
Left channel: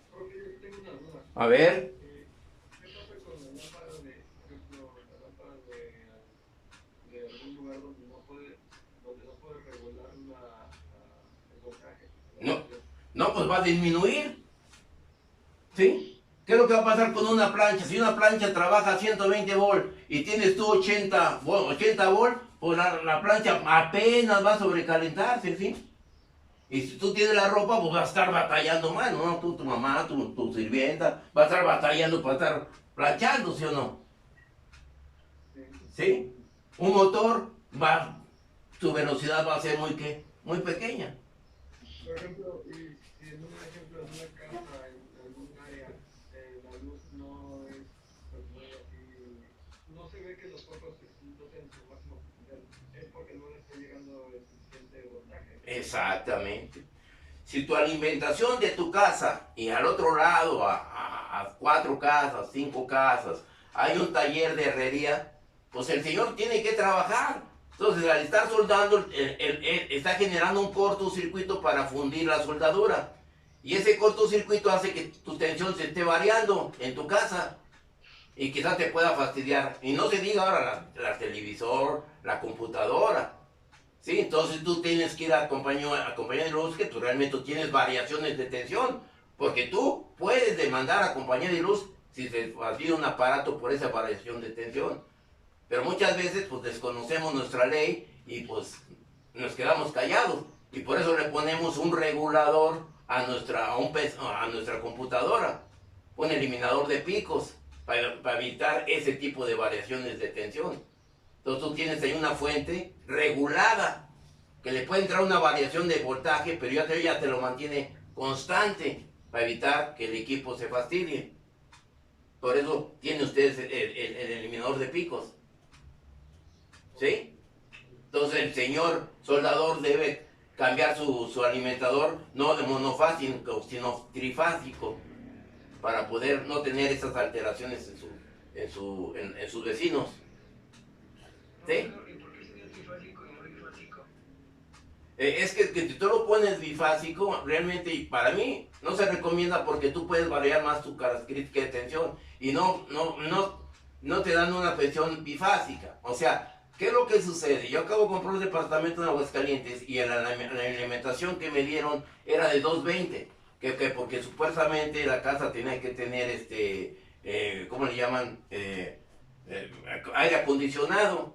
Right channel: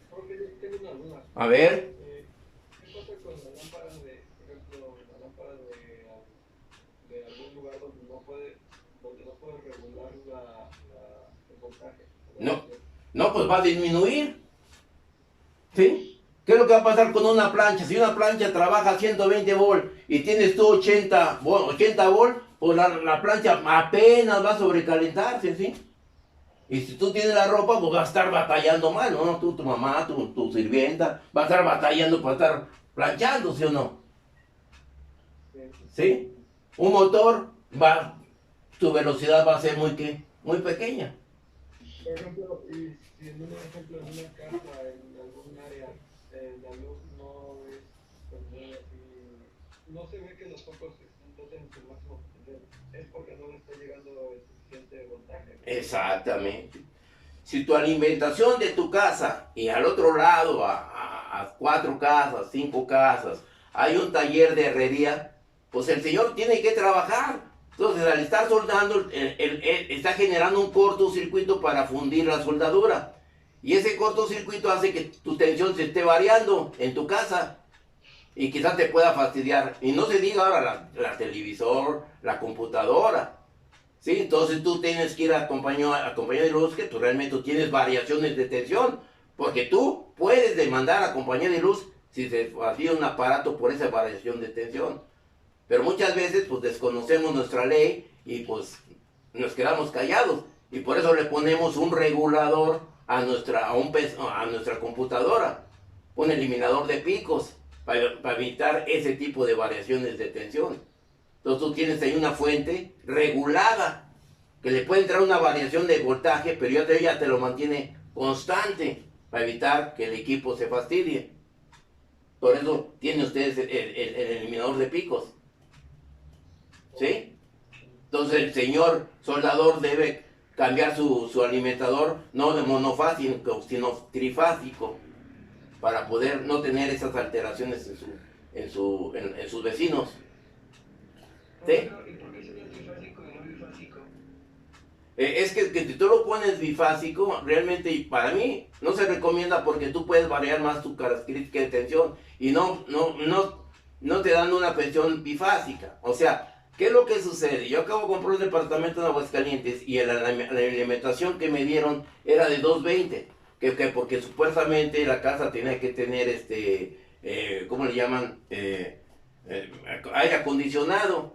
Porque yo tengo una duda. A ver. ¿Qué pasa con la lámpara por ejemplo, la lámpara de algún lugar donde no puede regular el voltaje? No, pues va a disminuir. ¿Sí? ¿Qué es lo que va a pasar con una plancha? Si una plancha trabaja a 120 volt y tienes tú 80 volt, pues la plancha apenas va a sobrecalentarse, ¿sí? Y si tú tienes la ropa, pues vas a estar batallando más, ¿no? Tú, tu mamá, tu sirvienta, va a estar batallando para estar planchando, ¿sí o no? ¿Sí? Un motor tu velocidad va a ser muy pequeña. Por ejemplo, y si en un ejemplo en una casa, en algún área, la luz no es, pues no es así, no se ve que los focos exitosen en su máximo potencial, es porque no le está llegando el suficiente voltaje. Exactamente. Si tu alimentación de tu casa y al otro lado, a 4 casas, 5 casas, hay un taller de herrería, pues el señor tiene que trabajar. Entonces, al estar soldando, él está generando un cortocircuito para fundir la soldadura. Y ese cortocircuito hace que tu tensión se esté variando en tu casa. Y quizás te pueda fastidiar. Y no se diga ahora la televisor, la computadora. ¿Sí? Entonces tú tienes que ir a compañía de luz que tú realmente tienes variaciones de tensión. Porque tú puedes demandar a compañía de luz si se fastida un aparato por esa variación de tensión. Pero muchas veces pues desconocemos nuestra ley y pues nos quedamos callados. Y por eso le ponemos un regulador a nuestra computadora. Un eliminador de picos para evitar ese tipo de variaciones de tensión. Entonces tú tienes ahí una fuente regulada que le puede entrar una variación de voltaje, pero ya te lo mantiene constante para evitar que el equipo se fastidie. Por eso tienen ustedes el eliminador de picos. ¿Sí? Entonces el señor soldador debe cambiar su alimentador, no de monofásico, sino trifásico, para poder no tener esas alteraciones en sus vecinos. ¿Sí? ¿Y por qué sería trifásico y no bifásico? Es que si tú lo pones bifásico, realmente para mí no se recomienda porque tú puedes variar más tu característica de tensión y no te dan una pensión bifásica. O sea, ¿qué es lo que sucede? Yo acabo de comprar un departamento en Aguascalientes y la alimentación que me dieron era de 220, que porque supuestamente la casa tenía que tener ¿cómo le llaman? Aire acondicionado.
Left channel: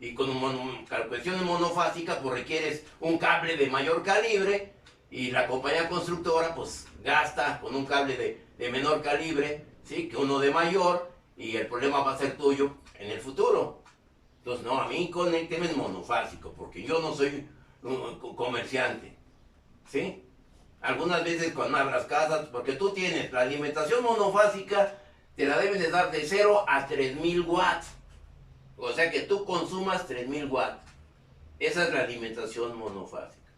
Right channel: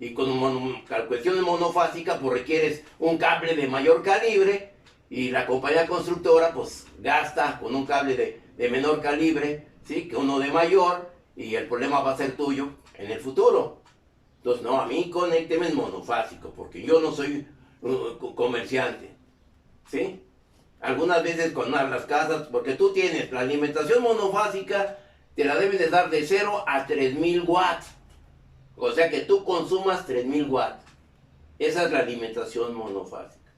Y con cuestión monofásica pues requieres un cable de mayor calibre y la compañía constructora pues gasta con un cable de menor calibre, ¿sí? Que uno de mayor y el problema va a ser tuyo en el futuro. Entonces, no, a mí conécteme en monofásico, porque yo no soy comerciante, ¿sí? Algunas veces cuando las casas, porque tú tienes la alimentación monofásica, te la deben de dar de 0 a 3000 watts. O sea que tú consumas 3000 watts. Esa es la alimentación monofásica.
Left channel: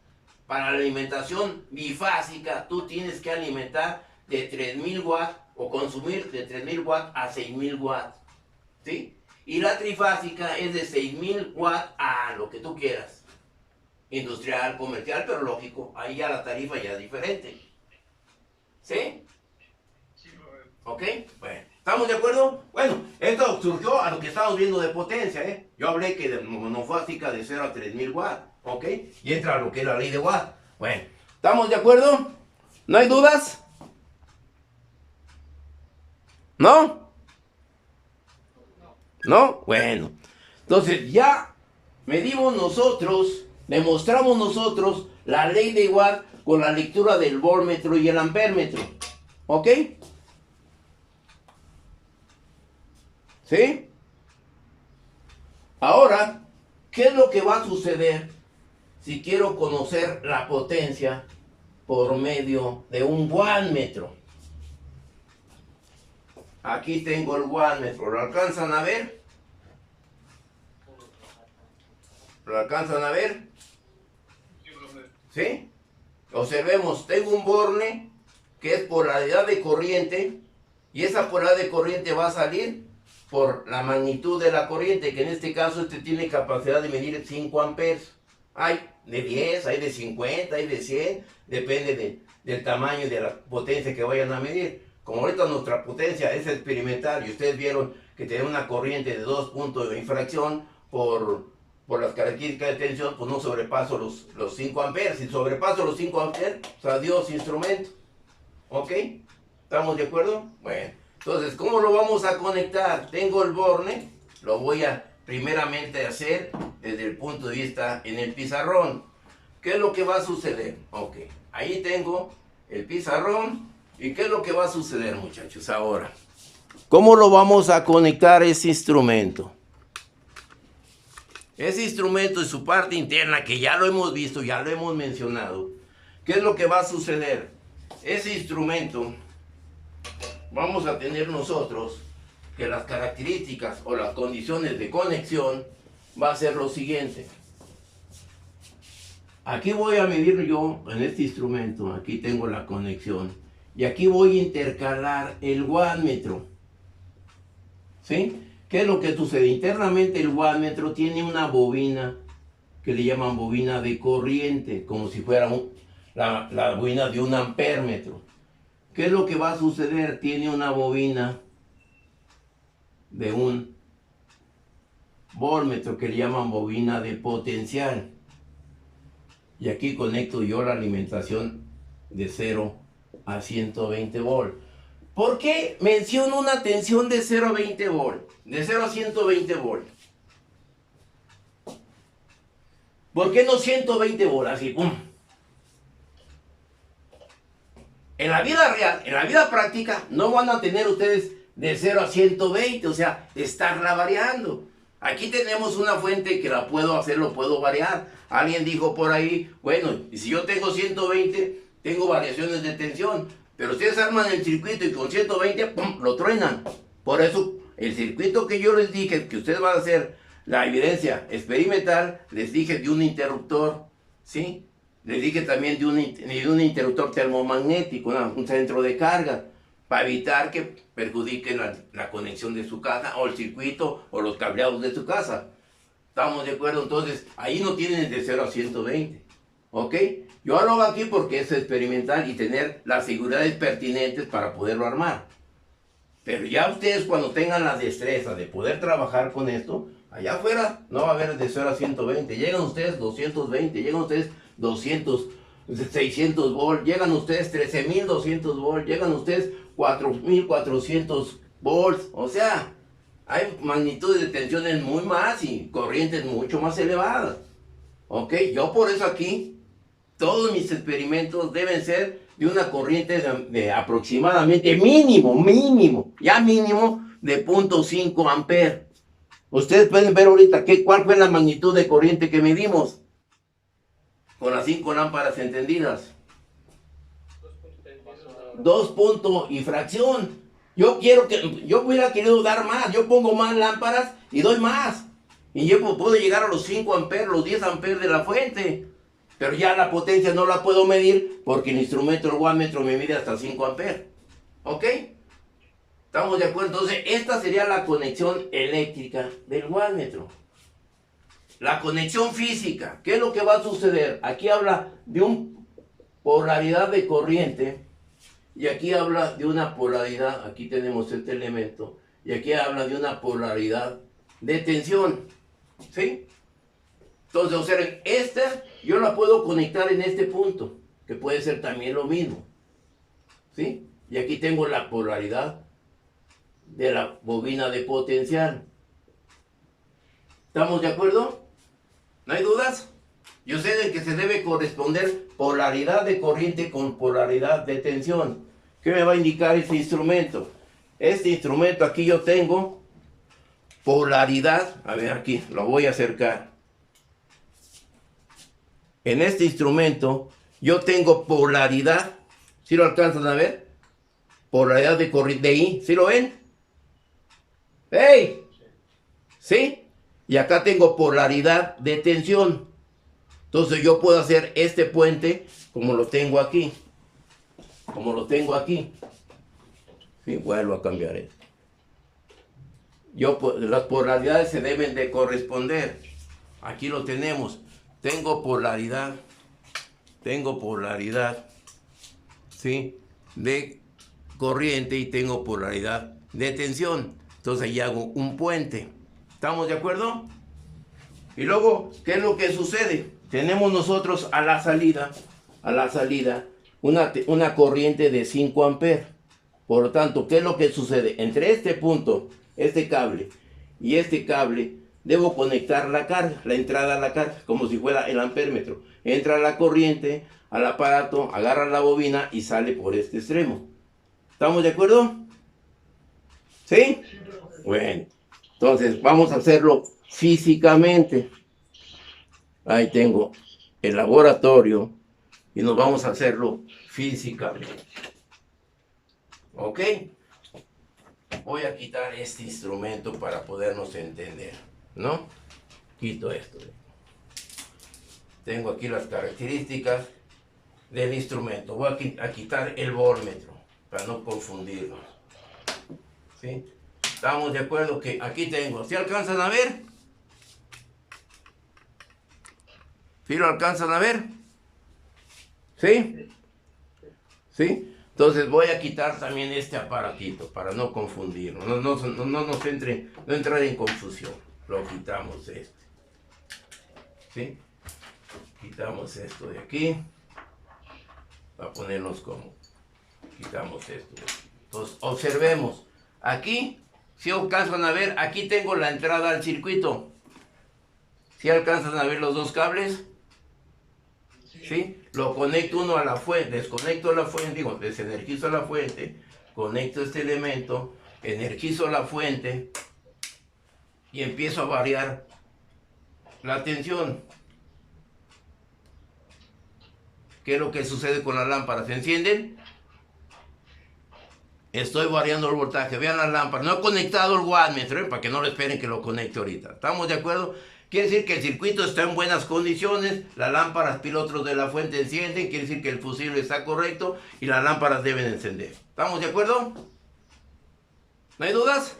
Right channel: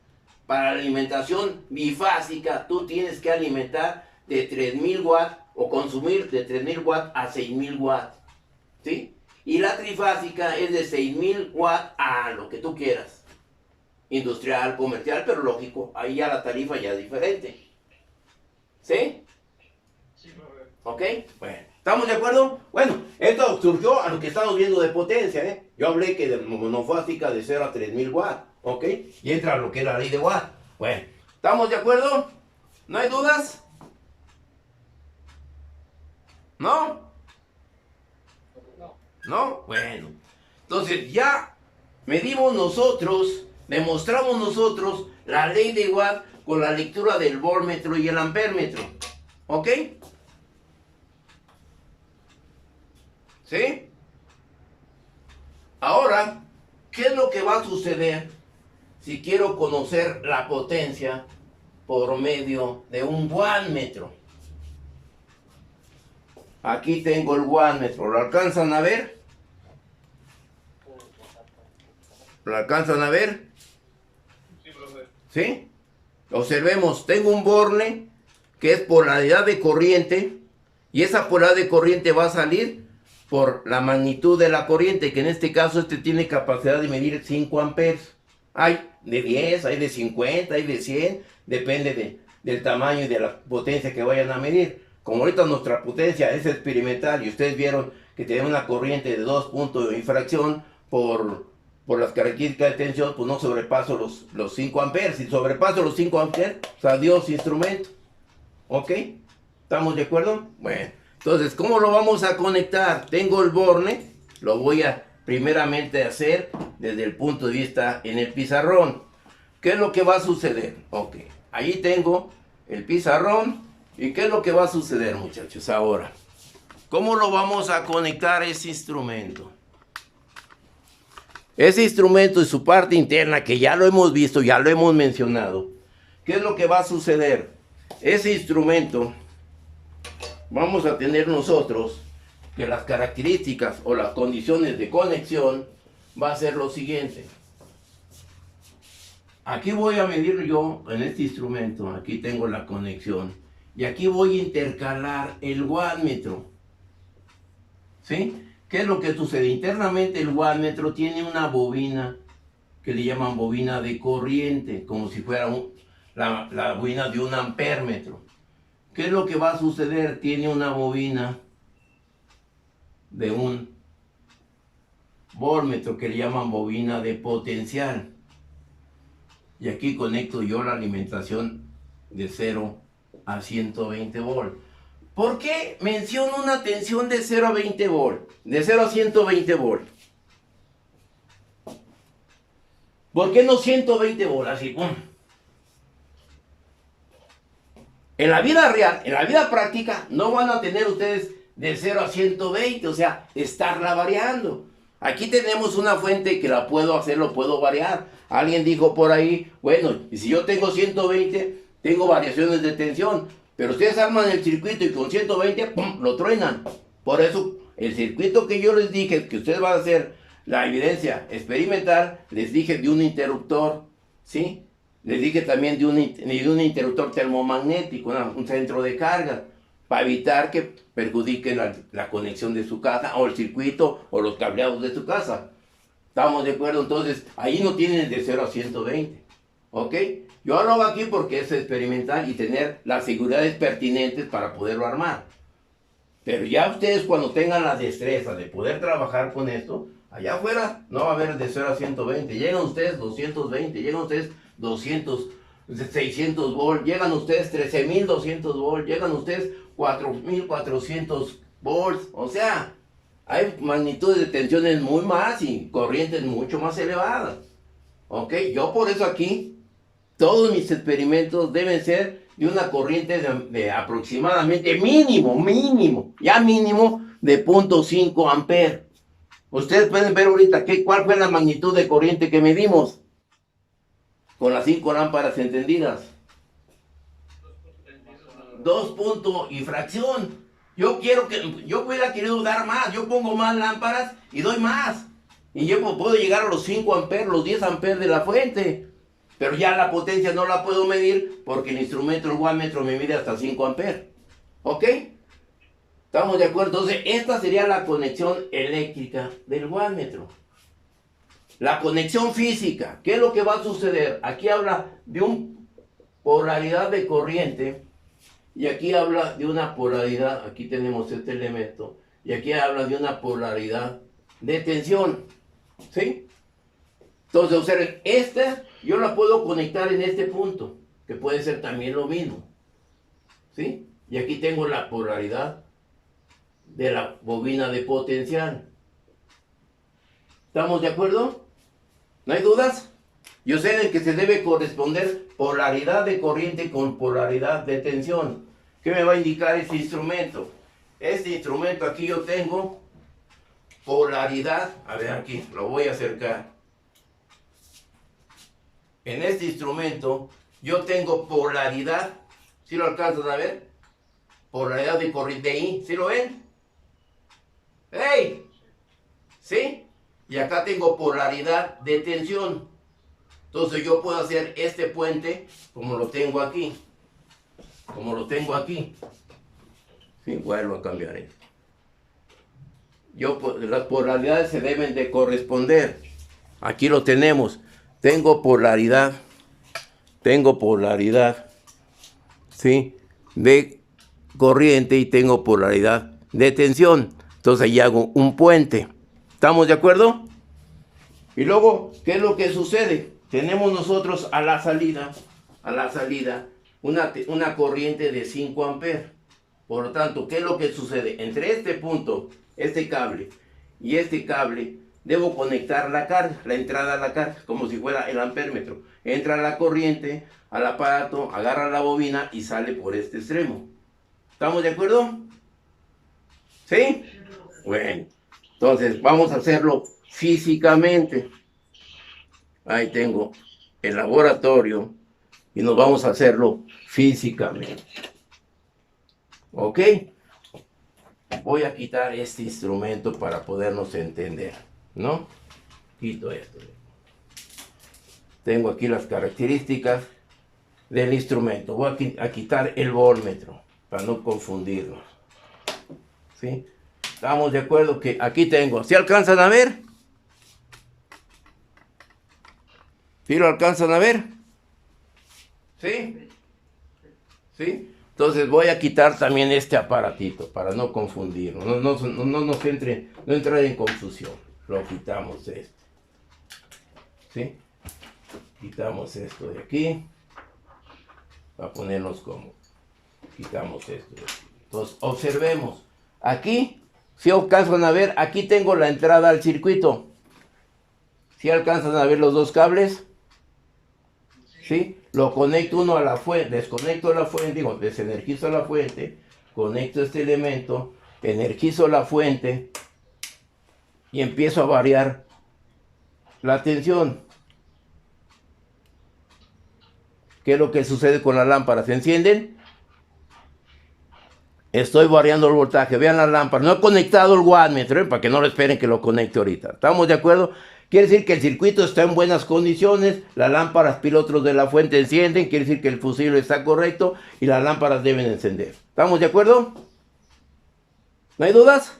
Para la alimentación bifásica, tú tienes que alimentar de 3000 watts o consumir de 3000 watts a 6000 watts, ¿sí? Y la trifásica es de 6000 watts a lo que tú quieras. industrial, comercial, pero lógico, ahí ya la tarifa ya es diferente. ¿Sí? Sí, profe. ¿Ok? Bueno, ¿estamos de acuerdo? Bueno, esto surgió a lo que estamos viendo de potencia, ¿eh? Yo hablé que de monofásica de 0 a 3000 watts, ¿ok? Y entra lo que es la ley de Watt. Bueno, ¿estamos de acuerdo? ¿No hay dudas? ¿No? ¿No? Bueno, entonces ya medimos nosotros, demostramos nosotros la ley de Watt con la lectura del voltmetro y el ampérmetro. ¿Ok? ¿Sí? Ahora, ¿qué es lo que va a suceder si quiero conocer la potencia por medio de un wattmetro? Aquí tengo el wattmetro, ¿lo alcanzan a ver? ¿Lo alcanzan a ver? Sí, profe. ¿Sí? Observemos, tengo un borne que es polaridad de corriente y esa polaridad de corriente va a salir por la magnitud de la corriente, que en este caso tiene capacidad de medir 5 amperes. Hay de 10, hay de 50, hay de 100, depende del tamaño y de la potencia que vayan a medir. Como ahorita nuestra potencia es experimental y ustedes vieron que tiene una corriente de 2 puntos de infracción por las características de tensión, pues no sobrepaso los 5 amperes. Si sobrepaso los 5 amperes, pues adiós instrumento. ¿Ok? ¿Estamos de acuerdo? Bueno, entonces, ¿cómo lo vamos a conectar? Tengo el borne, lo voy a primeramente hacer desde el punto de vista en el pizarrón. ¿Qué es lo que va a suceder? Ok, ahí tengo el pizarrón. ¿Y qué es lo que va a suceder, muchachos, ahora? ¿Cómo lo vamos a conectar ese instrumento? Ese instrumento y su parte interna, que ya lo hemos visto, ya lo hemos mencionado. ¿Qué es lo que va a suceder? Ese instrumento, vamos a tener nosotros que las características o las condiciones de conexión va a ser lo siguiente. Aquí voy a medir yo en este instrumento, aquí tengo la conexión. Y aquí voy a intercalar el wattmetro. ¿Sí? ¿Qué es lo que sucede? Internamente el wattmetro tiene una bobina que le llaman bobina de corriente, como si fuera la bobina de un ampérmetro. ¿Qué es lo que va a suceder? Tiene una bobina de un voltmetro que le llaman bobina de potencial. Y aquí conecto yo la alimentación de 0 a 120 volt. ¿Por qué menciono una tensión de 0 a 20 volt? De 0 a 120 volt. ¿Por qué no 120 volt? Así, ¡pum! En la vida real, en la vida práctica, no van a tener ustedes de 0 a 120, o sea, estarla variando. Aquí tenemos una fuente que la puedo hacer, lo puedo variar. Alguien dijo por ahí, bueno, y si yo tengo 120, tengo variaciones de tensión, pero ustedes arman el circuito y con 120, ¡pum!, lo truenan. Por eso, el circuito que yo les dije, que ustedes van a hacer la evidencia experimental, les dije de un interruptor, ¿sí? Les dije también de un interruptor termomagnético, un centro de carga, para evitar que perjudiquen la conexión de su casa, o el circuito, o los cableados de su casa. ¿Estamos de acuerdo? Entonces, ahí no tienen de 0 a 120, ¿ok? Yo lo hago aquí porque es experimental y tener las seguridades pertinentes para poderlo armar. Pero ya ustedes cuando tengan la destreza de poder trabajar con esto, allá afuera no va a haber de 0 a 120. Llegan ustedes 220, llegan ustedes 200, 600 volt, llegan ustedes 13.200 volt, llegan ustedes 4.400 volts. O sea, hay magnitudes de tensiones muy más y corrientes mucho más elevadas. ¿Ok? Yo por eso aquí, todos mis experimentos deben ser de una corriente de aproximadamente mínimo de 0.5 amperes. Ustedes pueden ver ahorita cuál fue la magnitud de corriente que medimos con las 5 lámparas encendidas. 2 puntos y fracción. Yo hubiera querido dar más. Yo pongo más lámparas y doy más. Y yo puedo llegar a los 5 amperes, los 10 amperes de la fuente. Pero ya la potencia no la puedo medir porque el instrumento, el wattmetro, me mide hasta 5 amperes. ¿Ok? ¿Estamos de acuerdo? Entonces, esta sería la conexión eléctrica del wattmetro. La conexión física, ¿qué es lo que va a suceder? Aquí habla de una polaridad de corriente y aquí habla de una polaridad, aquí tenemos este elemento, y aquí habla de una polaridad de tensión, ¿sí? Entonces, observen, esta yo la puedo conectar en este punto, que puede ser también lo mismo, ¿sí? Y aquí tengo la polaridad de la bobina de potencial. ¿Estamos de acuerdo? ¿No hay dudas? Yo sé de que se debe corresponder polaridad de corriente con polaridad de tensión. ¿Qué me va a indicar este instrumento? Este instrumento aquí yo tengo polaridad. A ver, aquí lo voy a acercar. En este instrumento yo tengo polaridad. ¿Sí lo alcanzan a ver? Polaridad de corriente de I. ¿Sí lo ven? ¡Hey! ¿Sí? Y acá tengo polaridad de tensión. Entonces yo puedo hacer este puente como lo tengo aquí. Como lo tengo aquí. Sí, vuelvo a cambiar esto. Las polaridades se deben de corresponder. Aquí lo tenemos. Tengo polaridad, ¿sí? De corriente y tengo polaridad de tensión. Entonces ahí hago un puente. ¿Estamos de acuerdo? Y luego, ¿qué es lo que sucede? Tenemos nosotros a la salida, una corriente de 5 amperes. Por lo tanto, ¿qué es lo que sucede? Entre este punto, este cable y este cable, debo conectar la carga, la entrada a la carga, como si fuera el ampéretro. Entra la corriente al aparato, agarra la bobina y sale por este extremo. ¿Estamos de acuerdo? ¿Sí? Bueno, entonces vamos a hacerlo físicamente. Ahí tengo el laboratorio y nos vamos a hacerlo físicamente. ¿Ok? Voy a quitar este instrumento para podernos entender, ¿no? Quito esto. Tengo aquí las características del instrumento. Voy a quitar el voltmetro para no confundirnos. ¿Sí? Estamos de acuerdo que aquí tengo. ¿Sí alcanzan a ver? ¿Sí lo alcanzan a ver? ¿Sí? ¿Sí? Entonces voy a quitar también este aparatito para no confundirnos. No nos no entrar en confusión. Lo quitamos este. ¿Sí? Quitamos esto de aquí. Para ponernos como. Quitamos esto de aquí. Entonces observemos. Aquí, si alcanzan a ver, aquí tengo la entrada al circuito. ¿Si alcanzan a ver los dos cables? ¿Sí? Lo conecto uno a la fuente, desconecto la fuente, digo, desenergizo la fuente, conecto este elemento, energizo la fuente y empiezo a variar la tensión. ¿Qué es lo que sucede con las lámparas? ¿Se encienden? Estoy variando el voltaje. Vean las lámparas. No he conectado el wattmetro, para que no lo esperen que lo conecte ahorita. ¿Estamos de acuerdo? Quiere decir que el circuito está en buenas condiciones, las lámparas pilotos de la fuente encienden, quiere decir que el fusible está correcto y las lámparas deben encender. ¿Estamos de acuerdo? ¿No hay dudas?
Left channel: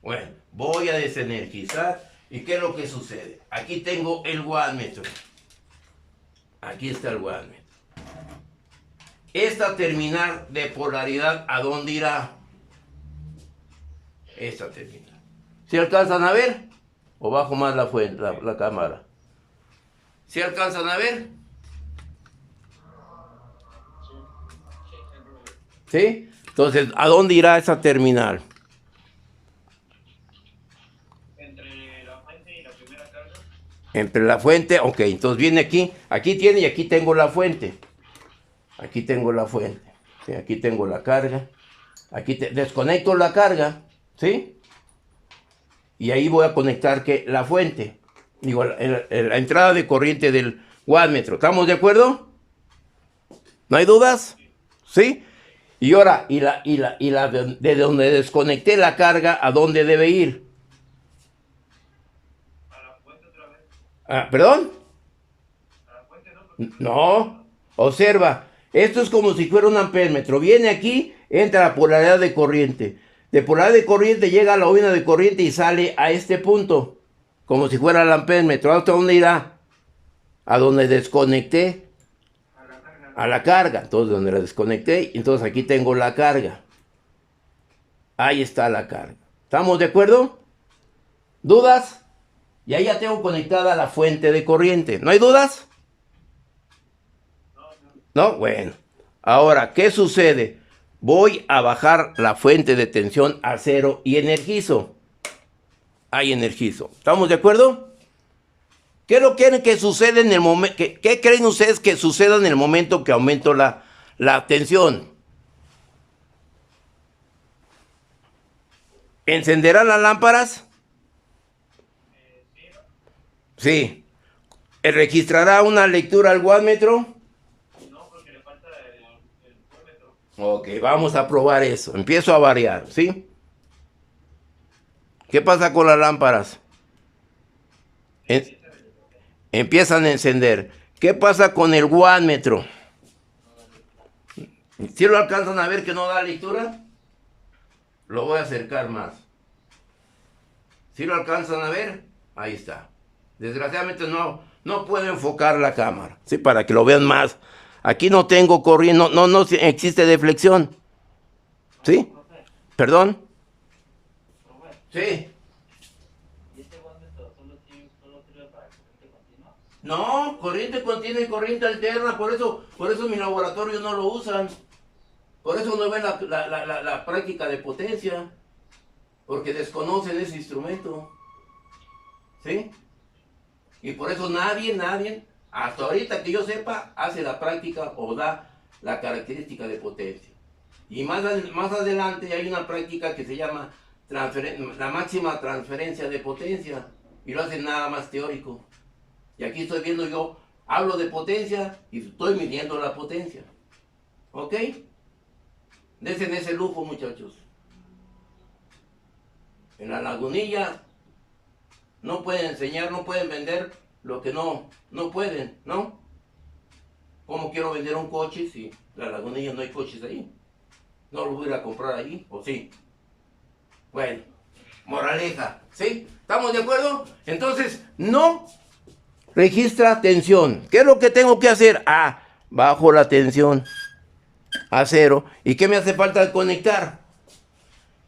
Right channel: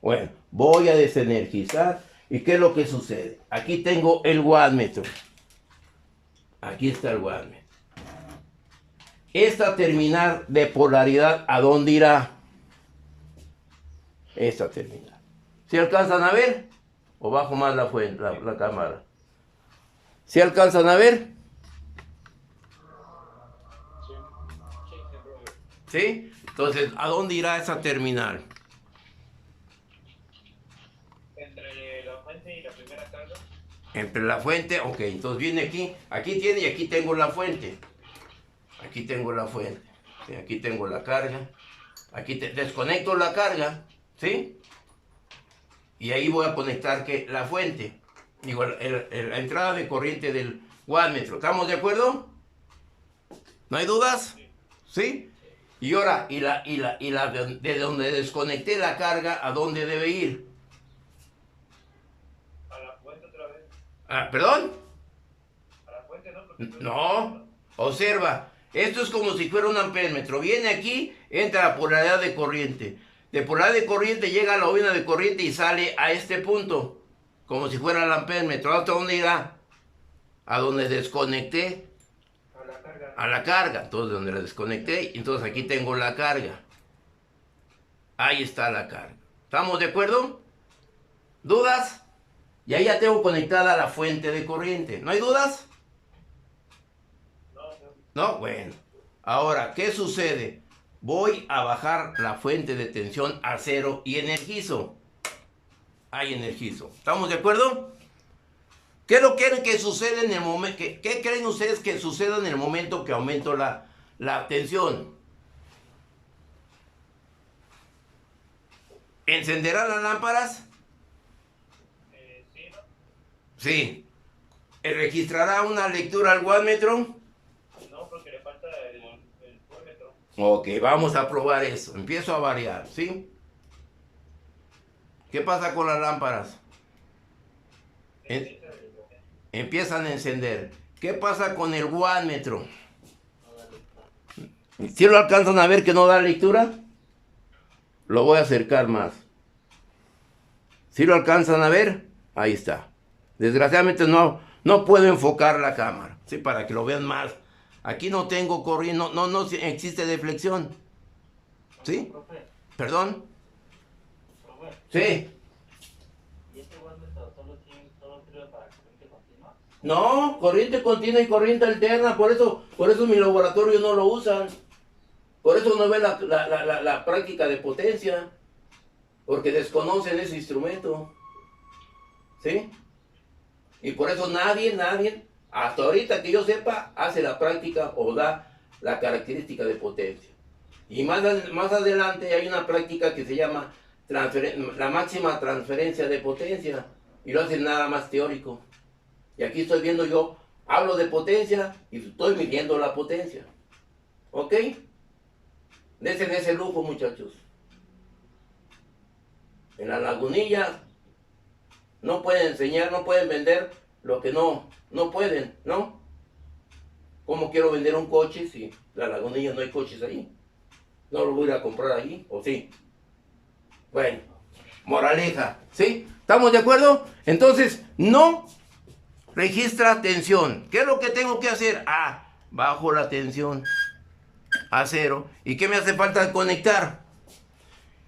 Bueno, voy a desenergizar. ¿Y qué es lo que sucede? Aquí tengo el wattmetro. Aquí está el wattmetro. Esta terminal de polaridad, ¿a dónde irá? Esta terminal. ¿Sí alcanzan a ver? O bajo más la fuente, la cámara. ¿Sí alcanzan a ver? ¿Sí? Entonces, ¿a dónde irá esa terminal? Entre la fuente y la primera carga. Entre la fuente, ok, entonces viene aquí. Aquí tiene y aquí tengo la fuente. Aquí tengo la fuente. ¿Sí? Aquí tengo la carga. Aquí desconecto la carga. ¿Sí? Y ahí voy a conectar la fuente. Digo, la entrada de corriente del wattmetro. ¿Estamos de acuerdo? ¿No hay dudas? ¿Sí? Y ahora, de donde desconecté la carga, ¿a dónde debe ir? A la fuente otra vez. Ah, ¿perdón? A la fuente no, porque No. Observa. Esto es como si fuera un ampéretro. Viene aquí, entra la polaridad de corriente. De polaridad de corriente llega a la bobina de corriente y sale a este punto. como si fuera el ampémetro. ¿Hasta dónde irá? A donde desconecté. A la carga. A la carga. Entonces, donde la desconecté, entonces aquí tengo la carga. Ahí está la carga. ¿Estamos de acuerdo? ¿Dudas? Y ahí ya tengo conectada la fuente de corriente. ¿No hay dudas? No, bueno. Ahora, ¿qué sucede? Voy a bajar la fuente de tensión a 0 y energizo. Ahí energizo. ¿Estamos de acuerdo? ¿Qué lo quieren que suceda en el momento? ¿Qué creen ustedes que suceda en el momento que aumento la tensión? ¿Encenderán las lámparas? Sí. ¿Registrará una lectura al wattmetro? No, porque le falta el voltmetro. Ok, vamos a probar eso. Empiezo a variar, ¿sí? ¿Qué pasa con las lámparas? Empiezan a encender. ¿Qué pasa con el wattmetro? ¿Sí lo alcanzan a ver que no da lectura? Lo voy a acercar más. ¿Sí lo alcanzan a ver? Ahí está. Desgraciadamente no puedo enfocar la cámara, ¿sí? Para que lo vean más. Aquí no tengo corriente, no existe deflexión. ¿Sí? ¿Perdón? Sí. ¿Y este wattmetro solo sirve para corriente continua? No, corriente continua y corriente alterna, por eso en mi laboratorio no lo usan. Por eso no ven la práctica de potencia, porque desconocen ese instrumento. ¿Sí? Y por eso nadie, hasta ahorita que yo sepa, hace la práctica o da la característica de potencia. Y más adelante hay una práctica que se llama la máxima transferencia de potencia, y lo hacen nada más teórico. Y aquí estoy viendo yo, hablo de potencia y estoy midiendo la potencia. ¿Ok? Desen ese lujo, muchachos. En la lagunilla no pueden enseñar, no pueden vender lo que no pueden, ¿no? ¿Cómo quiero vender un coche si la lagunilla no hay coches ahí? ¿No lo voy a ir a comprar ahí? ¿O sí? Bueno, moraleja, ¿sí? ¿Estamos de acuerdo? Entonces, no registra tensión. ¿Qué es lo que tengo que hacer? Bajo la tensión a 0. ¿Y qué me hace falta conectar?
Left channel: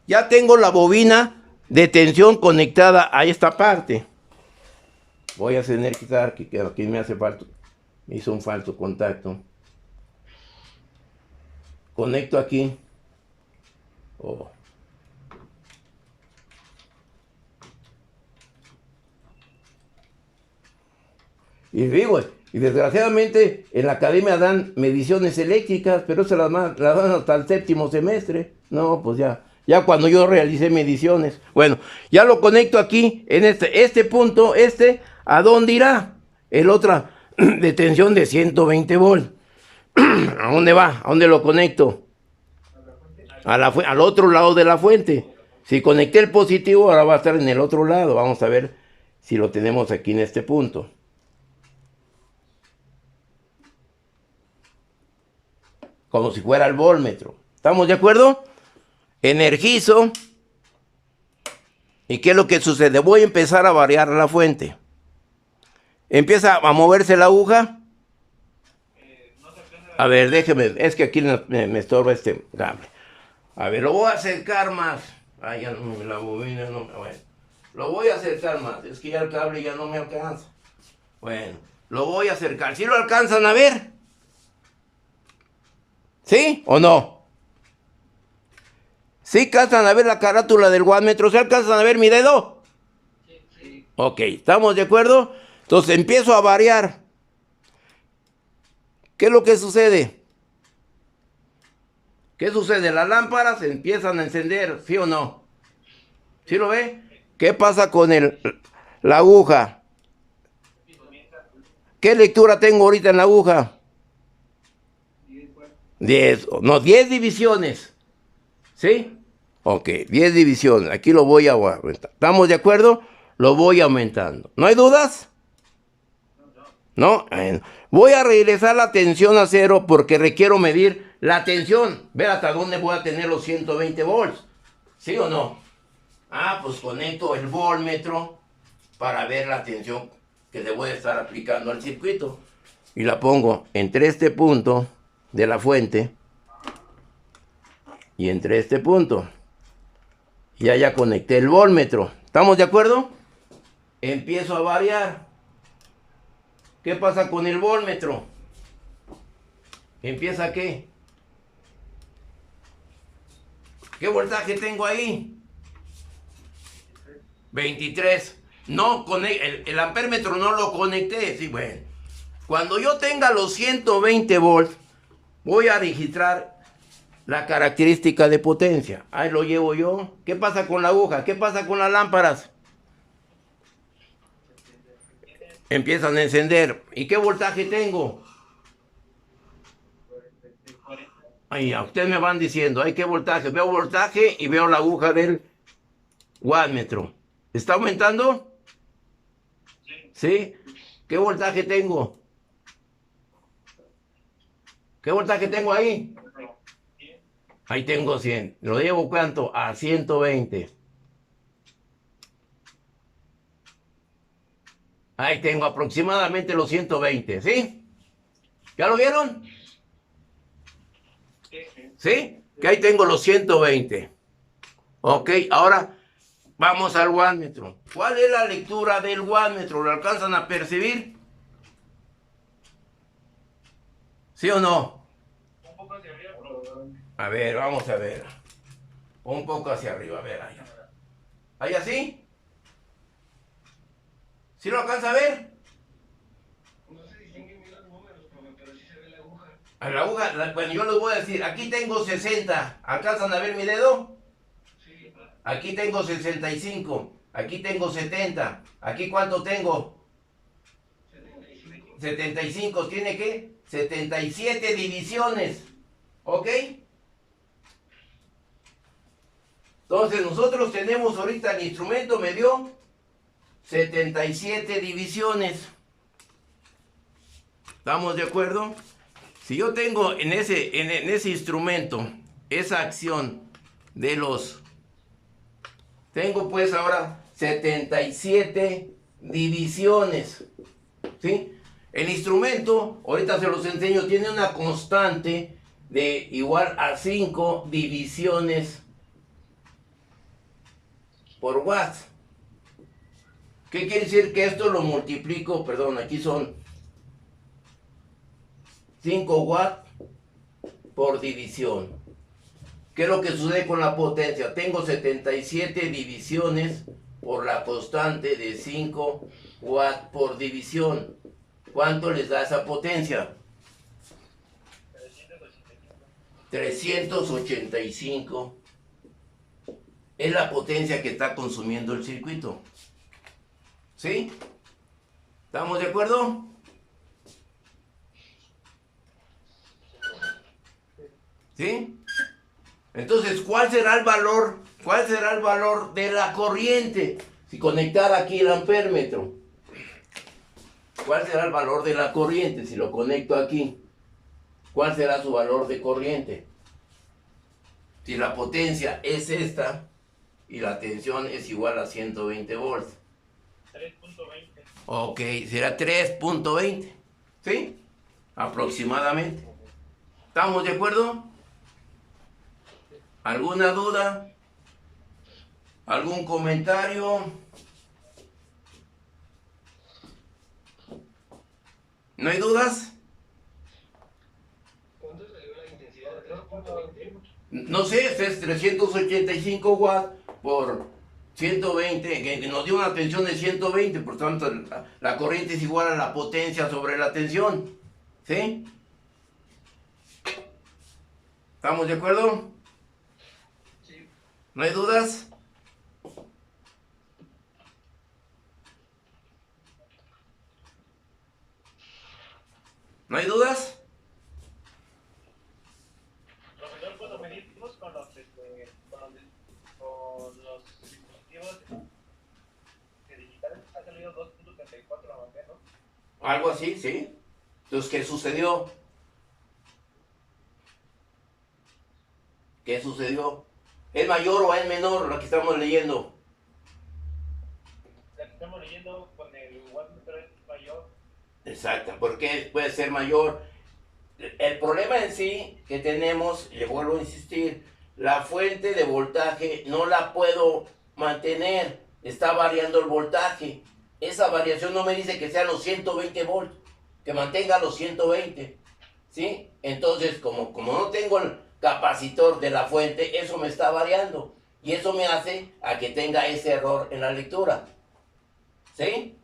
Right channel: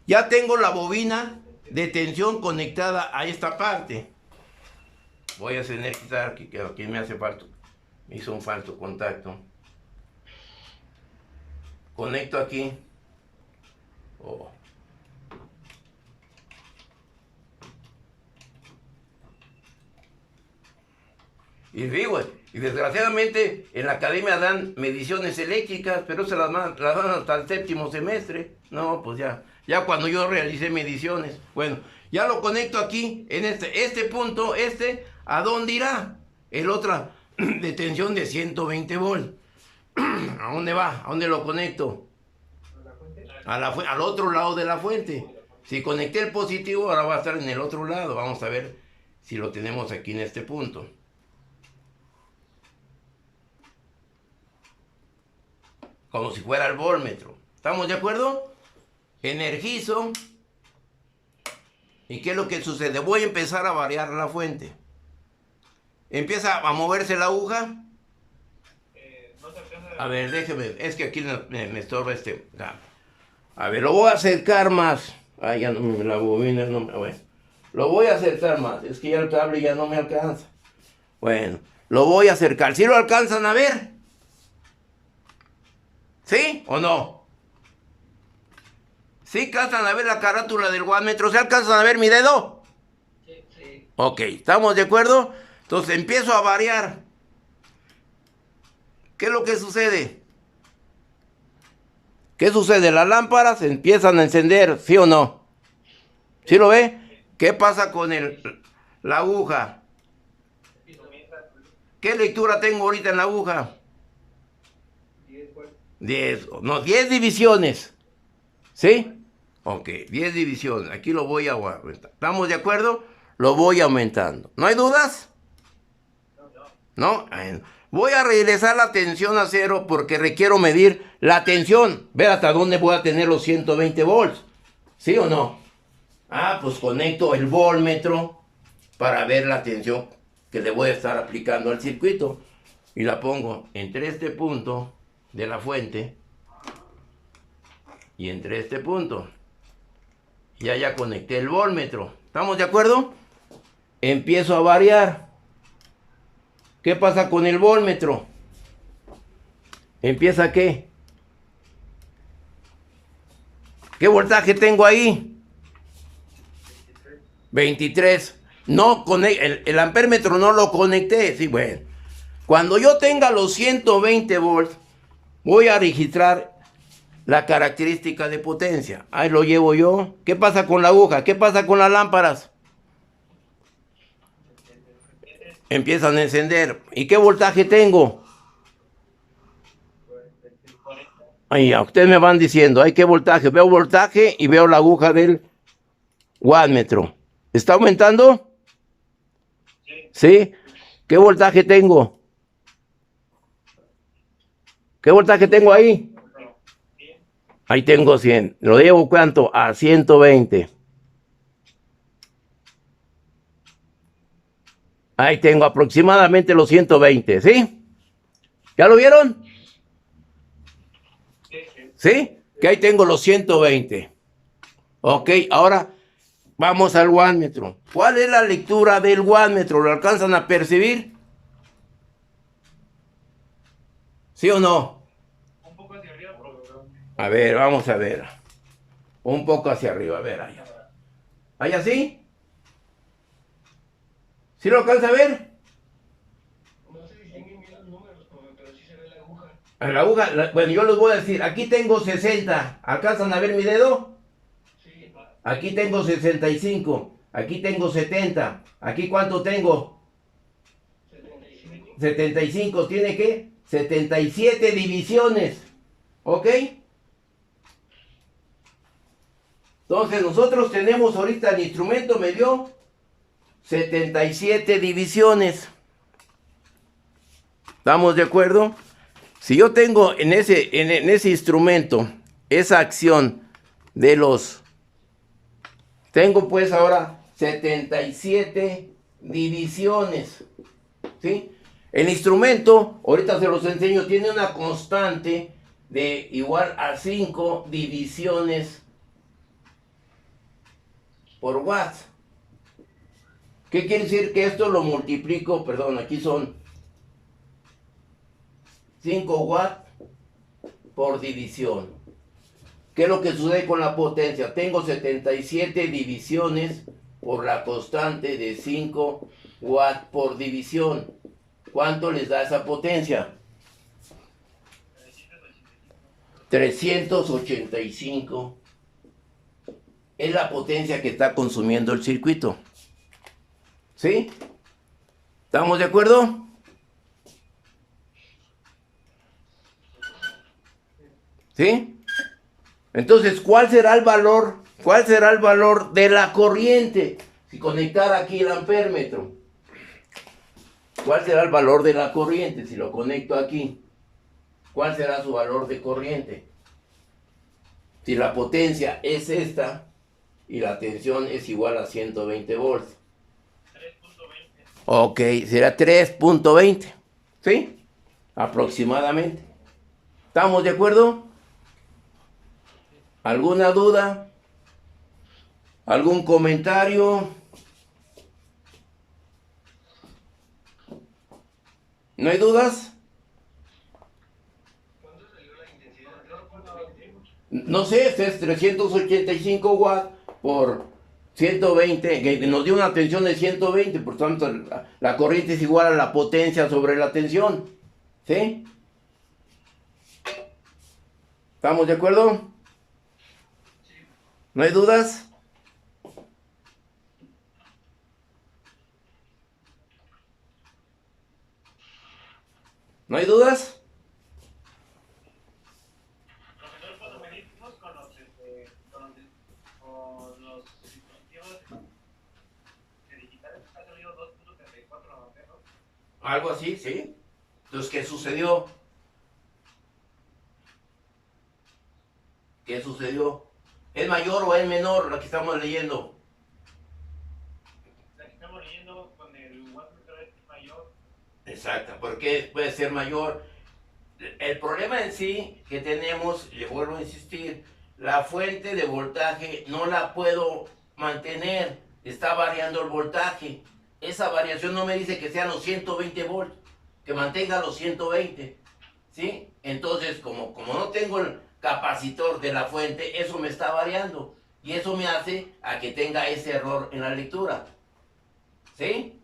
Ya tengo la bobina de tensión conectada a esta parte. Voy a tener que quitar, que aquí me hace falta, me hizo un falso contacto. Conecto aquí. Y digo, y desgraciadamente en la academia dan mediciones eléctricas, pero se las dan hasta el 7º semestre. No, pues ya cuando yo realicé mediciones. Bueno, ya lo conecto aquí, en este punto, ¿a dónde irá? El otro de tensión de 120 volts. ¿A dónde va? ¿A dónde lo conecto? Al otro lado de la fuente. Si conecté el positivo, ahora va a estar en el otro lado. Vamos a ver si lo tenemos aquí en este punto. Como si fuera el voltmetro. ¿Estamos de acuerdo? Energizo. ¿Y qué es lo que sucede? Voy a empezar a variar la fuente. Empieza a moverse la aguja. A ver, déjeme. Es que aquí me estorba este cable. A ver, lo voy a acercar más. Ya no, la bobina no me... Bueno, lo voy a acercar más. Es que ya el cable ya no me alcanza. Bueno, lo voy a acercar. ¿Sí lo alcanzan a ver? ¿Sí o no? ¿Sí alcanzan a ver la carátula del wattmetro? ¿Sí alcanzan a ver mi dedo? Sí. Ok, ¿estamos de acuerdo? Entonces empiezo a variar. ¿Qué es lo que sucede? ¿Qué sucede? Las lámparas empiezan a encender, ¿sí o no? ¿Sí lo ve? ¿Qué pasa con la aguja? ¿Qué lectura tengo ahorita en la aguja? 10 divisiones. ¿Sí? Ok, 10 divisiones. Aquí lo voy a aumentar. ¿Estamos de acuerdo? Lo voy aumentando. ¿No hay dudas? ¿No? Voy a regresar la tensión a 0 porque requiero medir la tensión. Ver hasta dónde voy a tener los 120 volts. ¿Sí o no? Pues conecto el voltmetro para ver la tensión que le voy a estar aplicando al circuito. Y la pongo entre este punto de la fuente y entre este punto. Ya conecté el voltmetro. ¿Estamos de acuerdo? Empiezo a variar. ¿Qué pasa con el voltmetro? ¿Empieza qué? ¿Qué voltaje tengo ahí? 23. No, el ampémetro no lo conecté. Sí, bueno. Cuando yo tenga los 120 volts, voy a registrar la característica de potencia. Ahí lo llevo yo. ¿Qué pasa con la aguja? ¿Qué pasa con las lámparas? Empiezan a encender. ¿Y qué voltaje tengo? Ahí, a ustedes me van diciendo, ¿hay qué voltaje? Veo voltaje y veo la aguja del wattmetro. ¿Está aumentando? ¿Sí? ¿Qué voltaje tengo? ¿Qué voltaje tengo ahí? Ahí tengo 100. ¿Lo llevo cuánto? A 120. Ahí tengo aproximadamente los 120, ¿sí? ¿Ya lo vieron? ¿Sí? Que ahí tengo los 120. Ok, ahora vamos al wattmetro. ¿Cuál es la lectura del wattmetro? ¿Lo alcanzan a percibir? ¿Sí o no? Un poco hacia arriba, A ver, vamos a ver. Un poco hacia arriba, a ver, allá. ¿Ahí así? ¿Sí lo alcanza a ver? no se distinguen bien los números, profe, pero sí se ve la aguja. La aguja, bueno, yo les voy a decir, aquí tengo 60. ¿Alcanzan a ver mi dedo? Sí, Aquí tengo 65. Aquí tengo 70. ¿Aquí cuánto tengo? 75. 75. ¿Tiene qué? 77 divisiones. ¿Ok? Entonces nosotros tenemos ahorita el instrumento me dio 77 divisiones. ¿Estamos de acuerdo? Si yo tengo en ese instrumento esa acción de los... Tengo pues ahora 77 divisiones. ¿Sí? El instrumento, ahorita se los enseño, tiene una constante de igual a 5 divisiones por watt. ¿Qué quiere decir? Que esto lo multiplico, perdón, aquí son 5 watts por división. ¿Qué es lo que sucede con la potencia? Tengo 77 divisiones por la constante de 5 watts por división. ¿Cuánto les da esa potencia? 385 es la potencia que está consumiendo el circuito. ¿Sí? ¿Estamos de acuerdo? ¿Sí? Entonces, ¿cuál será el valor? ¿Cuál será el valor de la corriente? Si conectara aquí el ampémetro. ¿Cuál será el valor de la corriente si lo conecto aquí? ¿Cuál será su valor de corriente? Si la potencia es esta y la tensión es igual a 120 volts. 3.20. Ok, será 3.20. ¿Sí? Aproximadamente. ¿Estamos de acuerdo? ¿Alguna duda? ¿Algún comentario? ¿No hay dudas? ¿Cuánto salió la intensidad? 3.20. No sé, este es 385 watts por 120, que nos dio una tensión de 120, por tanto la corriente es igual a la potencia sobre la tensión. ¿Sí? ¿Estamos de acuerdo? Sí. ¿No hay dudas? ¿No hay dudas? Profesor, cuando medimos con los dispositivos digitales, ha salido 2.34 amperes, ¿no? Algo así, ¿sí? Entonces, ¿qué sucedió? ¿Qué sucedió? ¿Es mayor o es menor la que estamos leyendo? La que estamos leyendo Exacto, porque puede ser mayor. El problema en sí que tenemos, le vuelvo a insistir, la fuente de voltaje no la puedo mantener, está variando el voltaje. Esa variación no me dice que sean los 120 volts, que mantenga los 120, ¿sí? Entonces, como no tengo el capacitor de la fuente, eso me está variando. Y eso me hace a que tenga ese error en la lectura. ¿Sí?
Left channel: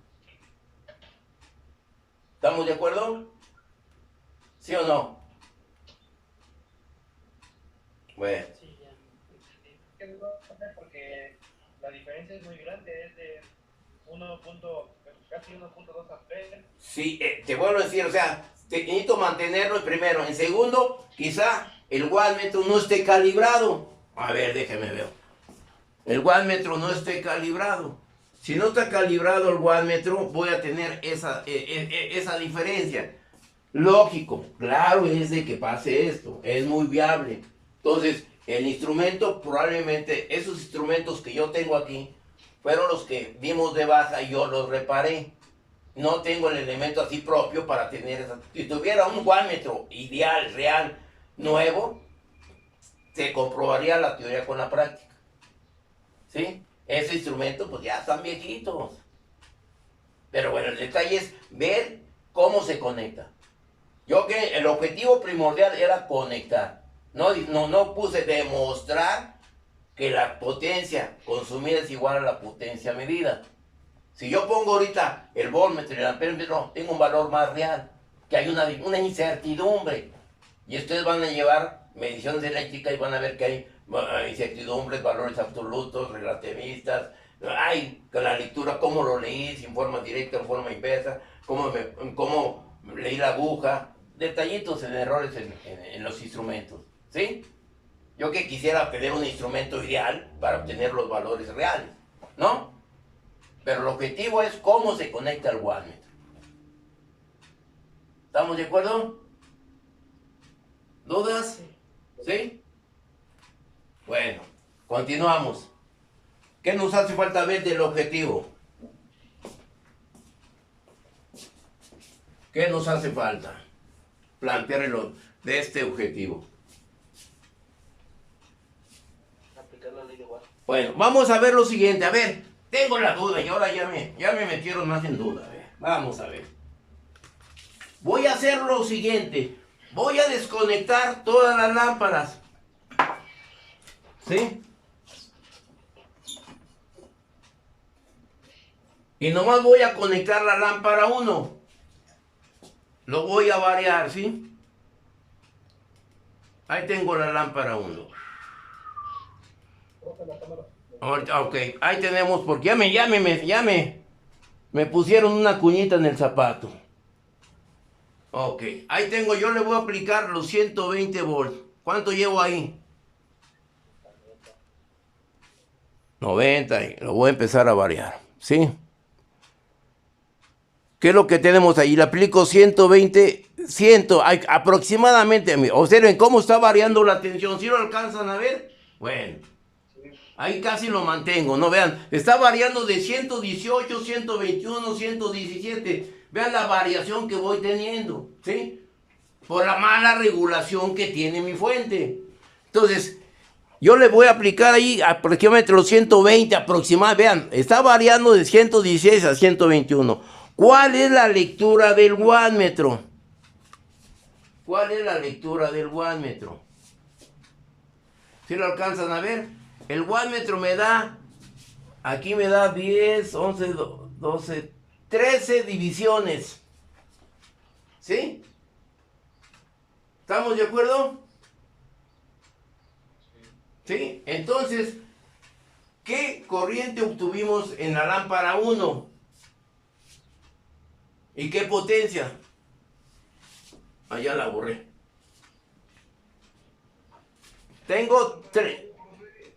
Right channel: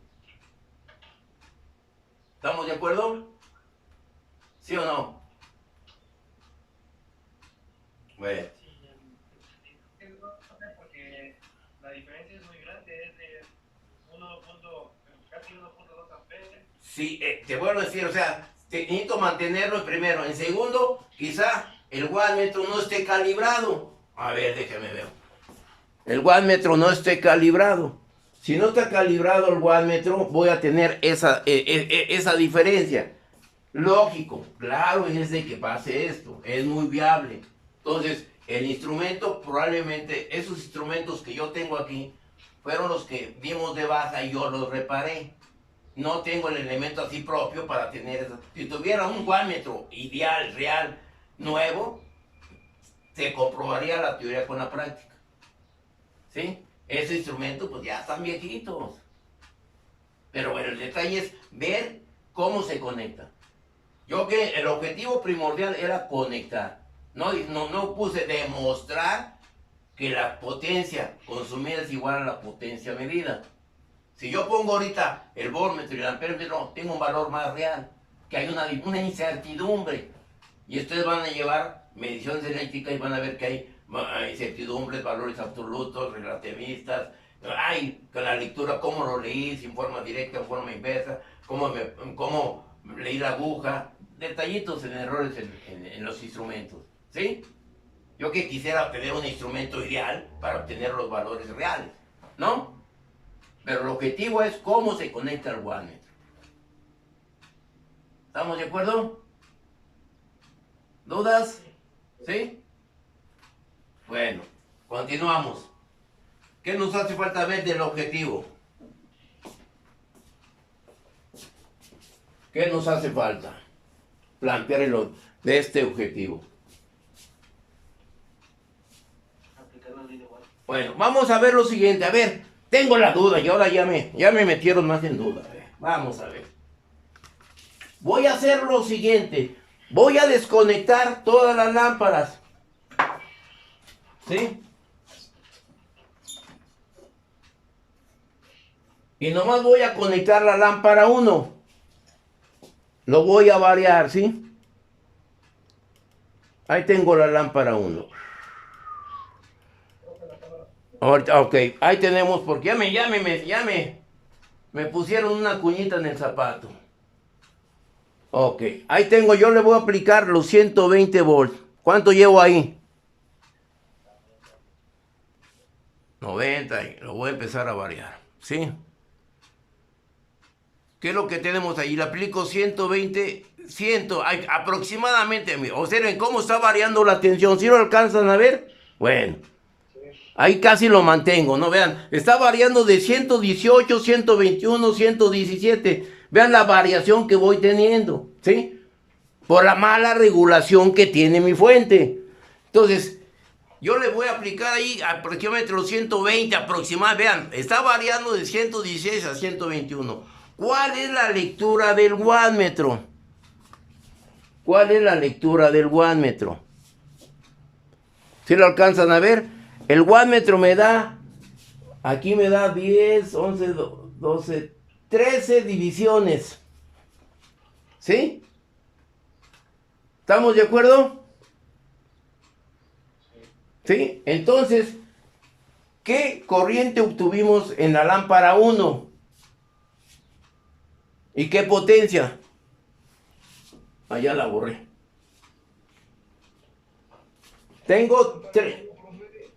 ¿Estamos de acuerdo? ¿Sí o no? Bueno. Sí, ya entendí. Porque la diferencia es muy grande, es de casi 1.2 amperes. Sí, te vuelvo a decir, o sea, necesito mantenerlo primero. En segundo, quizá el wattmetro no esté calibrado. A ver, déjame ver. El wattmetro no esté calibrado. Si no está calibrado el wattmetro, voy a tener esa diferencia. Lógico, claro es de que pase esto, es muy viable. Entonces, el instrumento, probablemente esos instrumentos que yo tengo aquí, fueron los que dimos de baja y yo los reparé. No tengo el elemento así propio para tener eso. Si tuviera un wattmetro ideal, real, nuevo, se comprobaría la teoría con la práctica. ¿Sí? Ese instrumento pues ya están viejitos. Pero bueno, el detalle es ver cómo se conecta. Yo que el objetivo primordial era conectar. No puse demostrar que la potencia consumida es igual a la potencia medida. Si yo pongo ahorita el voltmetro y el amperímetro, tengo un valor más real, que hay una incertidumbre. Y ustedes van a llevar mediciones eléctricas y van a ver que hay incertidumbres, valores absolutos, relativistas. Hay que la lectura, cómo lo leí, si en forma directa, en forma inversa, cómo leí la aguja, detallitos en errores en los instrumentos, ¿sí? Yo que quisiera obtener un instrumento ideal para obtener los valores reales, ¿no? Pero el objetivo es cómo se conecta el wattmetro. ¿Estamos de acuerdo? ¿Dudas? ¿Sí? Bueno, continuamos. ¿Qué nos hace falta ver del objetivo? ¿Qué nos hace falta? Plantearlo de este objetivo. Aplicar la ley de Watt. Bueno, vamos a ver lo siguiente. A ver, tengo la duda y ahora ya me metieron más en duda. A ver, vamos a ver. Voy a hacer lo siguiente. Voy a desconectar todas las lámparas. ¿Sí? Y nomás voy a conectar la lámpara 1. Lo voy a variar, ¿sí? Ahí tengo la lámpara 1. Ok, ahí tenemos, porque me pusieron una cuñita en el zapato. Ok, ahí tengo, yo le voy a aplicar los 120 volts. ¿Cuánto llevo ahí? 90, y lo voy a empezar a variar, ¿sí? ¿Qué es lo que tenemos ahí? Le aplico 120, aproximadamente. Observen cómo está variando la tensión. ¿Sí lo alcanzan a ver? Bueno, ahí casi lo mantengo, ¿no? Vean, está variando de 118, 121, 117. Vean la variación que voy teniendo, ¿sí? Por la mala regulación que tiene mi fuente. Entonces, yo le voy a aplicar ahí aproximadamente los 120 aproximadamente. Vean, está variando de 116 a 121. ¿Cuál es la lectura del wattmetro? ¿Cuál es la lectura del wattmetro? ¿Sí lo alcanzan a ver? El wattmetro me da, aquí me da 10, 11, 12, 13 divisiones. ¿Sí? ¿Estamos de acuerdo? ¿Sí? Entonces, ¿qué corriente obtuvimos en la lámpara 1? ¿Y qué potencia? Allá la borré. Tengo 3.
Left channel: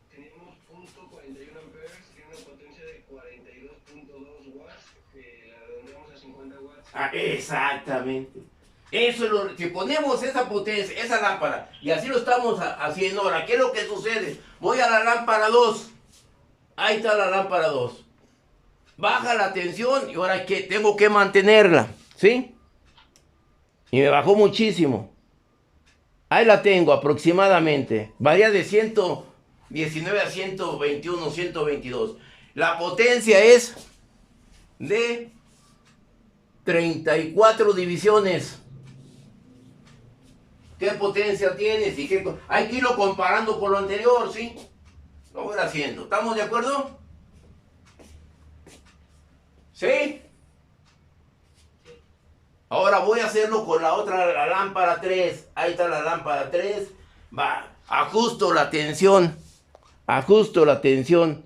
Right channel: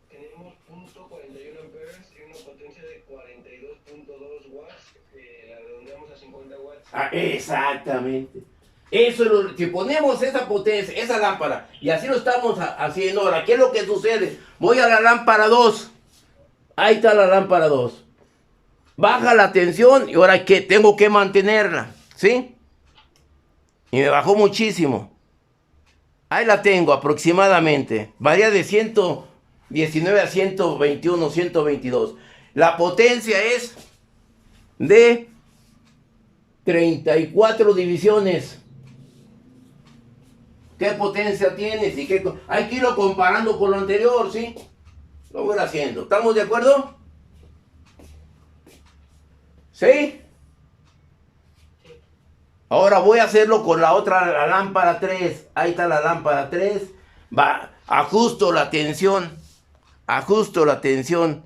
Tenemos .41 amperes y una potencia de 42.2 watts, la redondeamos a 50 watts. Ah, exactamente. Eso es lo, si ponemos esa potencia, esa lámpara, y así lo estamos haciendo ahora, ¿qué es lo que sucede? Voy a la lámpara 2. Ahí está la lámpara 2. Baja la tensión y ahora que tengo que mantenerla, ¿Sí? Y me bajó muchísimo. Ahí la tengo aproximadamente. Varía de 119 a 121, 122. La potencia es de 34 divisiones. ¿Qué potencia tienes? Y qué... Hay que irlo comparando con lo anterior, ¿sí? Lo voy haciendo. ¿Estamos de acuerdo? ¿Sí? Ahora voy a hacerlo con la otra, la lámpara 3. Ahí está la lámpara 3. Va, ajusto la tensión. Ajusto la tensión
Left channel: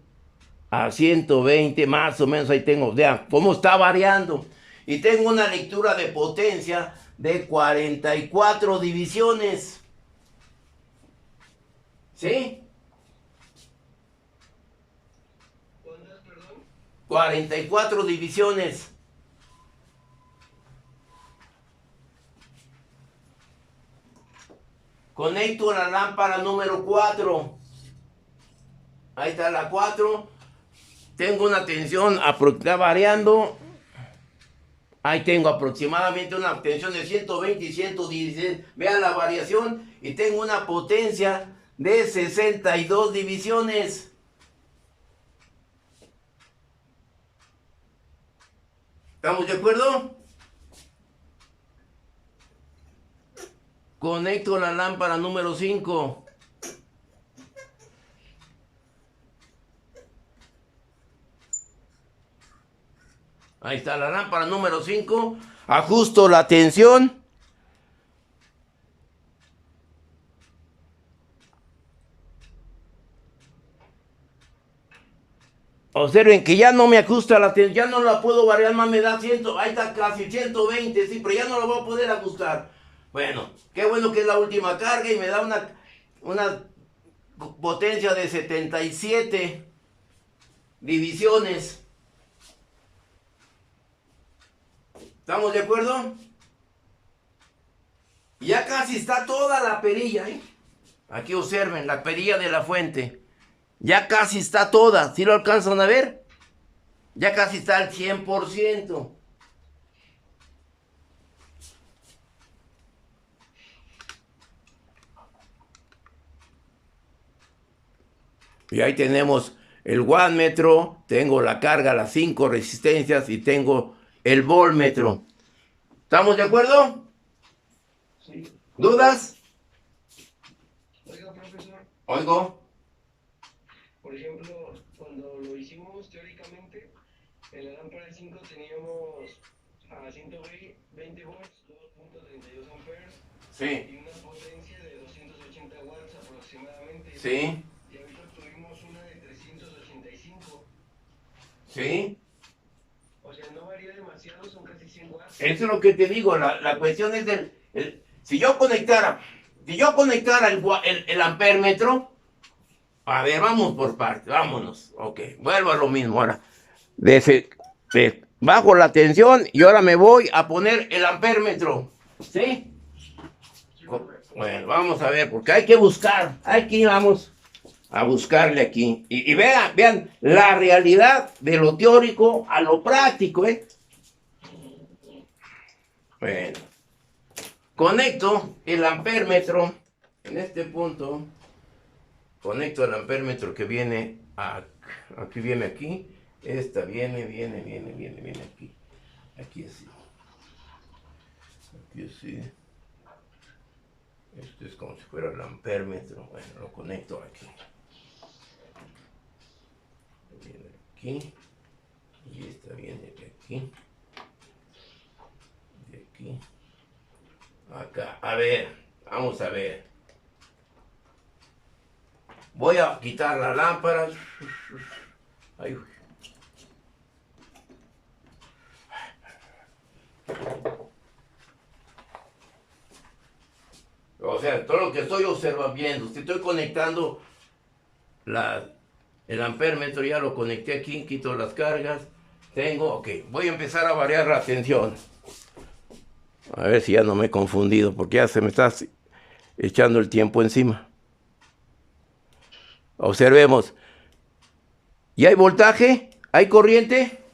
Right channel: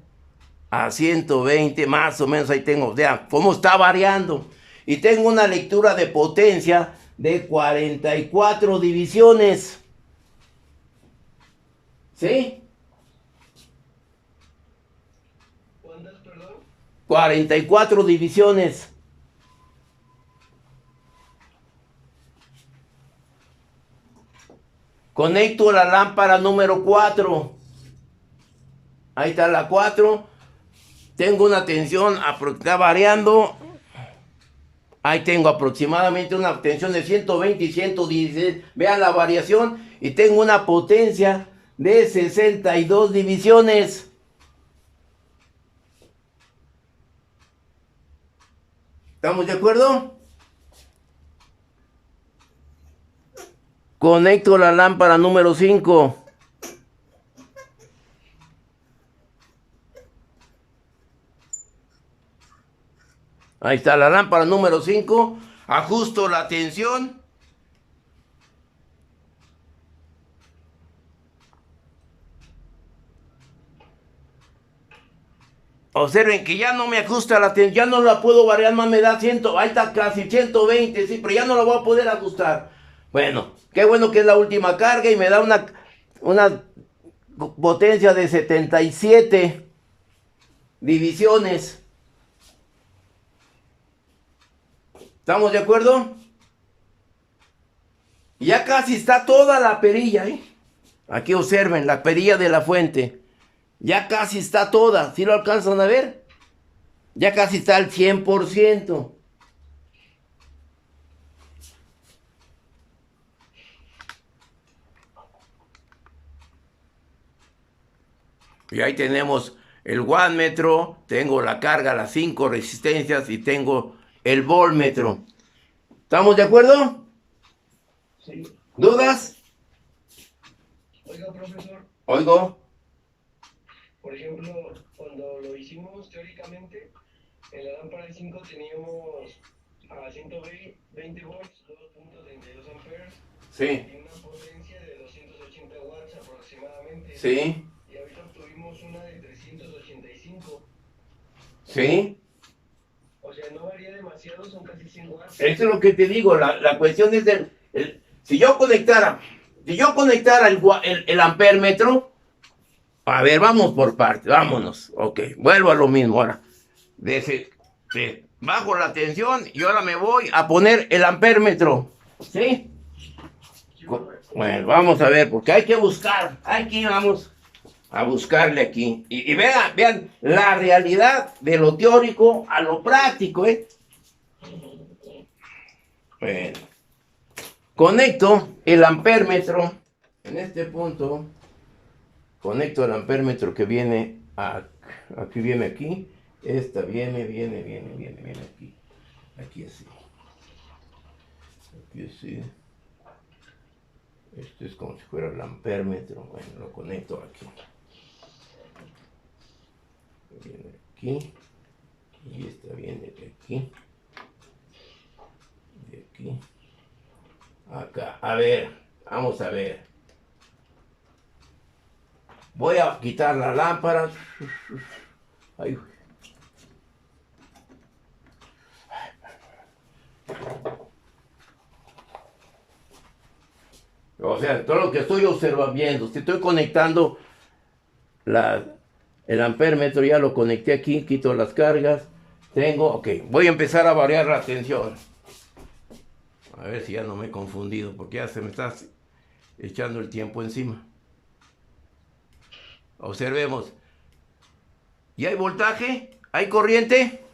a 120, más o menos ahí tengo. Vean cómo está variando. Y tengo una lectura de potencia de 44 divisiones. ¿Sí? ¿Cuántas, perdón? 44 divisiones. Conecto la lámpara número 4. Ahí está la 4. Tengo una tensión, está variando. Ahí tengo aproximadamente una tensión de 120 y 116. Vean la variación. Y tengo una potencia de 62 divisiones. ¿Estamos de acuerdo? Conecto la lámpara número 5. Ahí está la lámpara número 5. Ajusto la tensión. Observen que ya no me ajusta la tensión, ya no la puedo variar más, me da 100, ahí está casi 120, sí, pero ya no la voy a poder ajustar. Bueno, qué bueno que es la última carga y me da una potencia de 77 divisiones. ¿Estamos de acuerdo? Ya casi está toda la perilla, ¿eh? Aquí observen, la perilla de la fuente. Ya casi está toda. ¿Sí lo alcanzan a ver? Ya casi está al 100%. Y ahí tenemos el wattmetro, tengo la carga, las 5 resistencias y tengo el voltmetro. ¿Estamos de acuerdo? Sí. ¿Dudas? Oiga, profesor, Oigo. por ejemplo, cuando lo hicimos teóricamente, en la lámpara 5 teníamos a 120 volts, 2.32 amperes Sí. y una potencia de 280 watts aproximadamente. Sí. Y ahorita obtuvimos una de 385. Sí. O sea, no varía demasiado, son casi 100 watts. Eso es lo que te digo. La cuestión es si yo conectara el ampérmetro. A ver, vamos por partes, vámonos. Ok, vuelvo a lo mismo ahora. Bajo la tensión y ahora me voy a poner el ampérmetro. ¿Sí? Bueno, vamos a ver, porque hay que buscar. Aquí vamos a buscarle aquí. Y vean la realidad de lo teórico a lo práctico, ¿eh? Bueno. Conecto el ampérmetro en este punto. Conecto el ampérmetro que viene aquí, viene aquí. Esta viene aquí. Aquí así. Aquí así. Esto es como si fuera el ampérmetro. Bueno, lo conecto aquí. Viene aquí. Y esta viene de aquí. De aquí. Acá. A ver. Vamos a ver. Voy a quitar la lámpara. Ay. O sea, todo lo que estoy observando, si estoy conectando el ampérmetro, ya lo conecté aquí, quito las cargas. Ok, voy a empezar a variar la tensión. A ver si ya no me he confundido, porque ya se me está echando el tiempo encima. Observemos. ¿Y hay voltaje? ¿Hay corriente?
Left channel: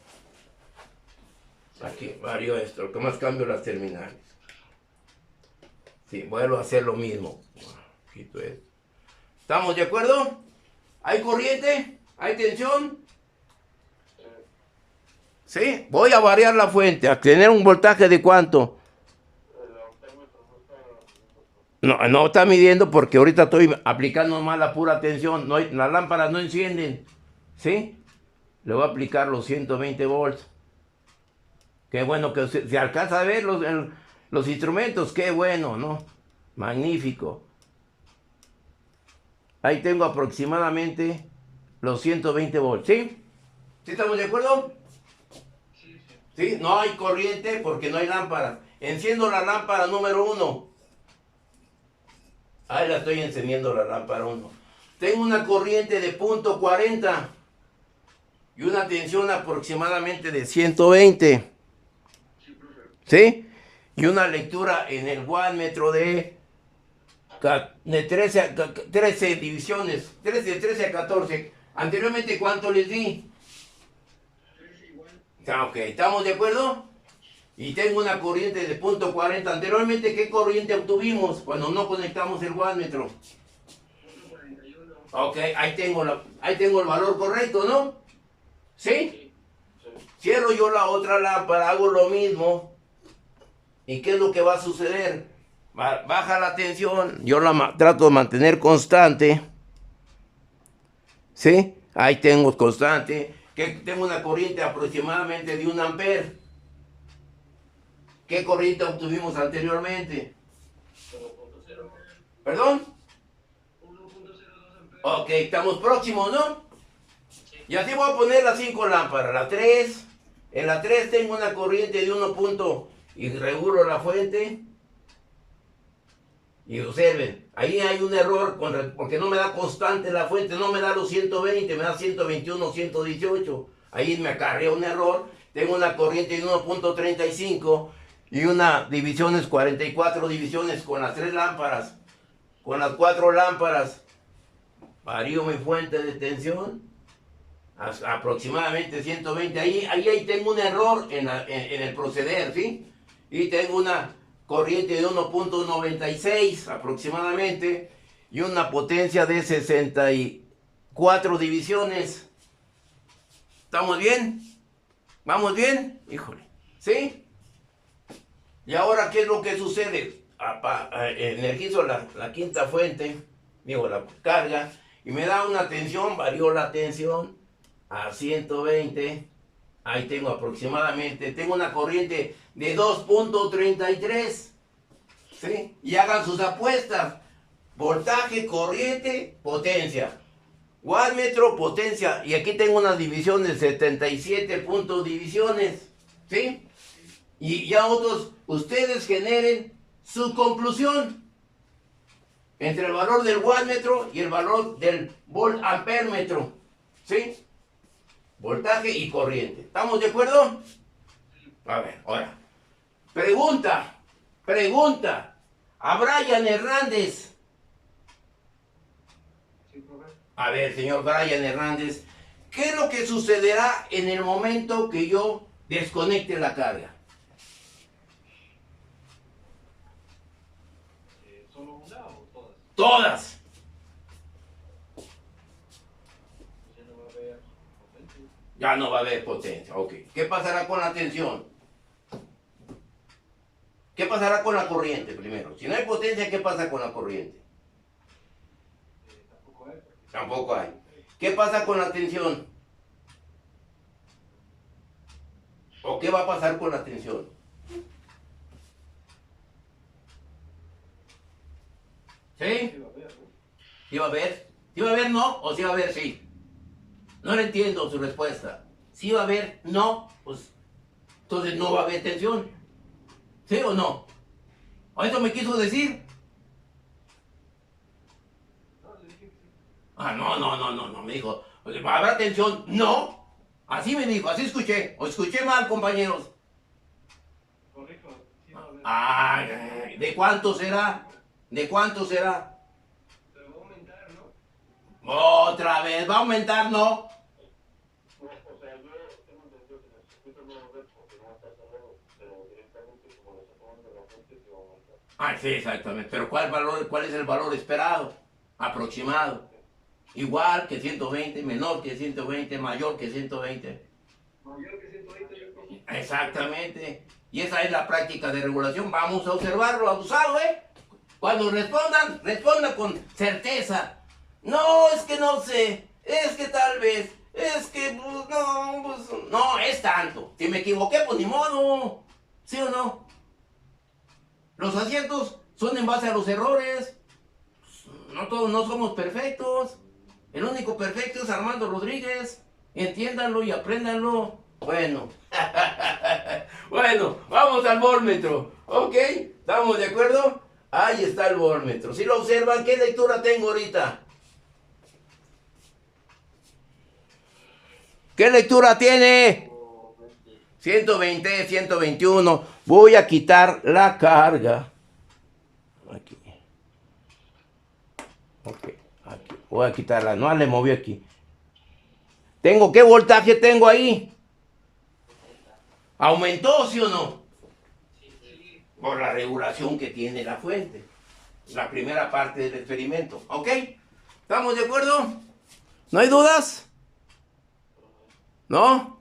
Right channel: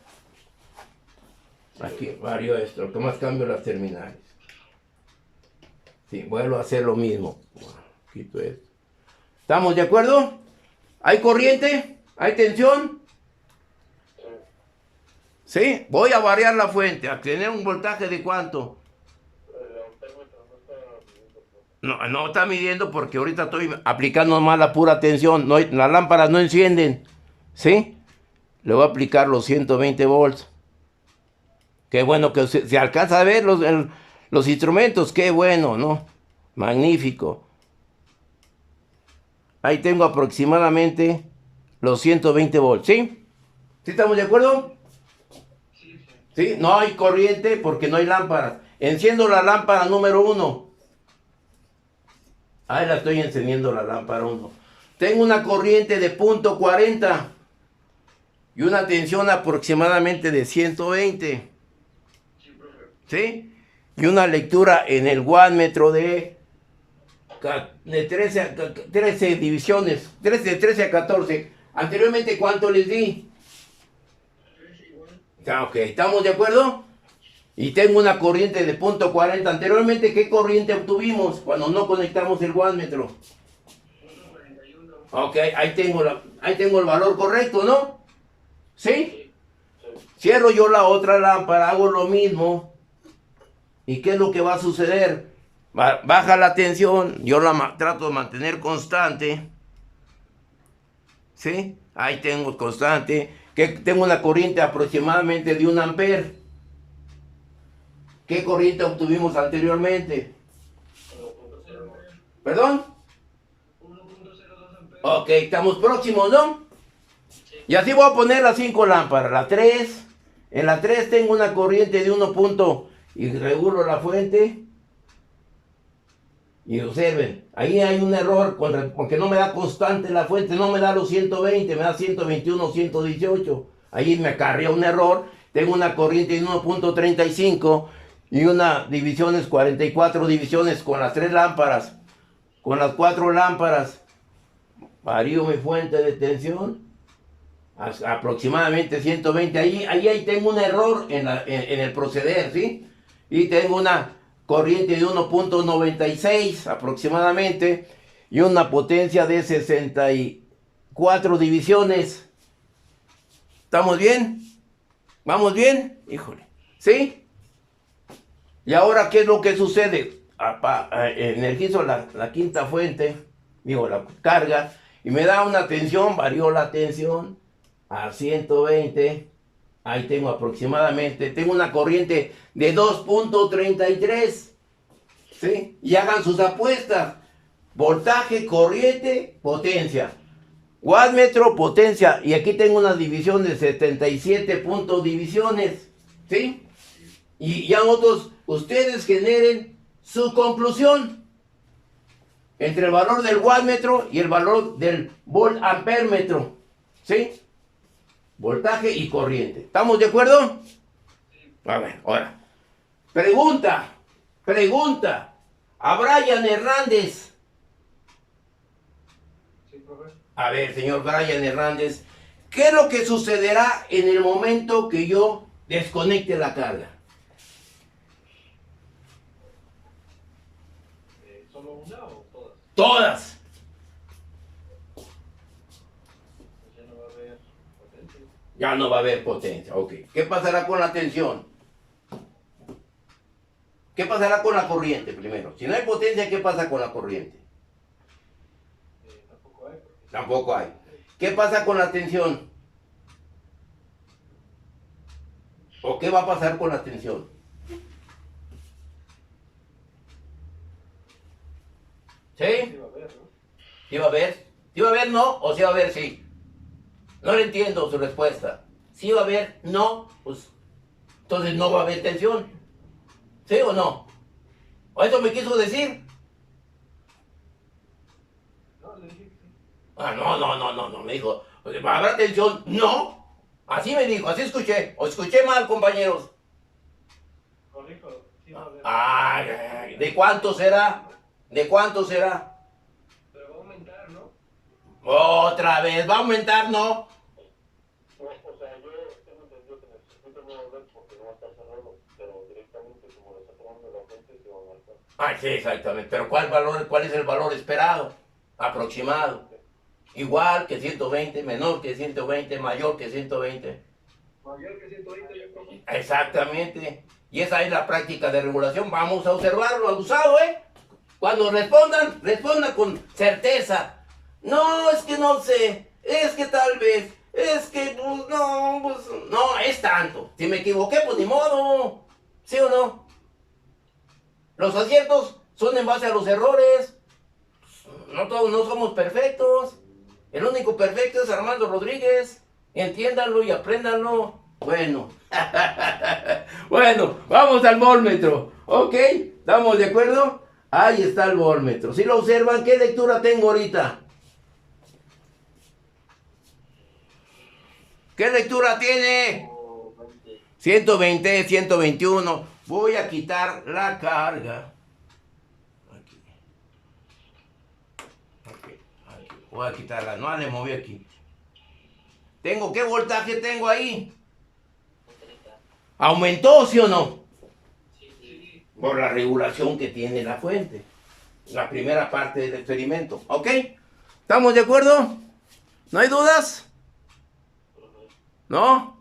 Aquí varío esto, lo que más cambio las terminales. Sí, vuelvo a hacer lo mismo. Quito esto. ¿Estamos de acuerdo? ¿Hay corriente? ¿Hay tensión? Sí, voy a variar la fuente, a tener un voltaje de ¿cuánto? No, no está midiendo porque ahorita estoy aplicando más la pura tensión. No las lámparas no encienden. ¿Sí? Le voy a aplicar los 120 volts. Qué bueno que se alcanza a ver los instrumentos. Qué bueno, ¿no? Magnífico. Ahí tengo aproximadamente los 120 volts. ¿Sí? ¿Sí estamos de acuerdo? ¿Sí? No hay corriente porque no hay lámparas. Enciendo la lámpara número 1. Ahí la estoy encendiendo la lámpara 1. Tengo una corriente de punto 40 y una tensión aproximadamente de 120. ¿Sí? Y una lectura en el wattmetro de 13 divisiones, 13 a 14. Anteriormente, ¿cuánto les di? 13 igual. Ok, ¿estamos de acuerdo? Y tengo una corriente de punto 40. Anteriormente, ¿qué corriente obtuvimos cuando no conectamos el wattmetro? 41. Ok, ahí tengo el valor correcto, ¿no? ¿Sí? Cierro yo la otra lámpara, hago lo mismo. ¿Y qué es lo que va a suceder? Baja la tensión, yo la trato de mantener constante. ¿Sí? Ahí tengo constante. Que tengo una corriente aproximadamente de 1 ampere. ¿Qué corriente obtuvimos anteriormente? ¿Perdón? 1.02 amperes. Ok, estamos próximos, ¿no? Y así voy a poner las 5 lámparas. La 3. En la 3 tengo una corriente de 1 punto. Y regulo la fuente. Y observen, ahí hay un error porque no me da constante la fuente, no me da los 120, me da 121, 118. Ahí me acarrea un error. Tengo una corriente de 1.35 y una divisiones, 44 divisiones con las 3 lámparas. Con las 4 lámparas varío mi fuente de tensión aproximadamente 120. Ahí tengo un error en el proceder, ¿sí? Y tengo una corriente de 1.96 aproximadamente y una potencia de 64 divisiones. ¿Estamos bien? ¿Vamos bien? Híjole. ¿Sí? Y ahora, ¿qué es lo que sucede? Energizo la quinta fuente, digo, la carga, y me da una tensión, varío la tensión a 120. Ahí tengo aproximadamente, tengo una corriente de 2.33. ¿Sí? Y hagan sus apuestas. Voltaje, corriente, potencia. Wattmetro, potencia. Y aquí tengo unas divisiones, 77 puntos divisiones. ¿Sí? Y ya ustedes generen su conclusión entre el valor del wattmetro y el valor del volt-ampérmetro. ¿Sí? Voltaje y corriente. ¿Estamos de acuerdo? A ver, ahora. Pregunta a Brian Hernández. A ver, señor Brian Hernández, ¿qué es lo que sucederá en el momento que yo desconecte la carga? ¿Solo una o todas? Todas. Ya no va a haber potencia. Ya no va a haber potencia, ok. ¿Qué pasará con la tensión? ¿Qué pasará con la corriente primero? Si no hay potencia, ¿qué pasa con la corriente? Tampoco hay. Tampoco hay. ¿Qué pasa con la tensión? ¿O qué va a pasar con la tensión? ¿Sí? Sí va a haber, ¿no? ¿Sí va a haber? ¿Sí va a haber no? ¿O sí va a haber sí? No le entiendo su respuesta. ¿Sí va a haber no? Pues entonces no va a haber tensión. ¿Sí o no? ¿O eso me quiso decir? No, le dije que sí. Ah, no, me dijo, ¿habrá tensión? No. Así me dijo, así escuché. O escuché mal, compañeros. Corrijo, sí va a haber. Ay, ¿de cuánto será? ¿De cuánto será? Pero va a aumentar, ¿no? Otra vez, ¿va a aumentar? No. No, o sea, yo tengo entendido que en el circuito no va a haber porque no va a estar cerrado. Ah, sí, exactamente. Pero ¿cuál es el valor esperado? Aproximado. Igual que 120, menor que 120, mayor que 120. Mayor que 120, profe. Exactamente. Y esa es la práctica de regulación. Vamos a observarlo abusado, ¿eh? Cuando respondan con certeza. No, es que no sé. Es que tal vez. Es que, pues, no, pues, no, es tanto. Si me equivoqué, pues ni modo. ¿Sí o no? Los aciertos son en base a los errores. No todos no somos perfectos. El único perfecto es Armando Rodríguez. Entiéndanlo y apréndanlo. Bueno. Bueno, vamos al volmetro. ¿Ok? ¿Estamos de acuerdo? Ahí está el volmetro. Si lo observan, ¿qué lectura tengo ahorita? ¿Qué lectura tiene? 120, 121. Voy a quitar la carga. Aquí. Ok, aquí. Voy a quitarla. No le moví aquí. ¿Qué voltaje tengo ahí? ¿Aumentó, sí o no? Por la regulación que tiene la fuente. La primera parte del experimento. ¿Ok? ¿Estamos de acuerdo? ¿No hay dudas? ¿No?